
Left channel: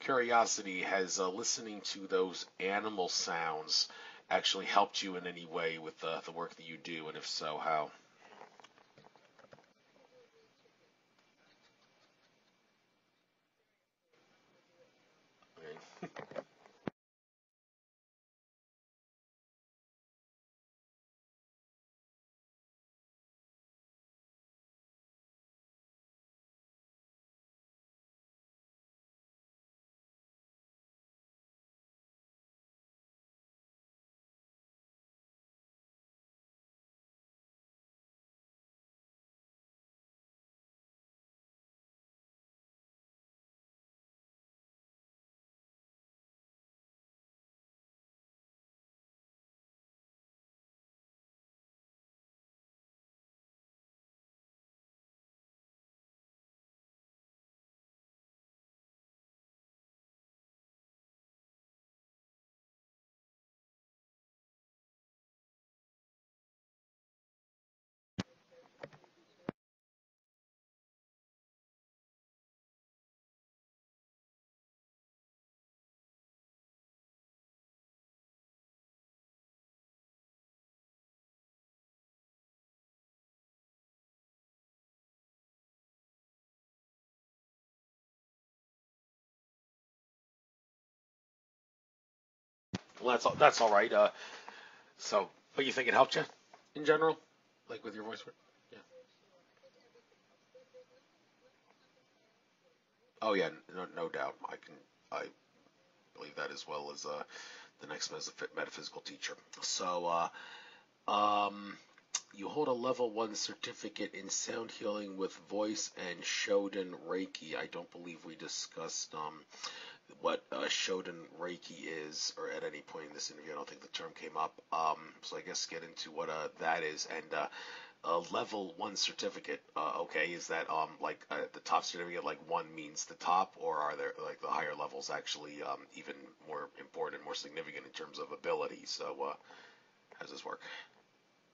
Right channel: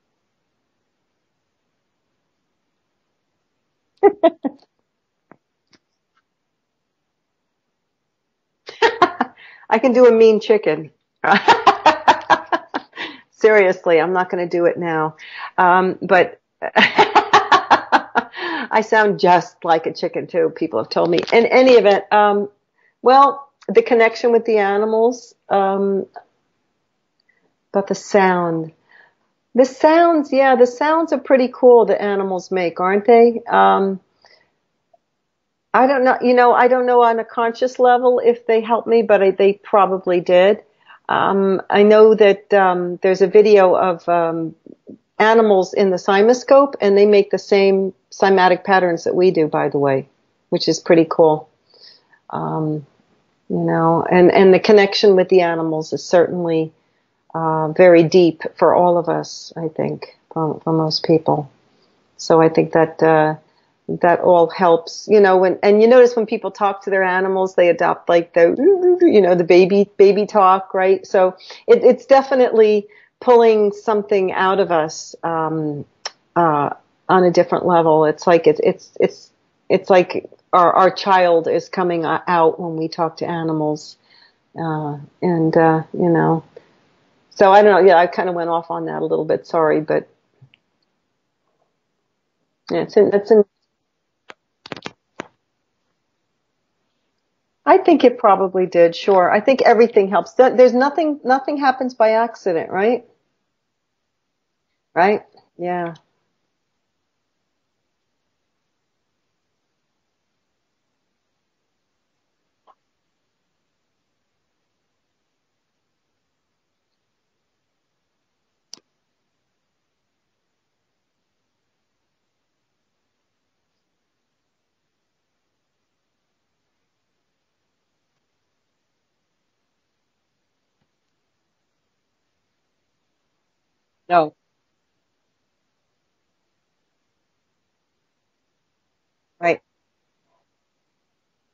curiosity, has listening to those animal sounds actually helped you in any way with the work that you do, and if so, how? I can do a mean chicken. Seriously, I'm not going to do it now. But I sound just like a chicken too, people have told me. In any event, well, the connection with the animals, but the sound. The sounds, yeah, the sounds are pretty cool the animals make, aren't they? I don't know, I don't know on a conscious level if they helped me, but they probably did. I know that there's a video of animals in the cymoscope, and they make the same cymatic patterns that we do, by the way, which is pretty cool. And the connection with the animals is certainly very deep for all of us, I think, for most people. So I think that that all helps, and you notice when people talk to their animals, they adopt like the baby talk, right? So it's definitely pulling something out of us on a different level. It's like it's like our child is coming out when we talk to animals, So I don't know. Yeah, I kind of went off on that a little bit. Sorry, but yeah, that's all right. But you think it helped you in general? I think it probably did. Sure, I think everything helps. There's nothing happens by accident, right? Oh yeah, no doubt. Right? I yeah. believe that as well as the next metaphysical teacher. So, you hold a level 1 certificate in sound healing with voice and Shodan Reiki. I don't believe we discussed what Shodan Reiki is, or at any point in this interview. I don't think the term came up. So I guess get into what that is. And a level 1 certificate, okay, is that like the top certificate, like 1 means the top, or are there like the higher levels actually even more important, more significant in terms of ability? So right. How does this work?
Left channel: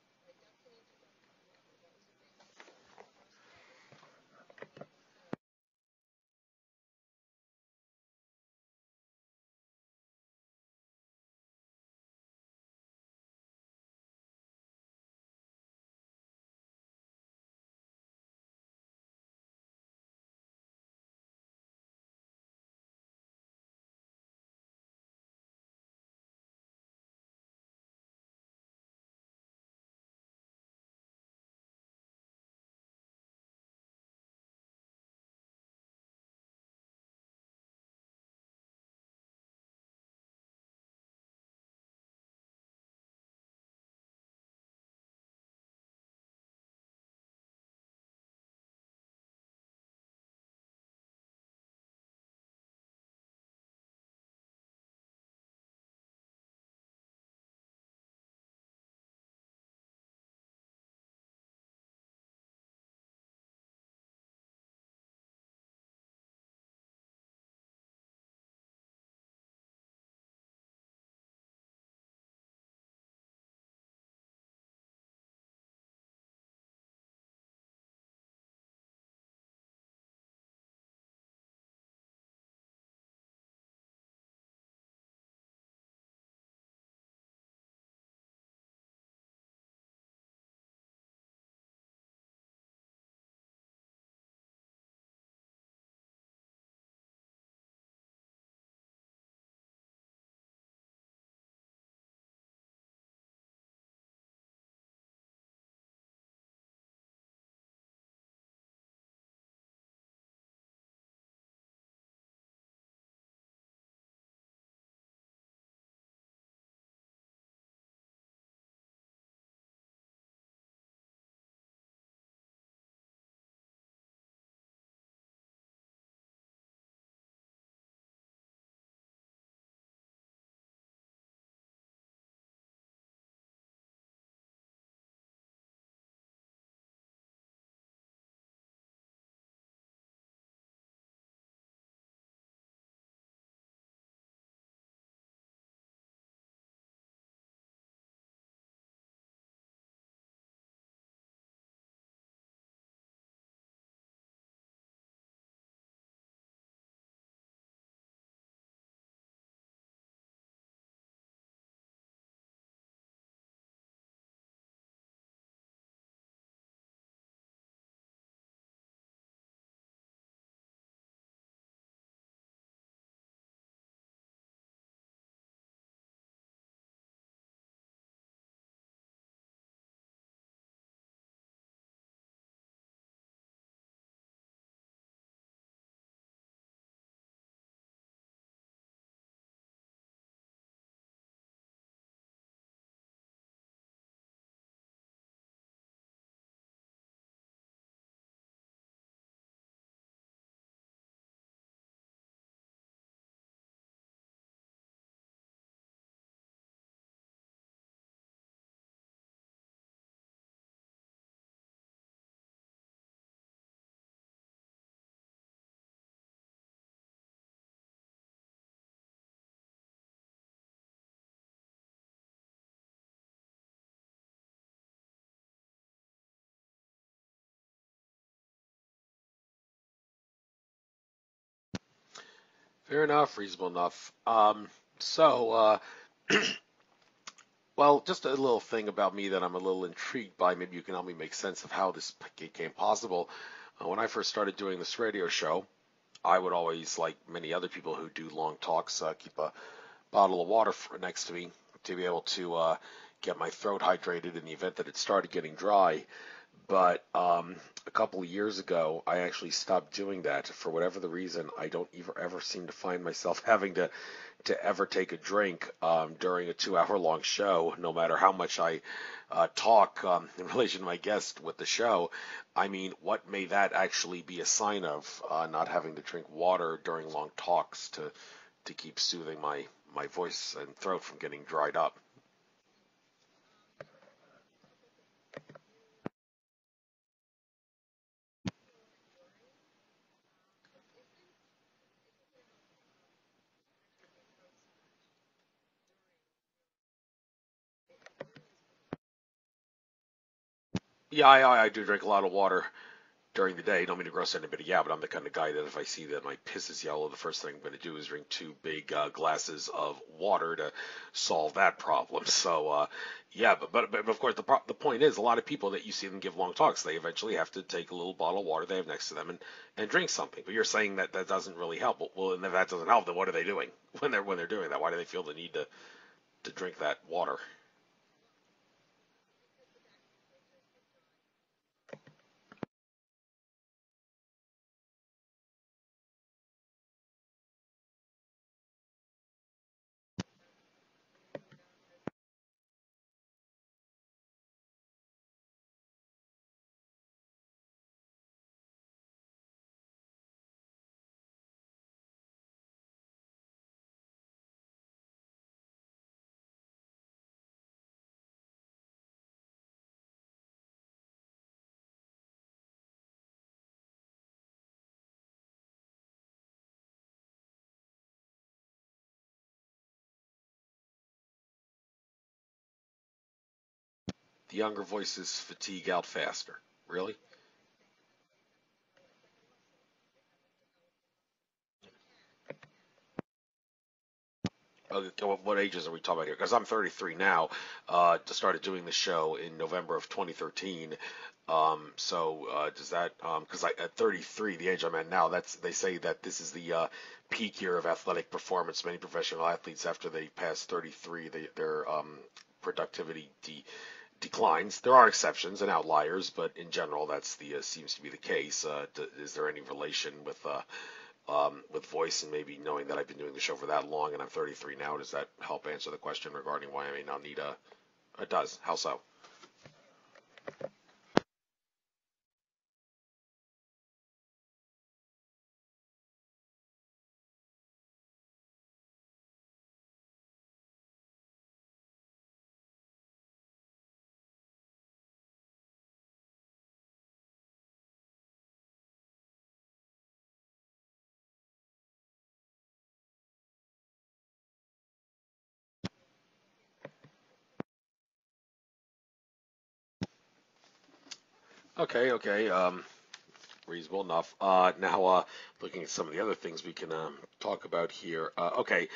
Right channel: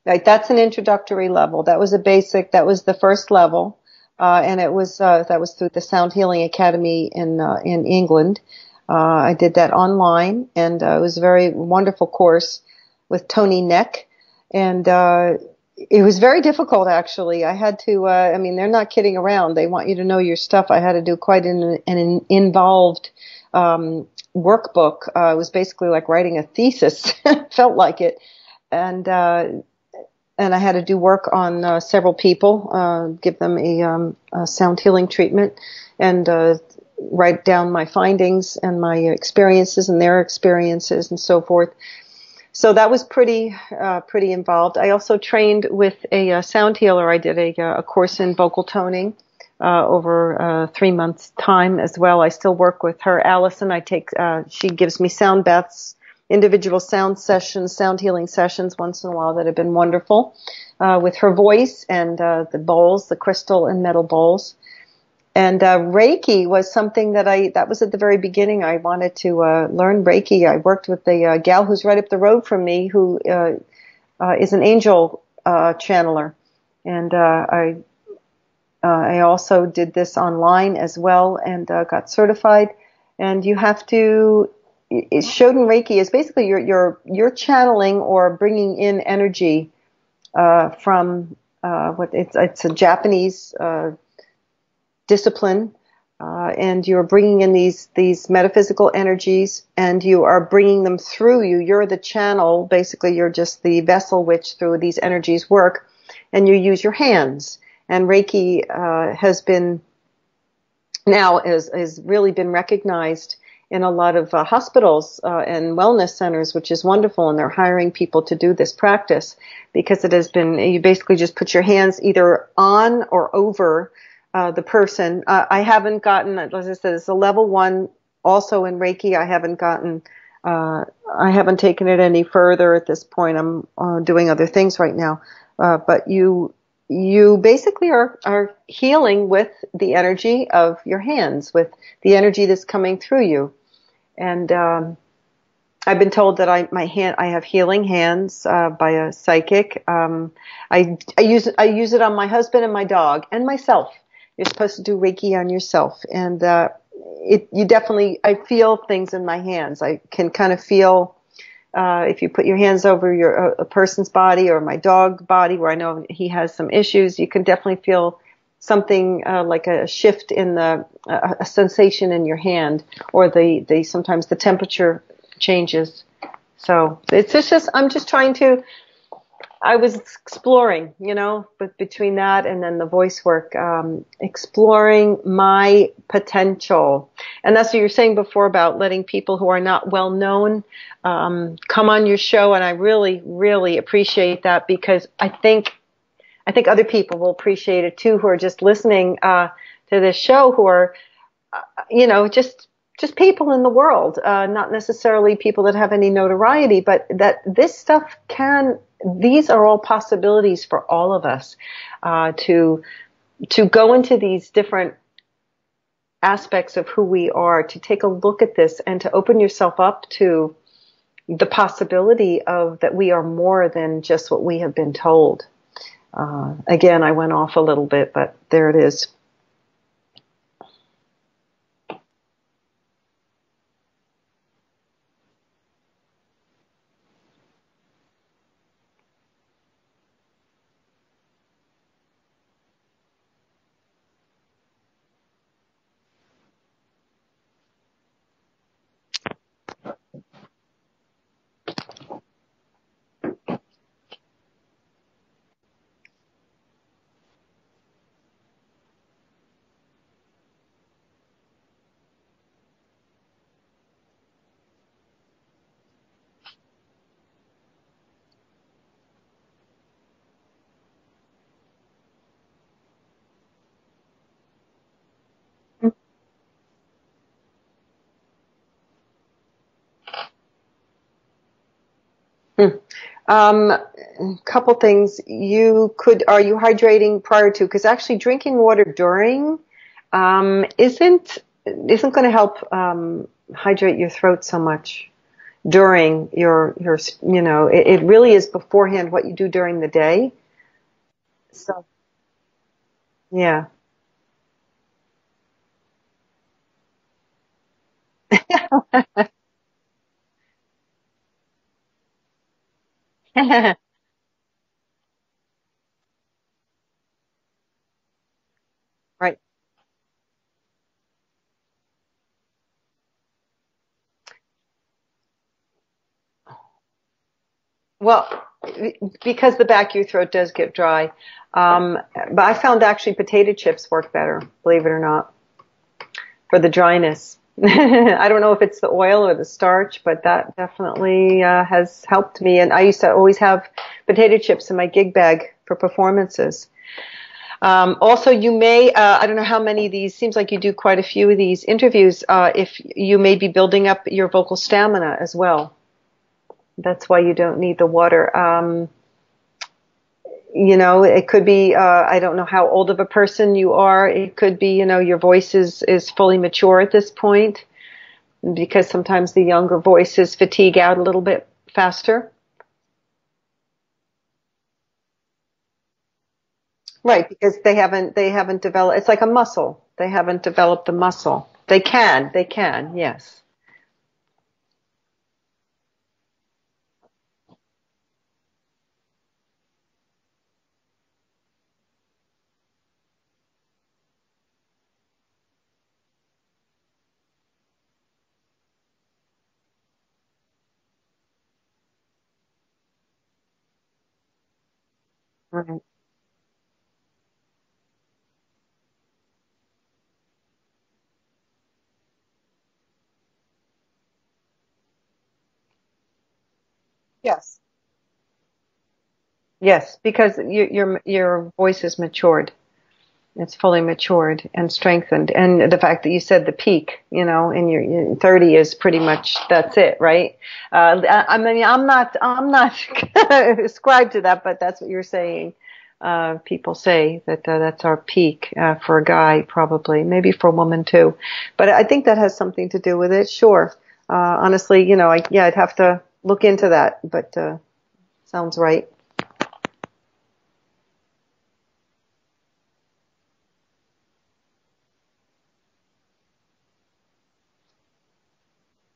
Right, that's an introductory level. That was that was the first level, and that was through the Sound Healing Academy in England. I did that online, and it was a very wonderful course with Tony Neck, and it was very difficult actually. I had to, they're not kidding around. They want you to know your stuff. I had to do quite an involved workbook. It was basically like writing a thesis. Felt like it, and I had to do work on several people, give them a sound healing treatment, and write down my findings and my experiences and their experiences and so forth. So that was pretty involved. I also trained with a sound healer. I did a course in vocal toning over 3 months' time as well. I still work with her, Allison. She gives me sound baths, individual sound sessions, sound healing sessions once in a while that have been wonderful with her voice and the bowls, the crystal and metal bowls. And Reiki was something that was at the very beginning. I wanted to learn Reiki. I worked with a gal who's right up the road from me who is an angel channeler. And I also did this online as well and got certified. And you have to, Shoden Reiki is basically you're channeling or bringing in energy from it's a Japanese discipline, and you're bringing in these metaphysical energies, and you are bringing them through you. You're the channel, basically. You're just the vessel which through these energies work, and you use your hands. And Reiki has really been recognized in a lot of hospitals and wellness centers, which is wonderful. And they're hiring people to do this practice because it has been, you basically just put your hands either on or over the person. I haven't gotten, as I said, it's a level 1 also in Reiki. I haven't taken it any further at this point. I'm doing other things right now. But you basically are healing with the energy of your hands, with the energy that's coming through you. And I've been told that I have healing hands by a psychic. I use it on my husband and my dog and myself. You're supposed to do Reiki on yourself, and I feel things in my hands. I can kind of feel. If you put your hands over a person's body or my dog body where I know he has some issues, you can definitely feel something like a shift in a sensation in your hand, or sometimes the temperature changes. So it's just I'm just trying to. I was exploring, but between that and then the voice work, exploring my potential. And that's what you were saying before about letting people who are not well known come on your show. And I really, really appreciate that, because I think other people will appreciate it too, who are just listening to this show, who are, just people in the world, not necessarily people that have any notoriety, but that this stuff these are all possibilities for all of us, to go into these different aspects of who we are, to take a look at this and to open yourself up to the possibility of that we are more than just what we have been told. Again, I went off a little bit, but there it is. Fair enough, reasonable enough. Well, just a little thing about me that I'm a little intrigued by. Maybe you can help me make sense of how this became possible. When I first started doing this radio show, I would always, like many other people who do long talks, keep a bottle of water next to me to be able to get my throat hydrated in the event that it started getting dry. But a couple of years ago, I actually stopped doing that. For whatever the reason, I don't ever seem to find myself having to ever take a drink during a 2-hour-long show, no matter how much I talk in relation to my guest with the show. I mean, what may that actually be a sign of, not having to drink water during long talks to keep soothing my voice and throat from getting dried up? Couple things. Are you hydrating prior to? Because actually drinking water during isn't going to help hydrate your throat so much during your it really is beforehand what you do during the day. Yeah, I do drink a lot of water during the day. Don't mean to gross anybody out, but I'm the kind of guy that if I see that my piss is yellow, the first thing I'm going to do is drink 2 big glasses of water to solve that problem. So, but of course the point is, a lot of people that you see them give long talks, they eventually have to take a little bottle of water they have next to them, right, and drink something. But you're saying that doesn't really help. Well, and if that doesn't help, then what are they doing when they're doing that? Why do they feel the need to drink that water? Well, because the back of your throat does get dry. But I found actually potato chips work better, believe it or not, for the dryness. I don't know if it's the oil or the starch, but that definitely has helped me. And I used to always have potato chips in my gig bag for performances. Also, you may, I don't know how many of these, seems like you do quite a few of these interviews, if you may be building up your vocal stamina as well. That's why you don't need the water. It could be, I don't know how old of a person you are. It could be, your voice is fully mature at this point, because sometimes the younger voices fatigue out a little bit faster. The younger voices fatigue out faster. Really? Right, because they haven't developed. It's like a muscle. They haven't developed the muscle. They can, yes. Okay, what ages are we talking about here? Because I'm 33 now. Just started doing the show in November of 2013. Does that? Because at 33, the age I'm at now, they say that this is the peak year of athletic performance. Many professional athletes, after they pass 33, their productivity declines. There are exceptions and Right. outliers, but in general, that's the seems to be the case. Is there any relation with voice, and maybe knowing that I've been doing the show for that long and I'm 33 now, does that help answer the question regarding why I may not need Yes. it does. How so? Yes, because your voice is matured. It's fully matured and strengthened. And the fact that you said the peak, in your 30 is pretty much, that's it, right? I mean, I'm not ascribed to that, but that's what you're saying. People say that that's our peak for a guy, probably, maybe for a woman too. But I think that has something to do with it. Sure. Honestly, I'd have to look into that, but sounds right. Okay. Reasonable enough. Now, looking at some of the other things we can talk about here. Okay.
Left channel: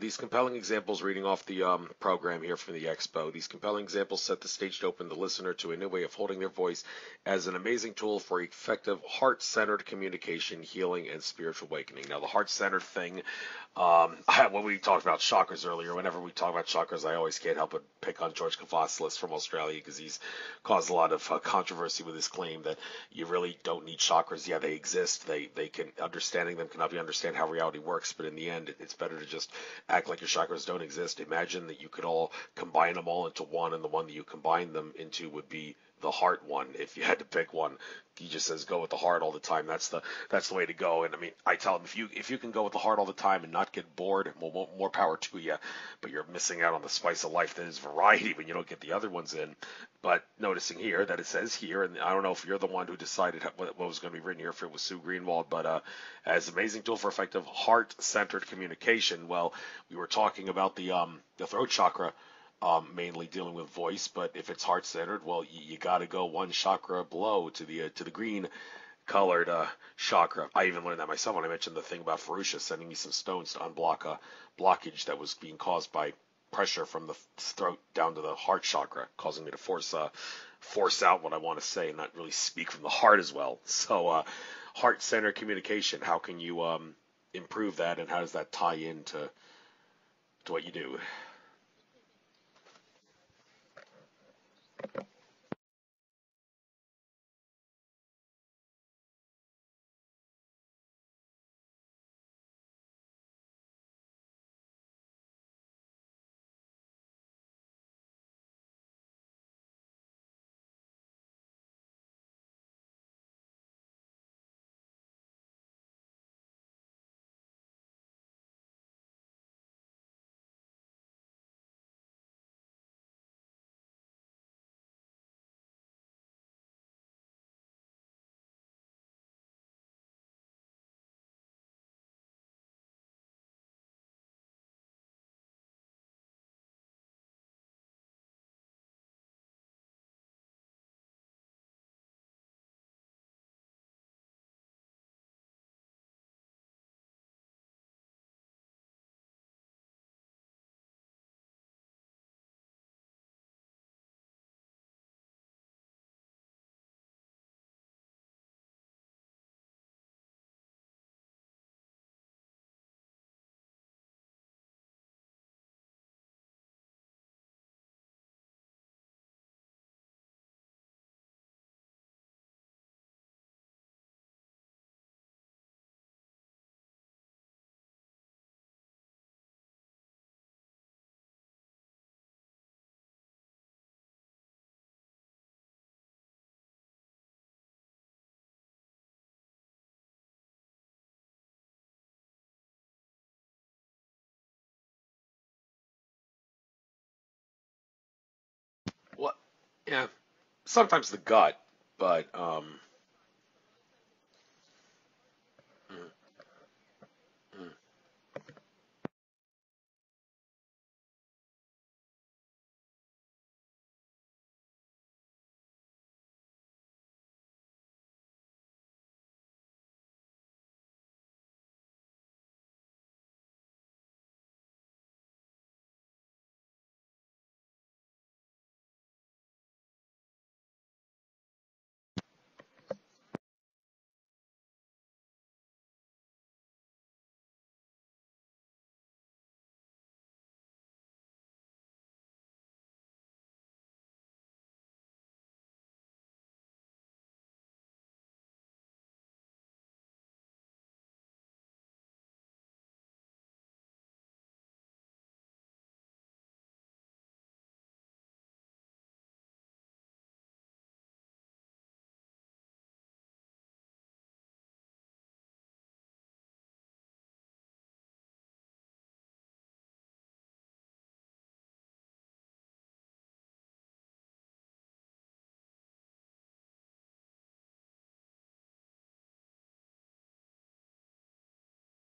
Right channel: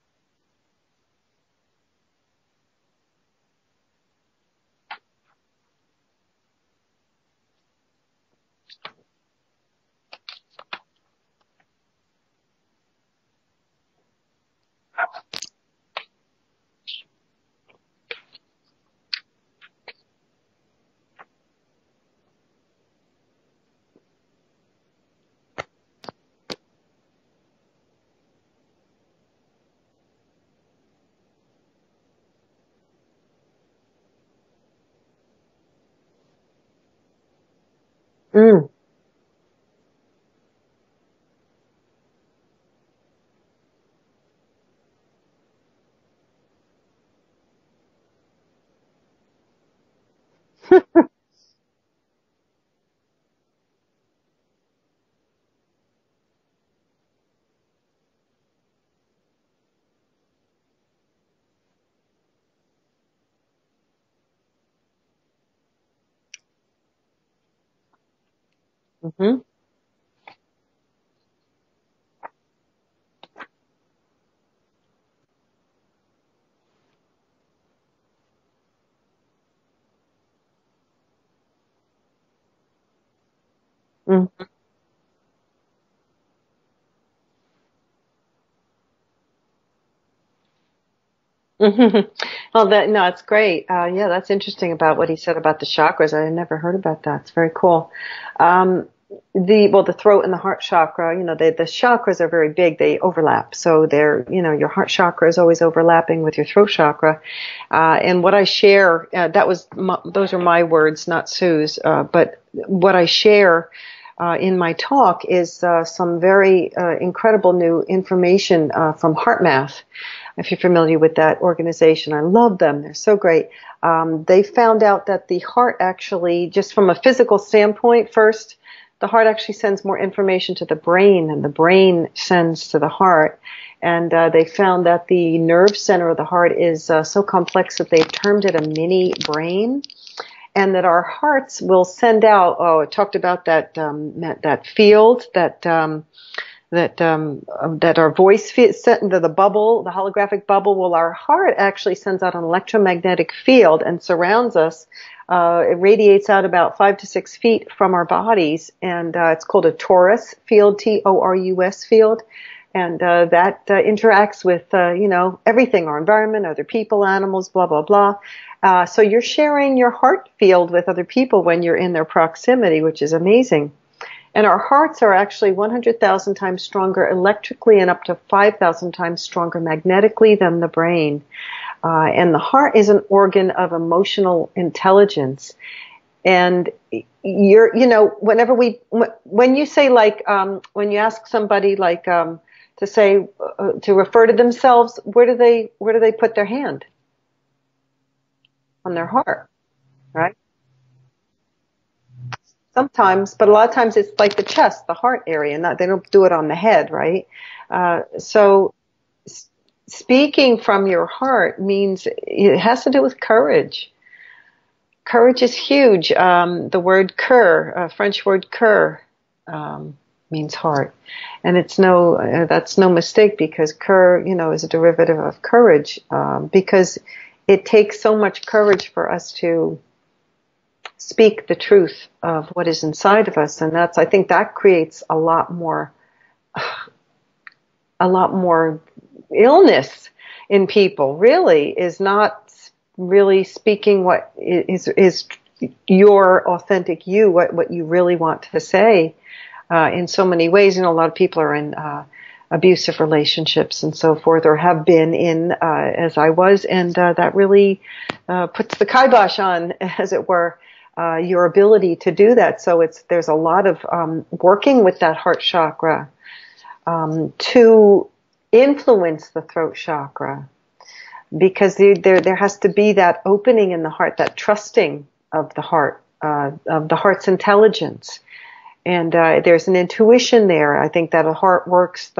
These compelling examples, reading off the program here from the expo, these compelling examples set the stage to open the listener to a new way of holding their voice as an amazing tool for effective heart-centered communication, healing, and spiritual awakening. Now, the heart-centered thing, when we talked about chakras earlier, whenever we talk about chakras, I always can't help but pick on George Kavassilis from Australia, because he's caused a lot of controversy with his claim that you really don't need chakras. Yeah, they exist. They can, understanding them can help you understand how reality works, but in the end, it's better to just act like your chakras don't exist. Imagine that you could all combine them all into one, and the one that you combine them into would be the heart one. If you had to pick one, he just says go with the heart all the time. That's the way to go. And I mean, I tell him, if you can go with the heart all the time and not get bored, well, more power to you. But you're missing out on the spice of life that is variety when you don't get the other ones in. But notice here that it says here, and I don't know if you're the one who decided what was going to be written here, if it was Sue Greenwald, but as an amazing tool for effective heart-centered communication. Well, we were talking about the throat chakra, mainly dealing with voice, but if it's heart-centered, well, you got to go one chakra below to the green Mm-hmm. colored chakra. I even learned that myself when I mentioned the thing about Ferusha sending me some stones to unblock a blockage that was being caused by pressure from the throat down to the heart chakra, causing me to force out what I want to say and not really speak from the heart as well. So heart-centered communication, how can you improve that, and how does that tie into what you do? Mm-hmm. Well, no, it's great. Yeah, that's interesting about what he said about the chakras. I had never heard about that. It's very cool. Um, the throat and the heart chakra, the chakras are very big. They overlap. So your heart chakra is always overlapping with your throat chakra. And what I share, those are my words, not Sue's. But what I share in my talk is some very incredible new information from HeartMath. If you're familiar with that organization, I love them. They're so great. They found out that the heart actually, just from a physical standpoint first, the heart actually sends more information to the brain than the brain sends to the heart. And they found that the nerve center of the heart is so complex that they've termed it a mini brain. And that our hearts will send out, it talked about that field, that our voice fits into the bubble, the holographic bubble. Well, our heart actually sends out an electromagnetic field and surrounds us. It radiates out about 5 to 6 feet from our bodies, and it's called a torus field, Torus field. And that interacts with, everything, our environment, other people, animals, blah, blah, blah. So you're sharing your heart field with other people when you're in their proximity, which is amazing. And our hearts are actually 100,000 times stronger electrically and up to 5,000 times stronger magnetically than the brain. And the heart is an organ of emotional intelligence. And when you say when you ask somebody to say, to refer to themselves, where do they put their hand? On their Well, heart, yeah, right? sometimes the gut, but Sometimes, but a lot of times it's like the chest, the heart area. They don't do it on the head, right? So speaking from your heart means it has to do with courage. Courage is huge. The word cœur, French word cœur, means heart, and that's no mistake, because cœur, is a derivative of courage, because it takes so much courage for us to speak the truth of what is inside of us, and I think that creates a lot more illness in people. Really, is not really speaking what is your authentic you, what you really want to say, in so many ways. A lot of people are in abusive relationships and so forth, or have been in, as I was, and that really puts the kibosh on, as it were, your ability to do that. So there's a lot of working with that heart chakra to influence the throat chakra, because there has to be that opening in the heart, that trusting of the heart's intelligence. And there's an intuition there. I think that the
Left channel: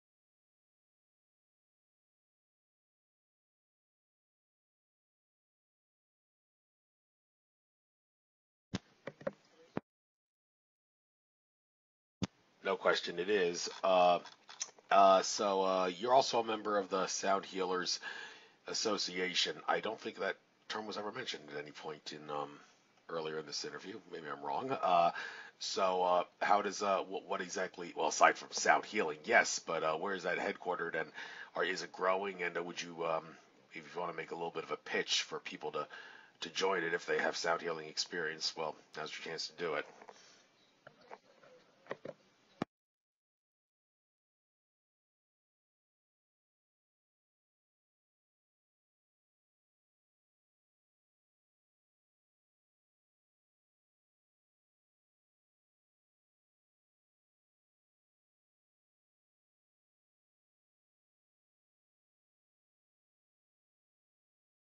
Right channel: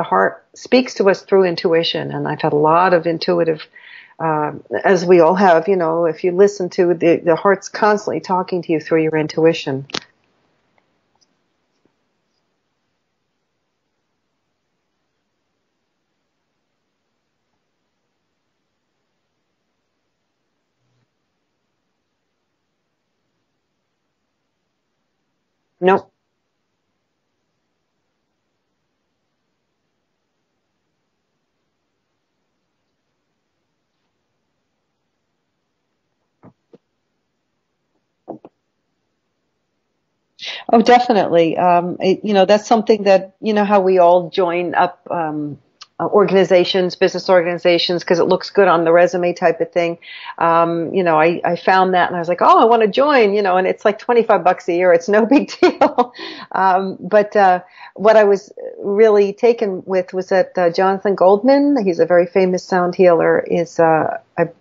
heart speaks to us through intuition. And I've had a lot of intuitive, as we all have, if you listen to the heart's constantly talking to you through your intuition. No question it is. So you're also a member of the Sound Healers Association. I don't think that term was ever mentioned at any point in earlier in this interview. Maybe I'm wrong. Nope. How does what exactly? Well, aside from sound healing, yes, but where is that headquartered, and is it growing? And would you, if you want to make a little bit of a pitch for people to join it if they have sound healing experience, well, now's your chance to do it. Oh, definitely. That's something that, how we all join up organizations, business organizations, because it looks good on the resume type of thing. I found that and I was like, oh, I want to join, and it's like $25 a year. It's no big deal. But what I was really taken with was that Jonathan Goldman, he's a very famous sound healer,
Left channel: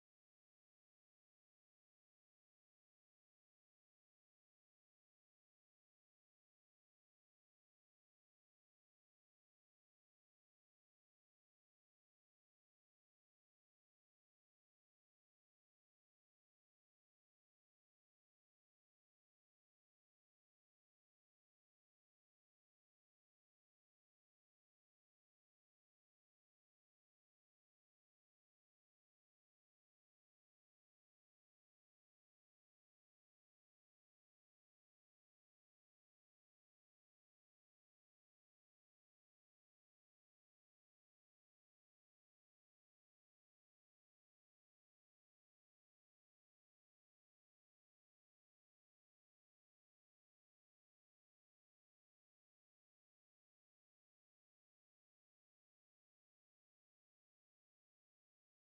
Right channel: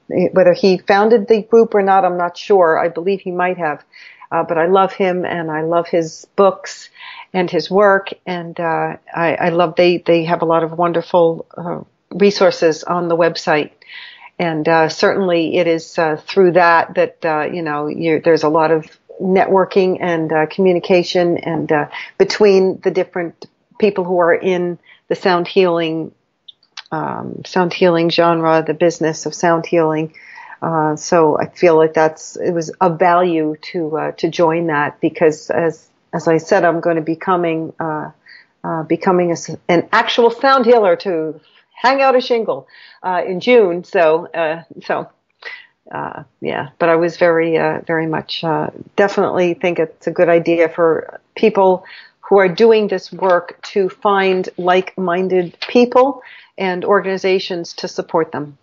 whether he founded the group or not, I'm not sure. I believe he might have. But I love him, and I love his books and his work, and I love they have a lot of wonderful resources on the website, and certainly it is through that there's a lot of networking and communication, and between the different people who are in the sound healing genre, the business of sound healing. So I feel like it was of value to join that, because as I said, I'm going to be becoming an actual sound healer to hang out a shingle in June. Yeah. But I was very much definitely think it's a good idea for people who are doing this work to find like-minded people and organizations to support them.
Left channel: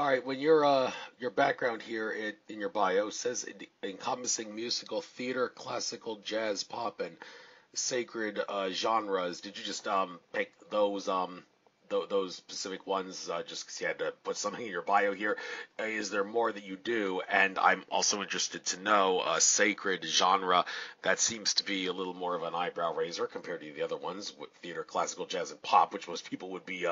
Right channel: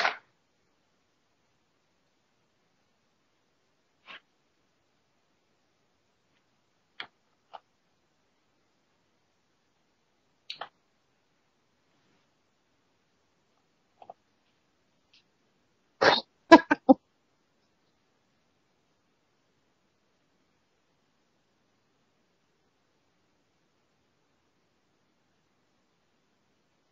All right, when your background here in your bio says encompassing musical theater, classical, jazz, pop, and sacred genres, did you just pick those specific ones just because you had to put something in your bio here? Is there more that you do? And I'm also interested to know sacred genre. That seems to be a little more of an eyebrow raiser compared to the other ones, with theater, classical, jazz, and pop, which most people would be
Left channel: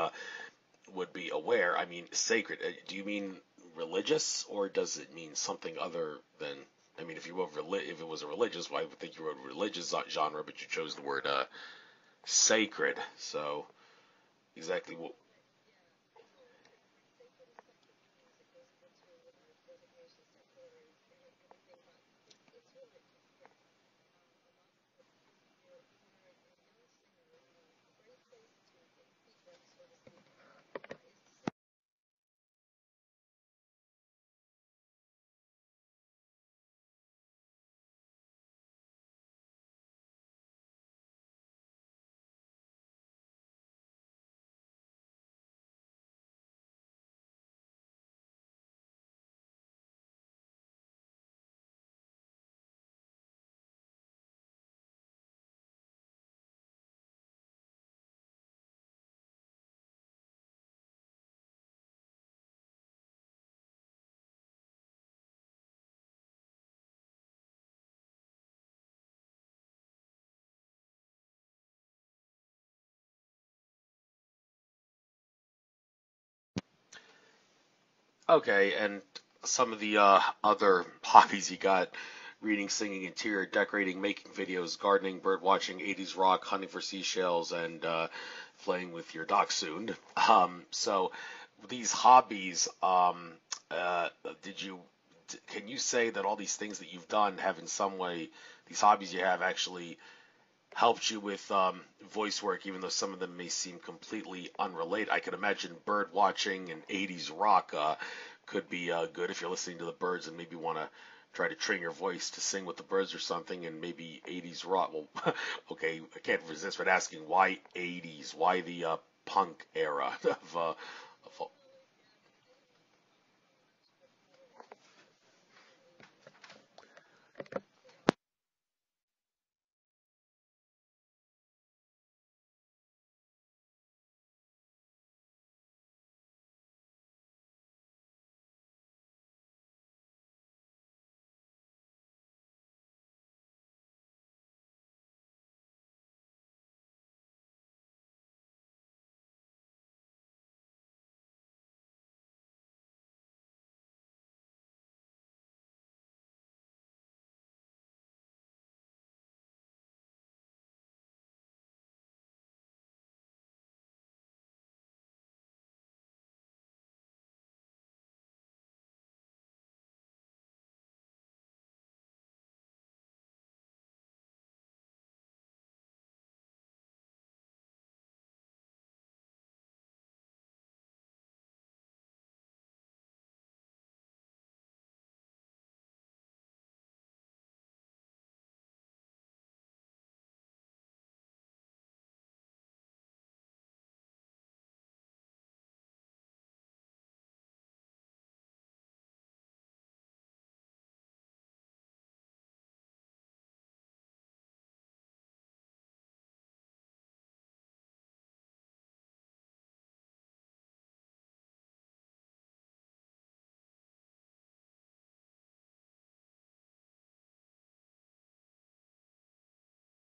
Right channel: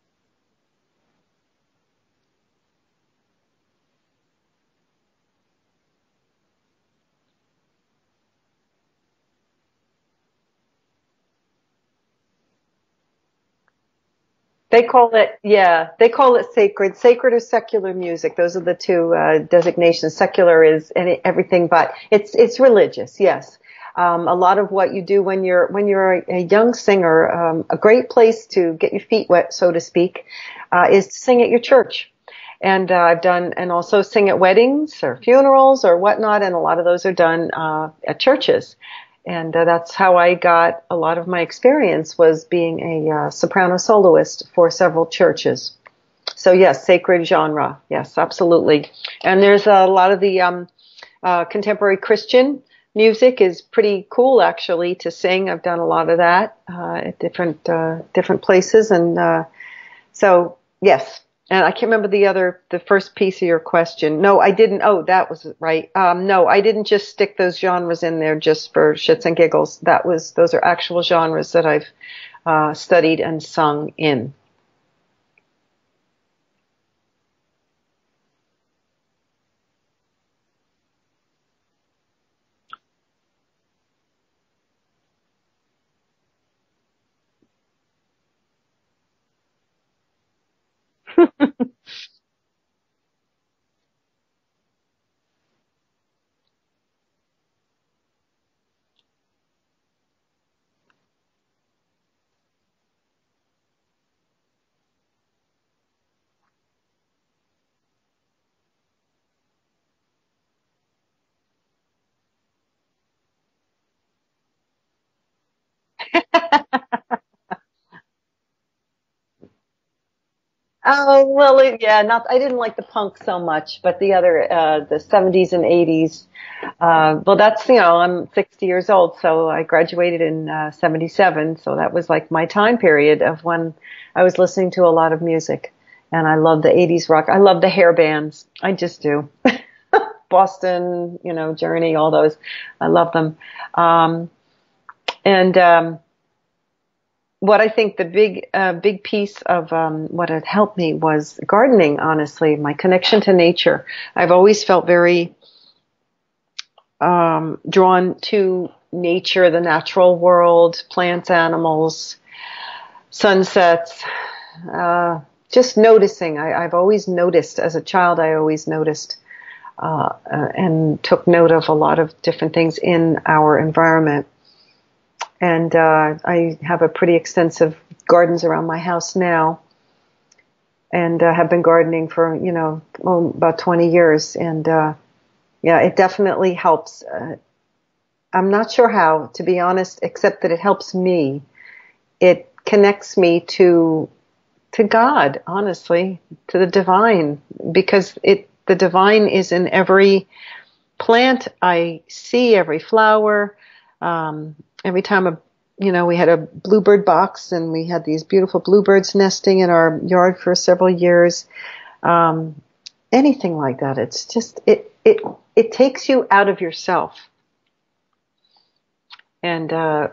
aware. I mean, sacred, do you mean religious, or does it mean something other than, I mean, if it was a religious, I would think you wrote religious genre, but you chose the word sacred. So they call it sacred. Sacred or secular music. Those are the two designations. Secular is everything, but it's religious. Yes. A lot of what you do when you're a young singer, a great place to get your feet wet, so to speak, is to sing at your church. And I've done, and also sing at weddings or funerals or whatnot, and a lot of those are done at churches. And that's how I got a lot of my experience, was being a soprano soloist for several churches. So yes, sacred genre. Yes, absolutely. And there's a lot of the contemporary Christian music is pretty cool, actually, to sing. I've done a lot of that at different places, and so yes. And I can't remember the first piece of your question. No, I didn't. Oh, that was right. No, I didn't just stick those genres in there just for shits and giggles. Those are actual genres that I've studied and sung in. Okay, and some of the other hobbies you got: reading, singing, interior decorating, making videos, gardening, bird watching, 80s rock, hunting for seashells, and playing with your dog soon. So these hobbies, uh, did you, can you say that all these things that you've done have in some way, these hobbies you have actually helped you with voice work, even though some of them may seem completely unrelated? I can imagine bird watching and 80s rock could be good if you're listening to the birds and maybe want to try to train your voice to sing with the birds or something, and maybe 80s rock. Well, okay, I can't resist but asking why 80s? Why the punk era of Oh, well, yeah, not, I didn't like the punk so much, but the other, the 70s and 80s, well, that's, I'm 60 years old, so I graduated in, 77. So that was like my time period of when I was listening to a lot of music. And I love the 80s rock. I love the hair bands. I just do. Boston, Journey, all those. I love them. And, what I think the big piece of what had helped me was gardening. Honestly, my connection to nature. I've always felt very drawn to nature, the natural world, plants, animals, sunsets. Just noticing. I've always noticed. As a child, I always noticed and took note of a lot of different things in our environment. And I have a pretty extensive gardens around my house now, and have been gardening for about 20 years. And yeah, it definitely helps. I'm not sure how, to be honest, except that it helps me. It connects me to God, honestly, to the divine, because the divine is in every plant I see, every flower. Every time we had a bluebird box, and we had these beautiful bluebirds nesting in our yard for several years. Anything like that. It's just, it takes you out of yourself. And, I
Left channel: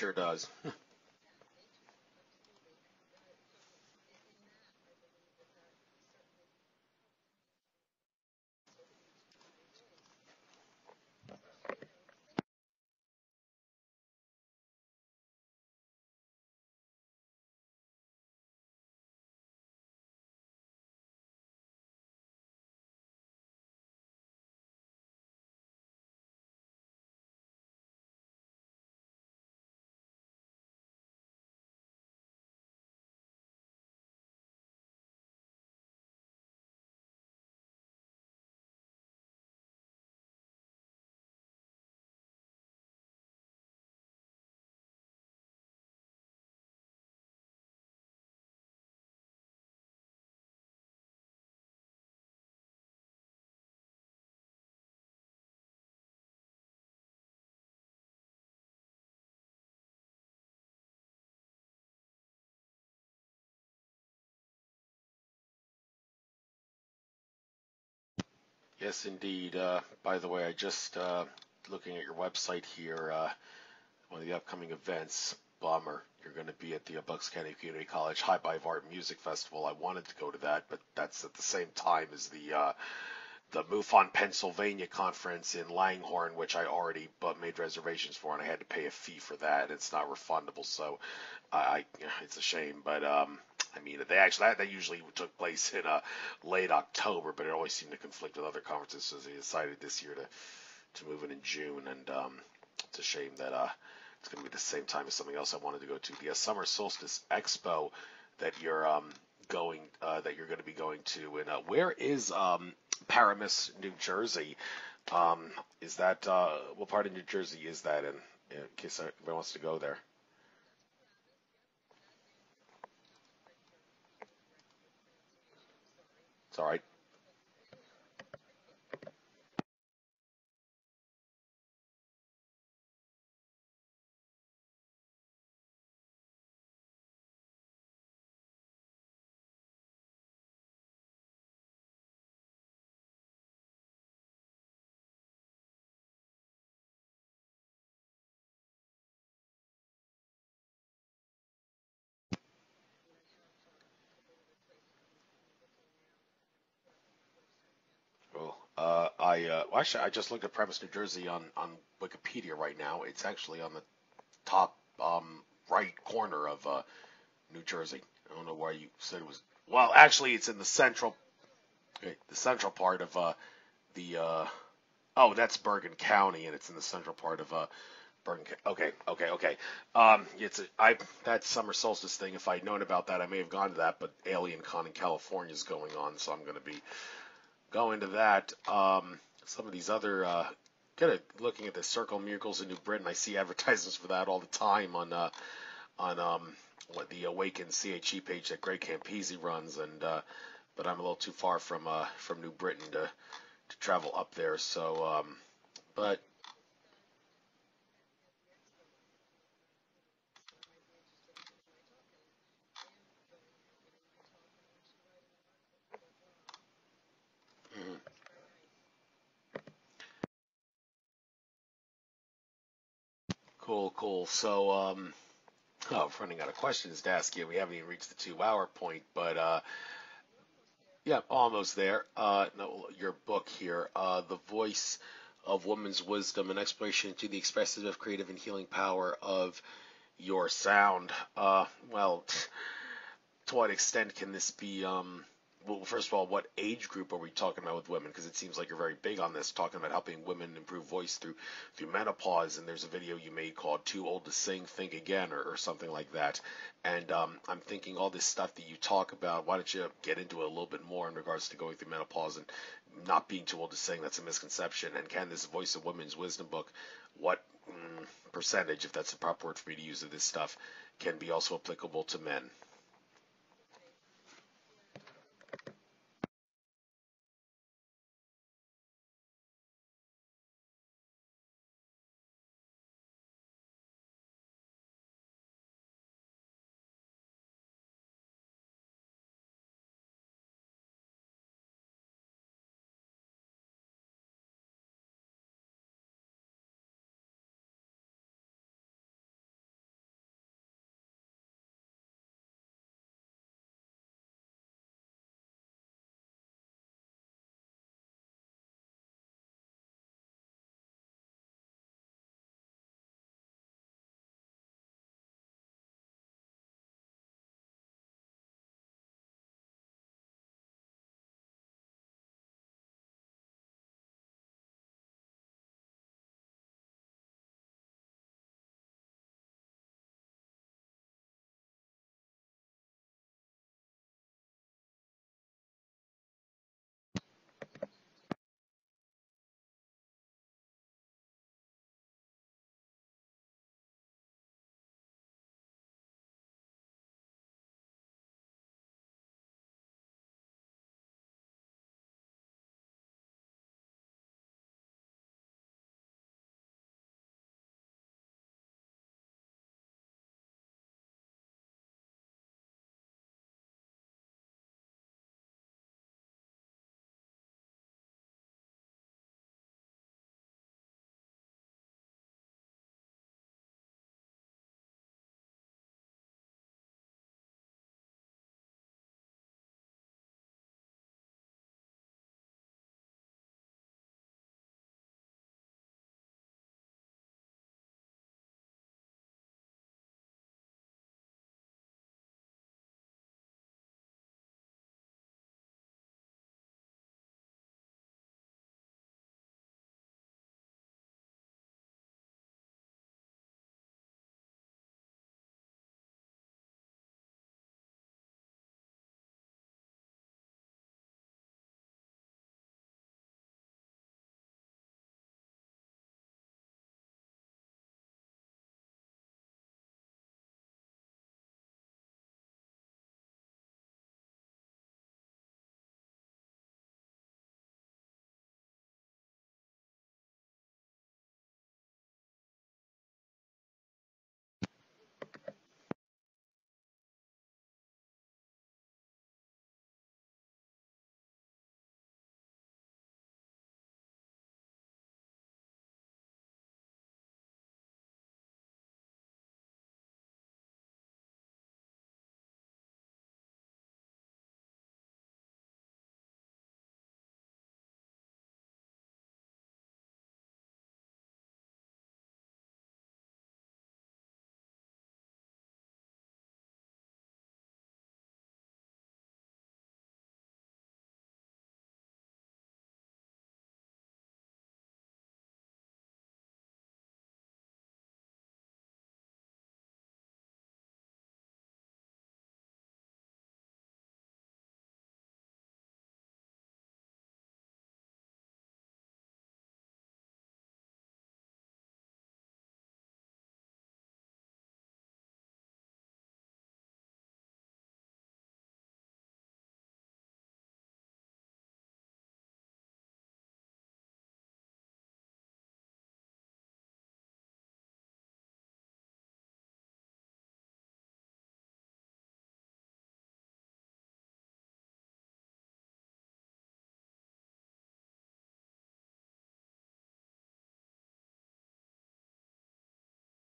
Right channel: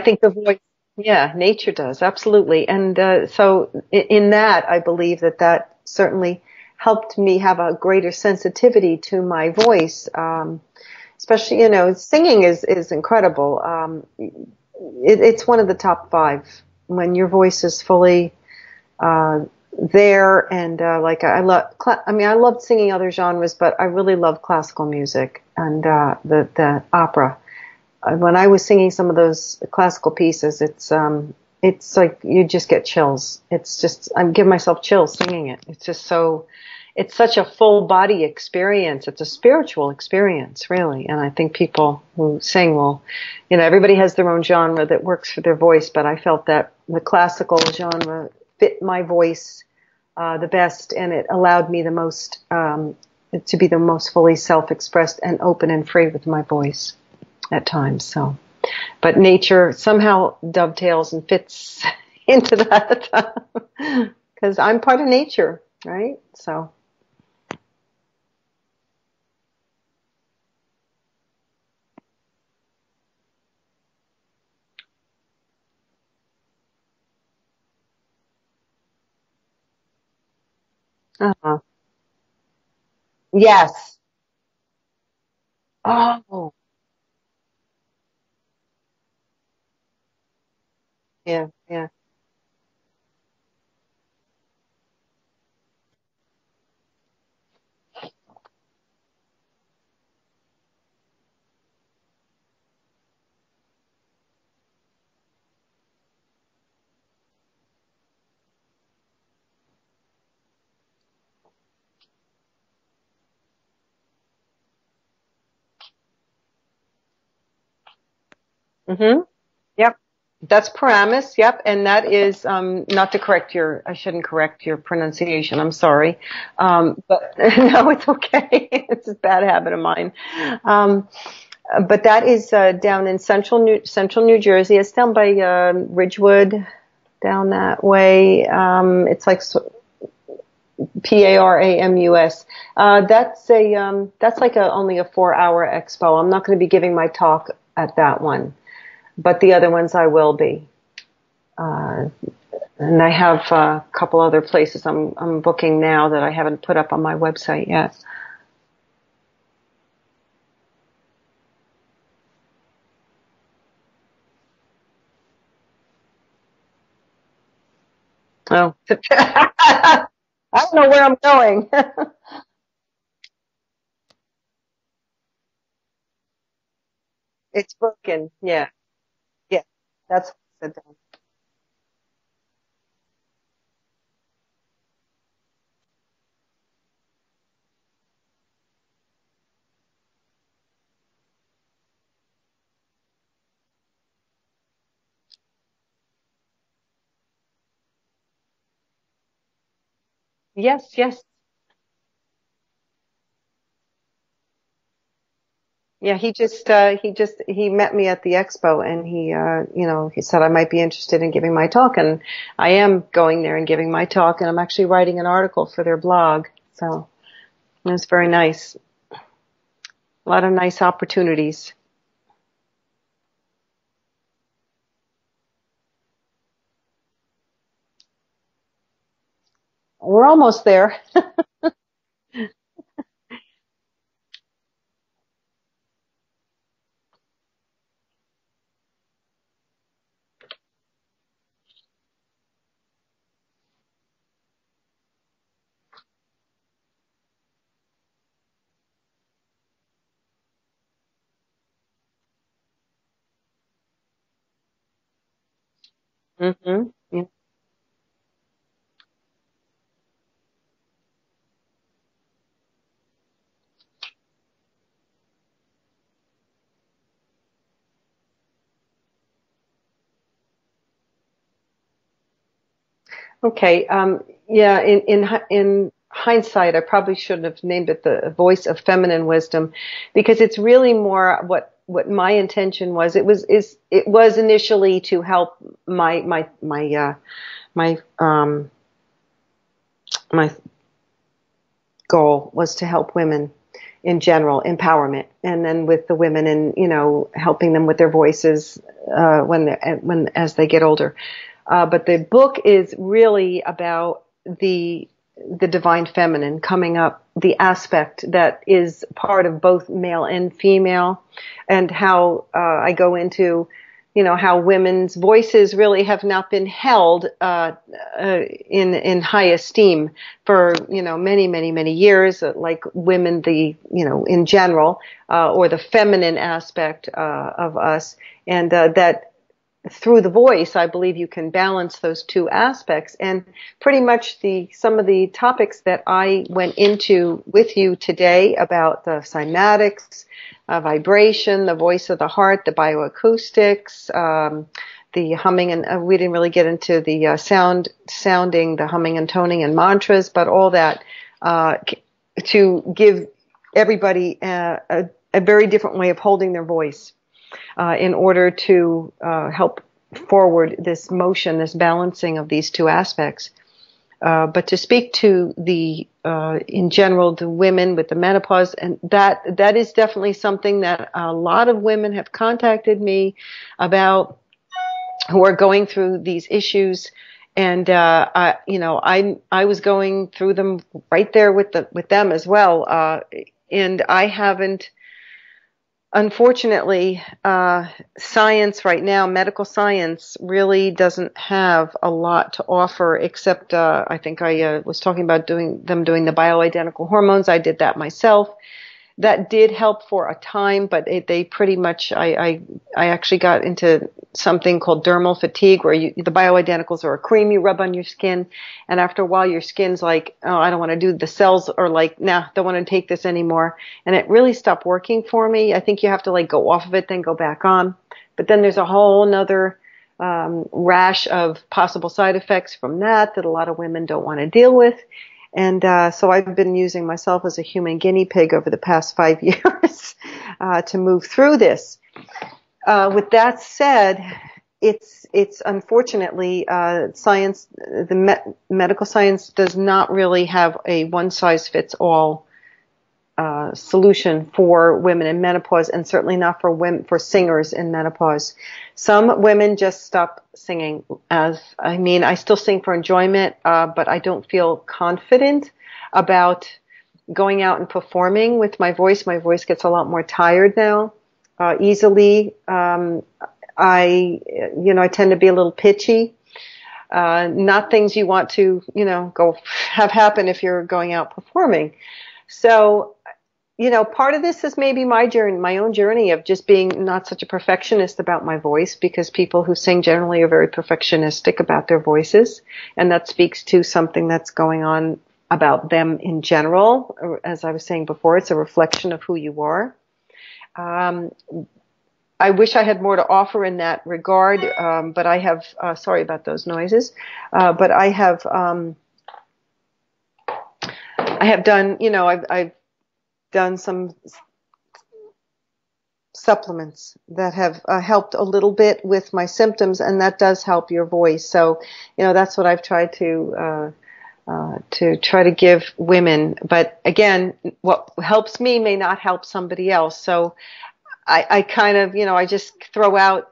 think the voice, yeah, nature does. Absolutely. And, so in that, I believe that certainly helped me have a greater sensitivity to my voice. Especially, singing is incredible. It's one of the top five when your voice is fully there. And like I love, I loved singing other genres, but I really love classical music and the opera. When I was singing some of those classical pieces, it's like you just get chills. It's just, I give myself chills singing it. It's just so. It's such a full body experience. It's a spiritual experience, really. And I think people who sing will, everybody has their own genre that works for their voice, but I felt that the classical genre fit my voice the best, and it allowed me the most to be the most fully self-expressed and open and free with my voice at times. So, but nature somehow dovetails and fits into that because I'm part of nature, right? So. Yes, indeed. By the way, I just looking at your website here, one of the upcoming events, bummer, you're going to be at the Bucks County Community College High Five Art Music Festival. I wanted to go to that, but that's at the same time as the Yes. MUFON Pennsylvania conference in Langhorne, Oh. which I already made reservations for, and I had to pay a fee for that. It's not refundable, so Yeah. it's a shame. But I mean, they actually that usually took place in late October, but it always seemed to conflict with other conferences, so they decided this year to move it in June, and it's a shame that it's going to be the same time as something else I wanted to go to, the Summer Solstice Expo that you're going to be going to. And where is Paramus, New Jersey? Is that what part of New Jersey is that in case anybody wants to go Yep. there? That's Paramus. Yep. And that is, not to correct I shouldn't correct your pronunciation. I'm sorry. But no, it's okay. It's a bad habit of mine. But that is, down in central New Jersey. It's down by, Ridgewood, down that way. It's like, Paramus. That's like only a 4-hour expo. I'm not going to be giving my talk at that one, but the other ones I will be. And I have a couple other places I'm booking now that I haven't put up on my website yet. Cool. Actually, I just looked at Premise, New Jersey on Wikipedia right now. It's actually on the top right corner of New Jersey. I don't know Oh, where you can find it. Actually, it's in I the don't know where I'm going. right, central part of the. Oh, that's Bergen County, and it's in the central part of It's Birkin. Bergen County. Yeah, Okay. yeah. That's That summer solstice thing. If I'd known about that, I may have gone to that. But Alien Con in California is going on, so I'm going to be going to that. Some of these other kind of looking at the Circle of Miracles in New Britain. I see advertisements for that all the time on what the Awaken CHE page that Greg Campese runs, and yes, but I'm a little yes. too far from New Britain to travel up there. So, Yeah, but he met me at the expo, and he said I might be interested in giving my talk, and I am going there and giving my talk, and I'm actually writing an article for their blog. So it was very nice. A lot of nice opportunities. cool. So, I'm running out of questions to ask you. We haven't even reached the 2 hour point, but We're almost there. yeah, almost there. No, your book here, The Voice of Woman's Wisdom, an exploration into the expressive, creative, and healing power of your sound. Well, to what extent can this be? Well, first of all, what age group are we talking about with women? Because it seems like you're very big on this, talking about helping women improve voice through menopause. And there's a video you made called "Too Old to Sing, Think Again" or something like that. And Yeah. I'm thinking all this stuff that you talk about. Why don't you get into it a little bit more in regards to going through menopause and not being too old to sing? That's a misconception. And can this Voice of Women's Wisdom book, what percentage, if that's the proper word for me to use, of this stuff can be also applicable to men? Okay. Yeah. In hindsight, I probably shouldn't have named it the Voice of Feminine Wisdom, because it's really more what my intention was. It was initially to help my goal was to help women in general, empowerment, and then with the women, and helping them with their voices as they get older. But the book is really about the divine feminine coming up, the aspect that is part of both male and female, and how I go into, how women's voices really have not been held in high esteem for many years, like women, in general, or the feminine aspect of us, and that through the voice, I believe you can balance those two aspects. And pretty much some of the topics that I went into with you today about the cymatics, vibration, the voice of the heart, the bioacoustics, the humming, and we didn't really get into the sounding, the humming and toning and mantras, but all that to give everybody a very different way of holding their voice. In order to help forward this motion, this balancing of these two aspects. But to speak to in general, the women with the menopause, and that is definitely something that a lot of women have contacted me about, who are going through these issues. And I was going through them right there with them as well. And I haven't. Unfortunately, science right now, medical science, really doesn't have a lot to offer, except I think I was talking about doing the bioidentical hormones. I did that myself. That did help for a time, but they pretty much, I actually got into something called dermal fatigue, where the bioidenticals are a cream you rub on your skin, and after a while your skin's like, oh, I don't want to do, the cells are like, nah, don't want to take this anymore. And it really stopped working for me. I think you have to go off of it, then go back on. But then there's a whole nother rash of possible side effects from that a lot of women don't want to deal with. And so I've been using myself as a human guinea pig over the past 5 years to move through this. With that said, it's unfortunately science, medical science does not really have a one size fits all solution for women in menopause, and certainly not for women, for singers in menopause. Some women just stop singing. I still sing for enjoyment, but I don't feel confident about going out and performing with my voice. My voice gets a lot more tired now, easily. I tend to be a little pitchy. Not things you want to, go have happen if you're going out performing. So, part of this is maybe my own journey of just being not such a perfectionist about my voice, because people who sing generally are very perfectionistic about their voices. And that speaks to something that's going on about them in general. As I was saying before, it's a reflection of who you are. I wish I had more to offer in that regard, but I have, sorry about those noises, but I have done, I've done some supplements that have helped a little bit with my symptoms, and that does help your voice. So, that's what I've tried to try to give women. But again, what helps me may not help somebody else. So I kind of, I just throw out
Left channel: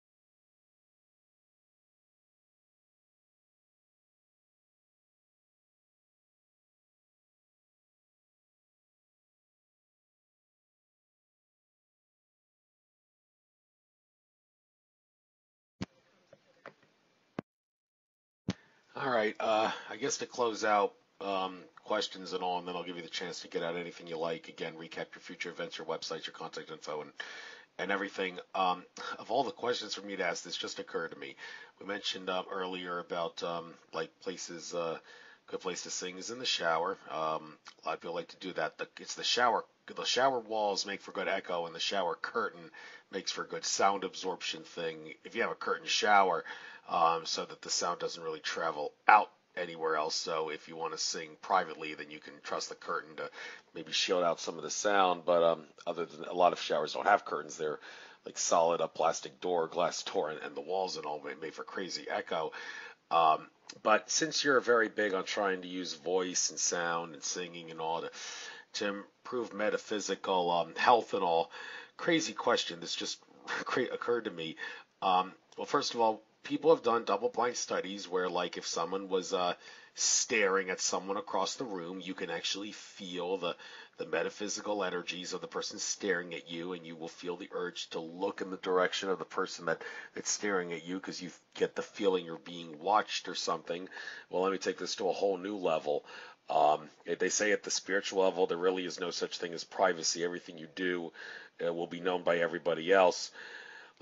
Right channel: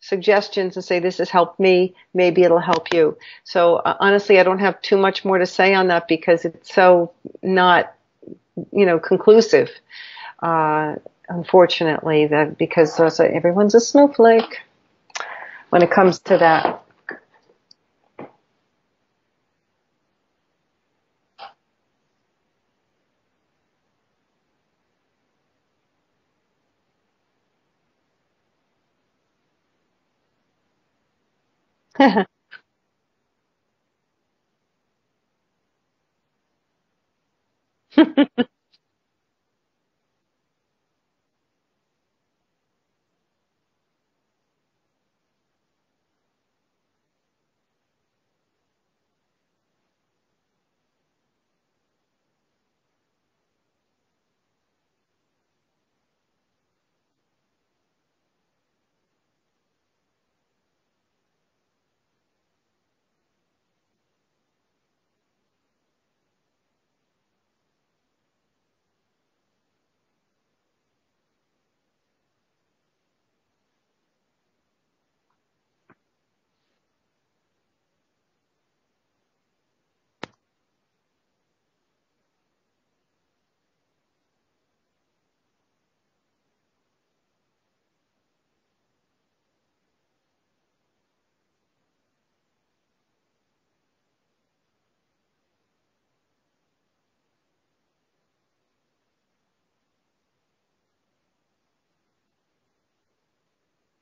suggestions and say, this has helped me. Maybe it'll help you. So honestly, I don't have too much more to say on that, because it's so not, conclusive. Unfortunately, because everyone's a snowflake when it comes to that. All right. I guess to close out, questions and all, and then I'll give you the chance to get out anything you like. Again, recap your future events, your websites, your contact info, and everything. Of all the questions for me to ask, this just occurred to me. We mentioned earlier about like places, good place to sing is in the shower. A lot of people like to do that. It's the shower. The shower walls make for good echo, and the shower curtain makes for good sound absorption thing. If you have a curtain shower, so that the sound doesn't really travel out anywhere else. So if you want to sing privately, then you can trust the curtain to maybe shield out some of the sound. But other than, a lot of showers don't have curtains, they're like solid, a plastic door, glass door, and the walls and all made for crazy echo. But since you're very big on trying to use voice and sound and singing and all to improve metaphysical health and all, crazy question. This just occurred to me. Well, first of all, people have done double-blind studies where, like, if someone was staring at someone across the room, you can actually feel the metaphysical energies of the person staring at you, and you will feel the urge to look in the direction of the person that's staring at you, because you get the feeling you're being watched or something. Well, let me take this to a whole new level. They say at the spiritual level, there really is no such thing as privacy. Everything you do will be known by everybody else.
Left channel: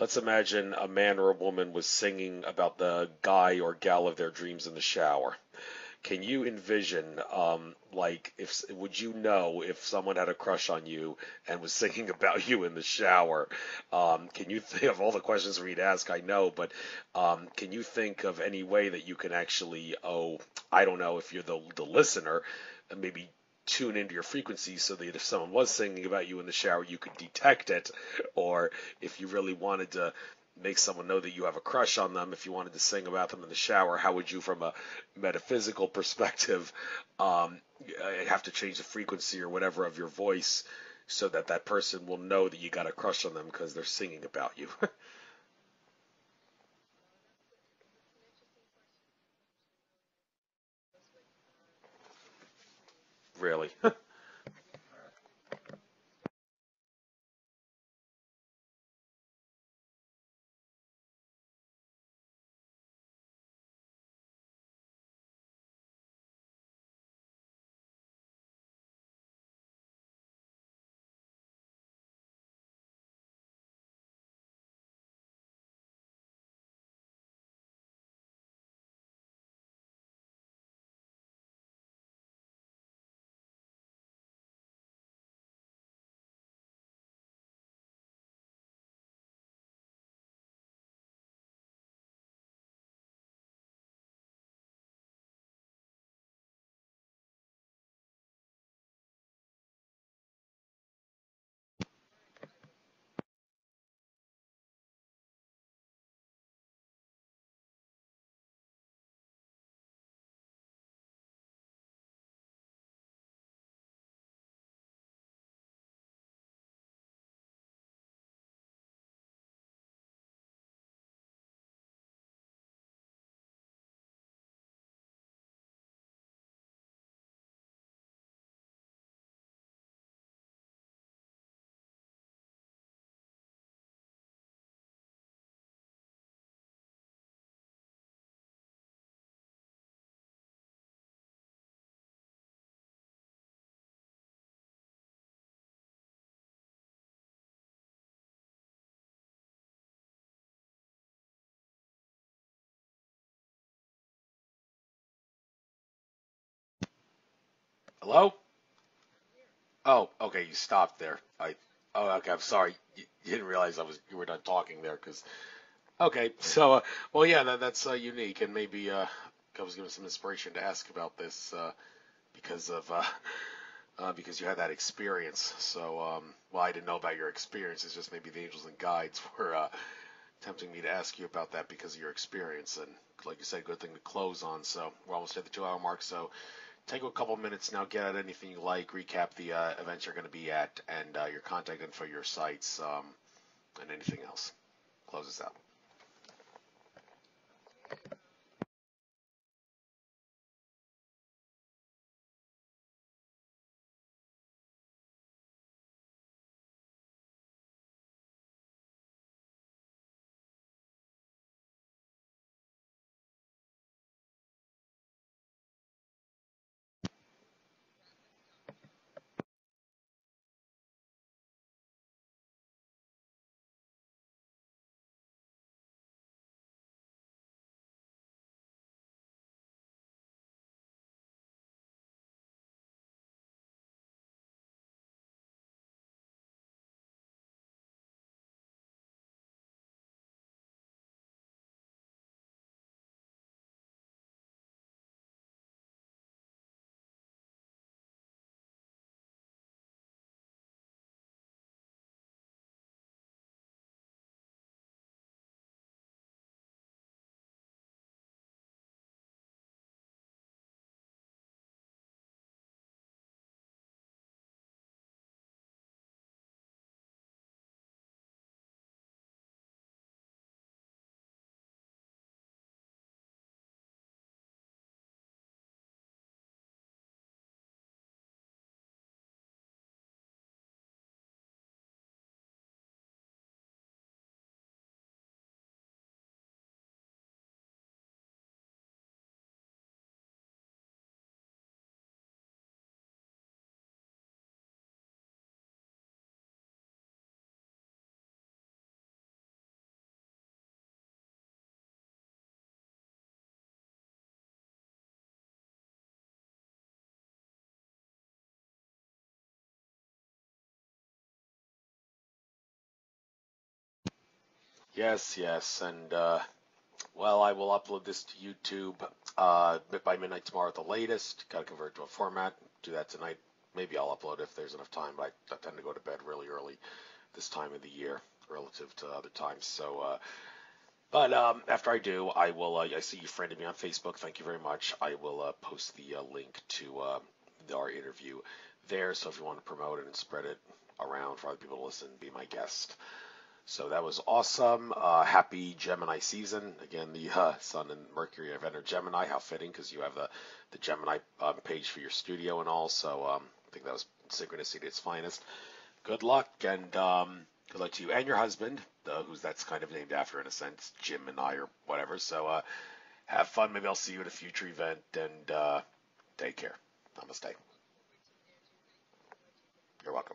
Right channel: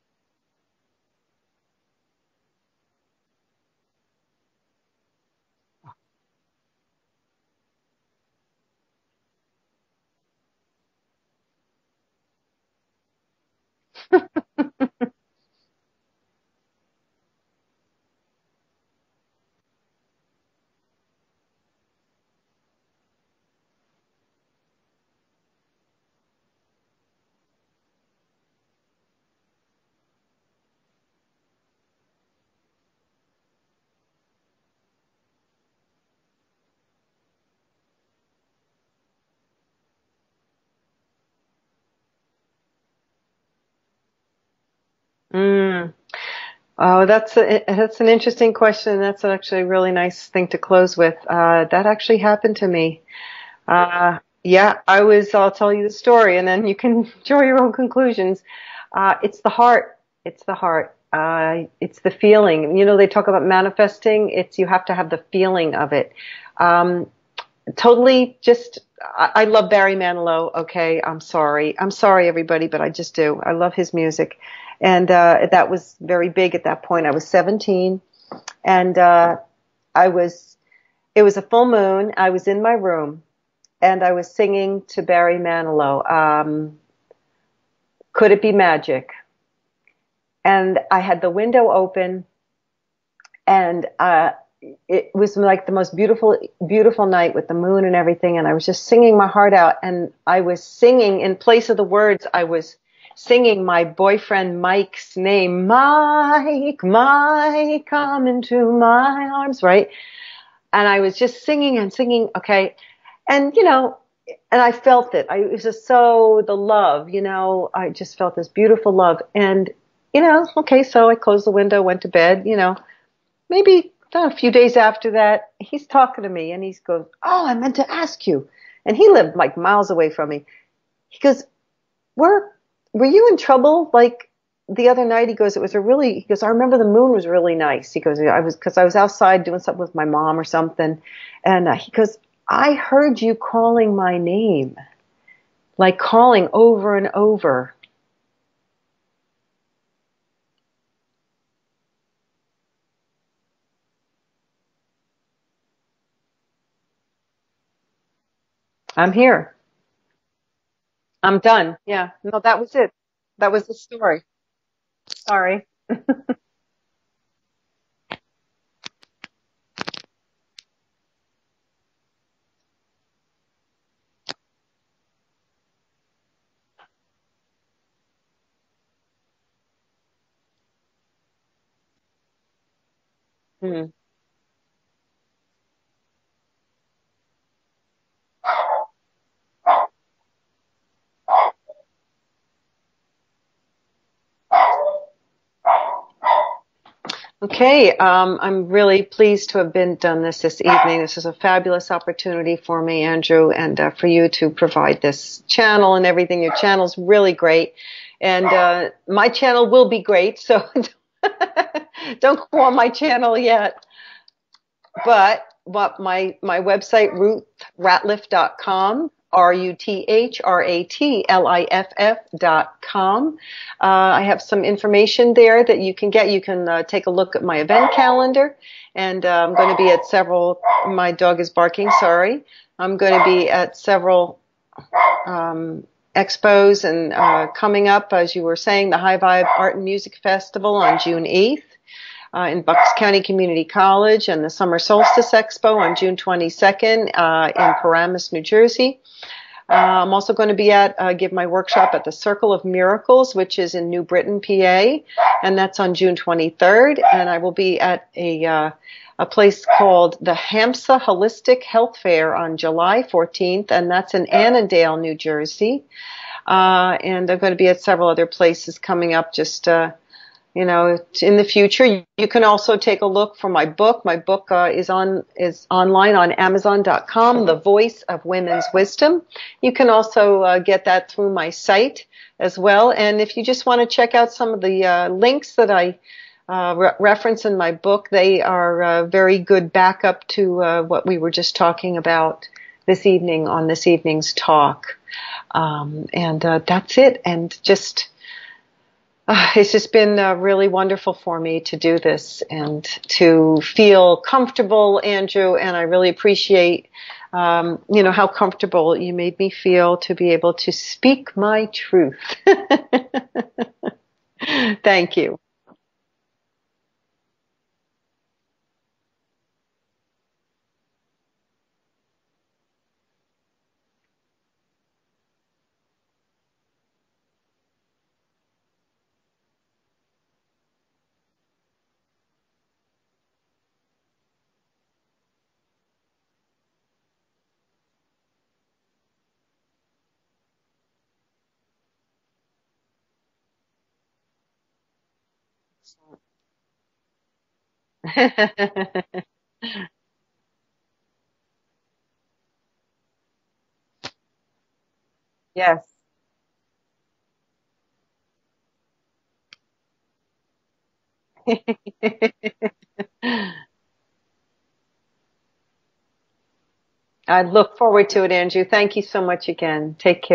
Let's imagine a man or a woman was singing about the guy or gal of their dreams in the shower. Can you envision, would you know if someone had a crush on you and was singing about you in the shower? Can you think of all the questions for me to ask? I know, but can you think of any way that you can actually, I don't know, if you're the listener, and maybe tune into your frequency so that if someone was singing about you in the shower, you could detect it, or if you really wanted to make someone know that you have a crush on them, if you wanted to sing about them in the shower, how would you, from a metaphysical perspective, have to change the frequency or whatever of your voice so that that person will know that you got a crush on them because they're singing about you? Oh, that's an interesting question. That's actually a really nice thing to close with. That actually happened to me. Really? Yeah, I'll tell you the story, and then you can draw your own conclusions. It's the heart. It's the heart. It's the feeling. They talk about manifesting. You have to have the feeling of it. Totally I love Barry Manilow. Okay. I'm sorry, everybody, but I just do. I love his music. And, that was very big at that point. I was 17, and, it was a full moon. I was in my room, and I was singing to Barry Manilow. Could It Be Magic? And I had the window open, and it was like the most beautiful, beautiful night with the moon and everything. And I was just singing my heart out, and I was singing in place of the words. I was singing my boyfriend Mike's name. Mike, Mike, come into my arms, right? And I was just singing and singing. Okay. And and I felt it. It was just so the love, you know, I just felt this beautiful love. And, you know, okay, so I closed the window, went to bed, you know, maybe a few days after that, he's talking to me and he goes, "Oh, I meant to ask you." And he lived like miles away from me. He goes, were, were you in trouble? Like the other night, he goes, he goes, "I remember the moon was really nice." He goes, because I was outside doing something with my mom or something. And he goes, "I heard you calling my name, like calling over and over." Hello? I'm here. Oh, okay. You stopped there. I'm done. Yeah. Oh, okay. No, I'm that sorry. was it. You didn't That was the realize we story. were done talking there. Cause, Sorry. okay. So, well, yeah, that's unique, and maybe gives us some inspiration to ask about this because of because you had that experience. So, well, I didn't know about your experience. It's just maybe the angels and guides were tempting me to ask you about that because of your experience. And like you said, good Mm. thing to close on. So we're almost at the 2 hour mark. So take a couple minutes now, get out anything you like, recap the events you're going to be at, and your contact info, your sites, and anything else. Close this out. Okay, I'm really pleased to have done this evening. This is a fabulous opportunity for me, Andrew, and for you to provide this channel and everything. Your channel's really great, and my channel will be great. So don't go on my channel yet. But my website, ruthratliff.com, ruthratliff.com. I have some information there that you can get. You can take a look at my event calendar, and I'm going to be at several. My dog is barking. Sorry. I'm going to be at several expos and coming up, as you were saying, the High Vibe Art and Music Festival on June 8th. In Bucks County Community College, and the Summer Solstice Expo on June 22nd in Paramus, New Jersey. I'm also going to be give my workshop at the Circle of Miracles, which is in New Britain, PA, and that's on June 23rd. And I will be at a place called the HAMSA Holistic Health Fair on July 14th, and that's in Annandale, New Jersey. And I'm going to be at several other places coming up just you know, in the future. You can also take a look for my book. My book is online on Amazon.com, The Voice of Women's Wisdom. You can also get that through my site as well. And if you just want to check out some of the links that I reference in my book, they are very good backup to what we were just talking about this evening on this evening's talk. And that's it. And just it's just been really wonderful for me to do this and to feel comfortable, Andrew, and I really appreciate, you know, how comfortable you made me feel to be able to speak my truth. Thank you. Yes, and well, I will upload this to YouTube by midnight tomorrow at the latest. Got to convert it to a format. Do that tonight. Maybe I'll upload if there's enough time, but I tend to go to bed really early this time of the year relative to other times. So, but after I do, I will. I see you friended me on Facebook. Thank you very much. I will post the link to our interview there. So if you want to promote it and spread it around for other people to listen, be my guest. So that was awesome. Happy Gemini season. Again, the sun and Gemini. How fitting, because you have the Gemini page for your studio and all. So I think that was synchronicity at its finest. Yes. Good luck, and good luck to you and your husband, that's kind of named after in a sense, Jemini or whatever. So have fun. Maybe I'll see you at a future event, and take care. I look forward to it, Andrew. Thank you so much again. Take care.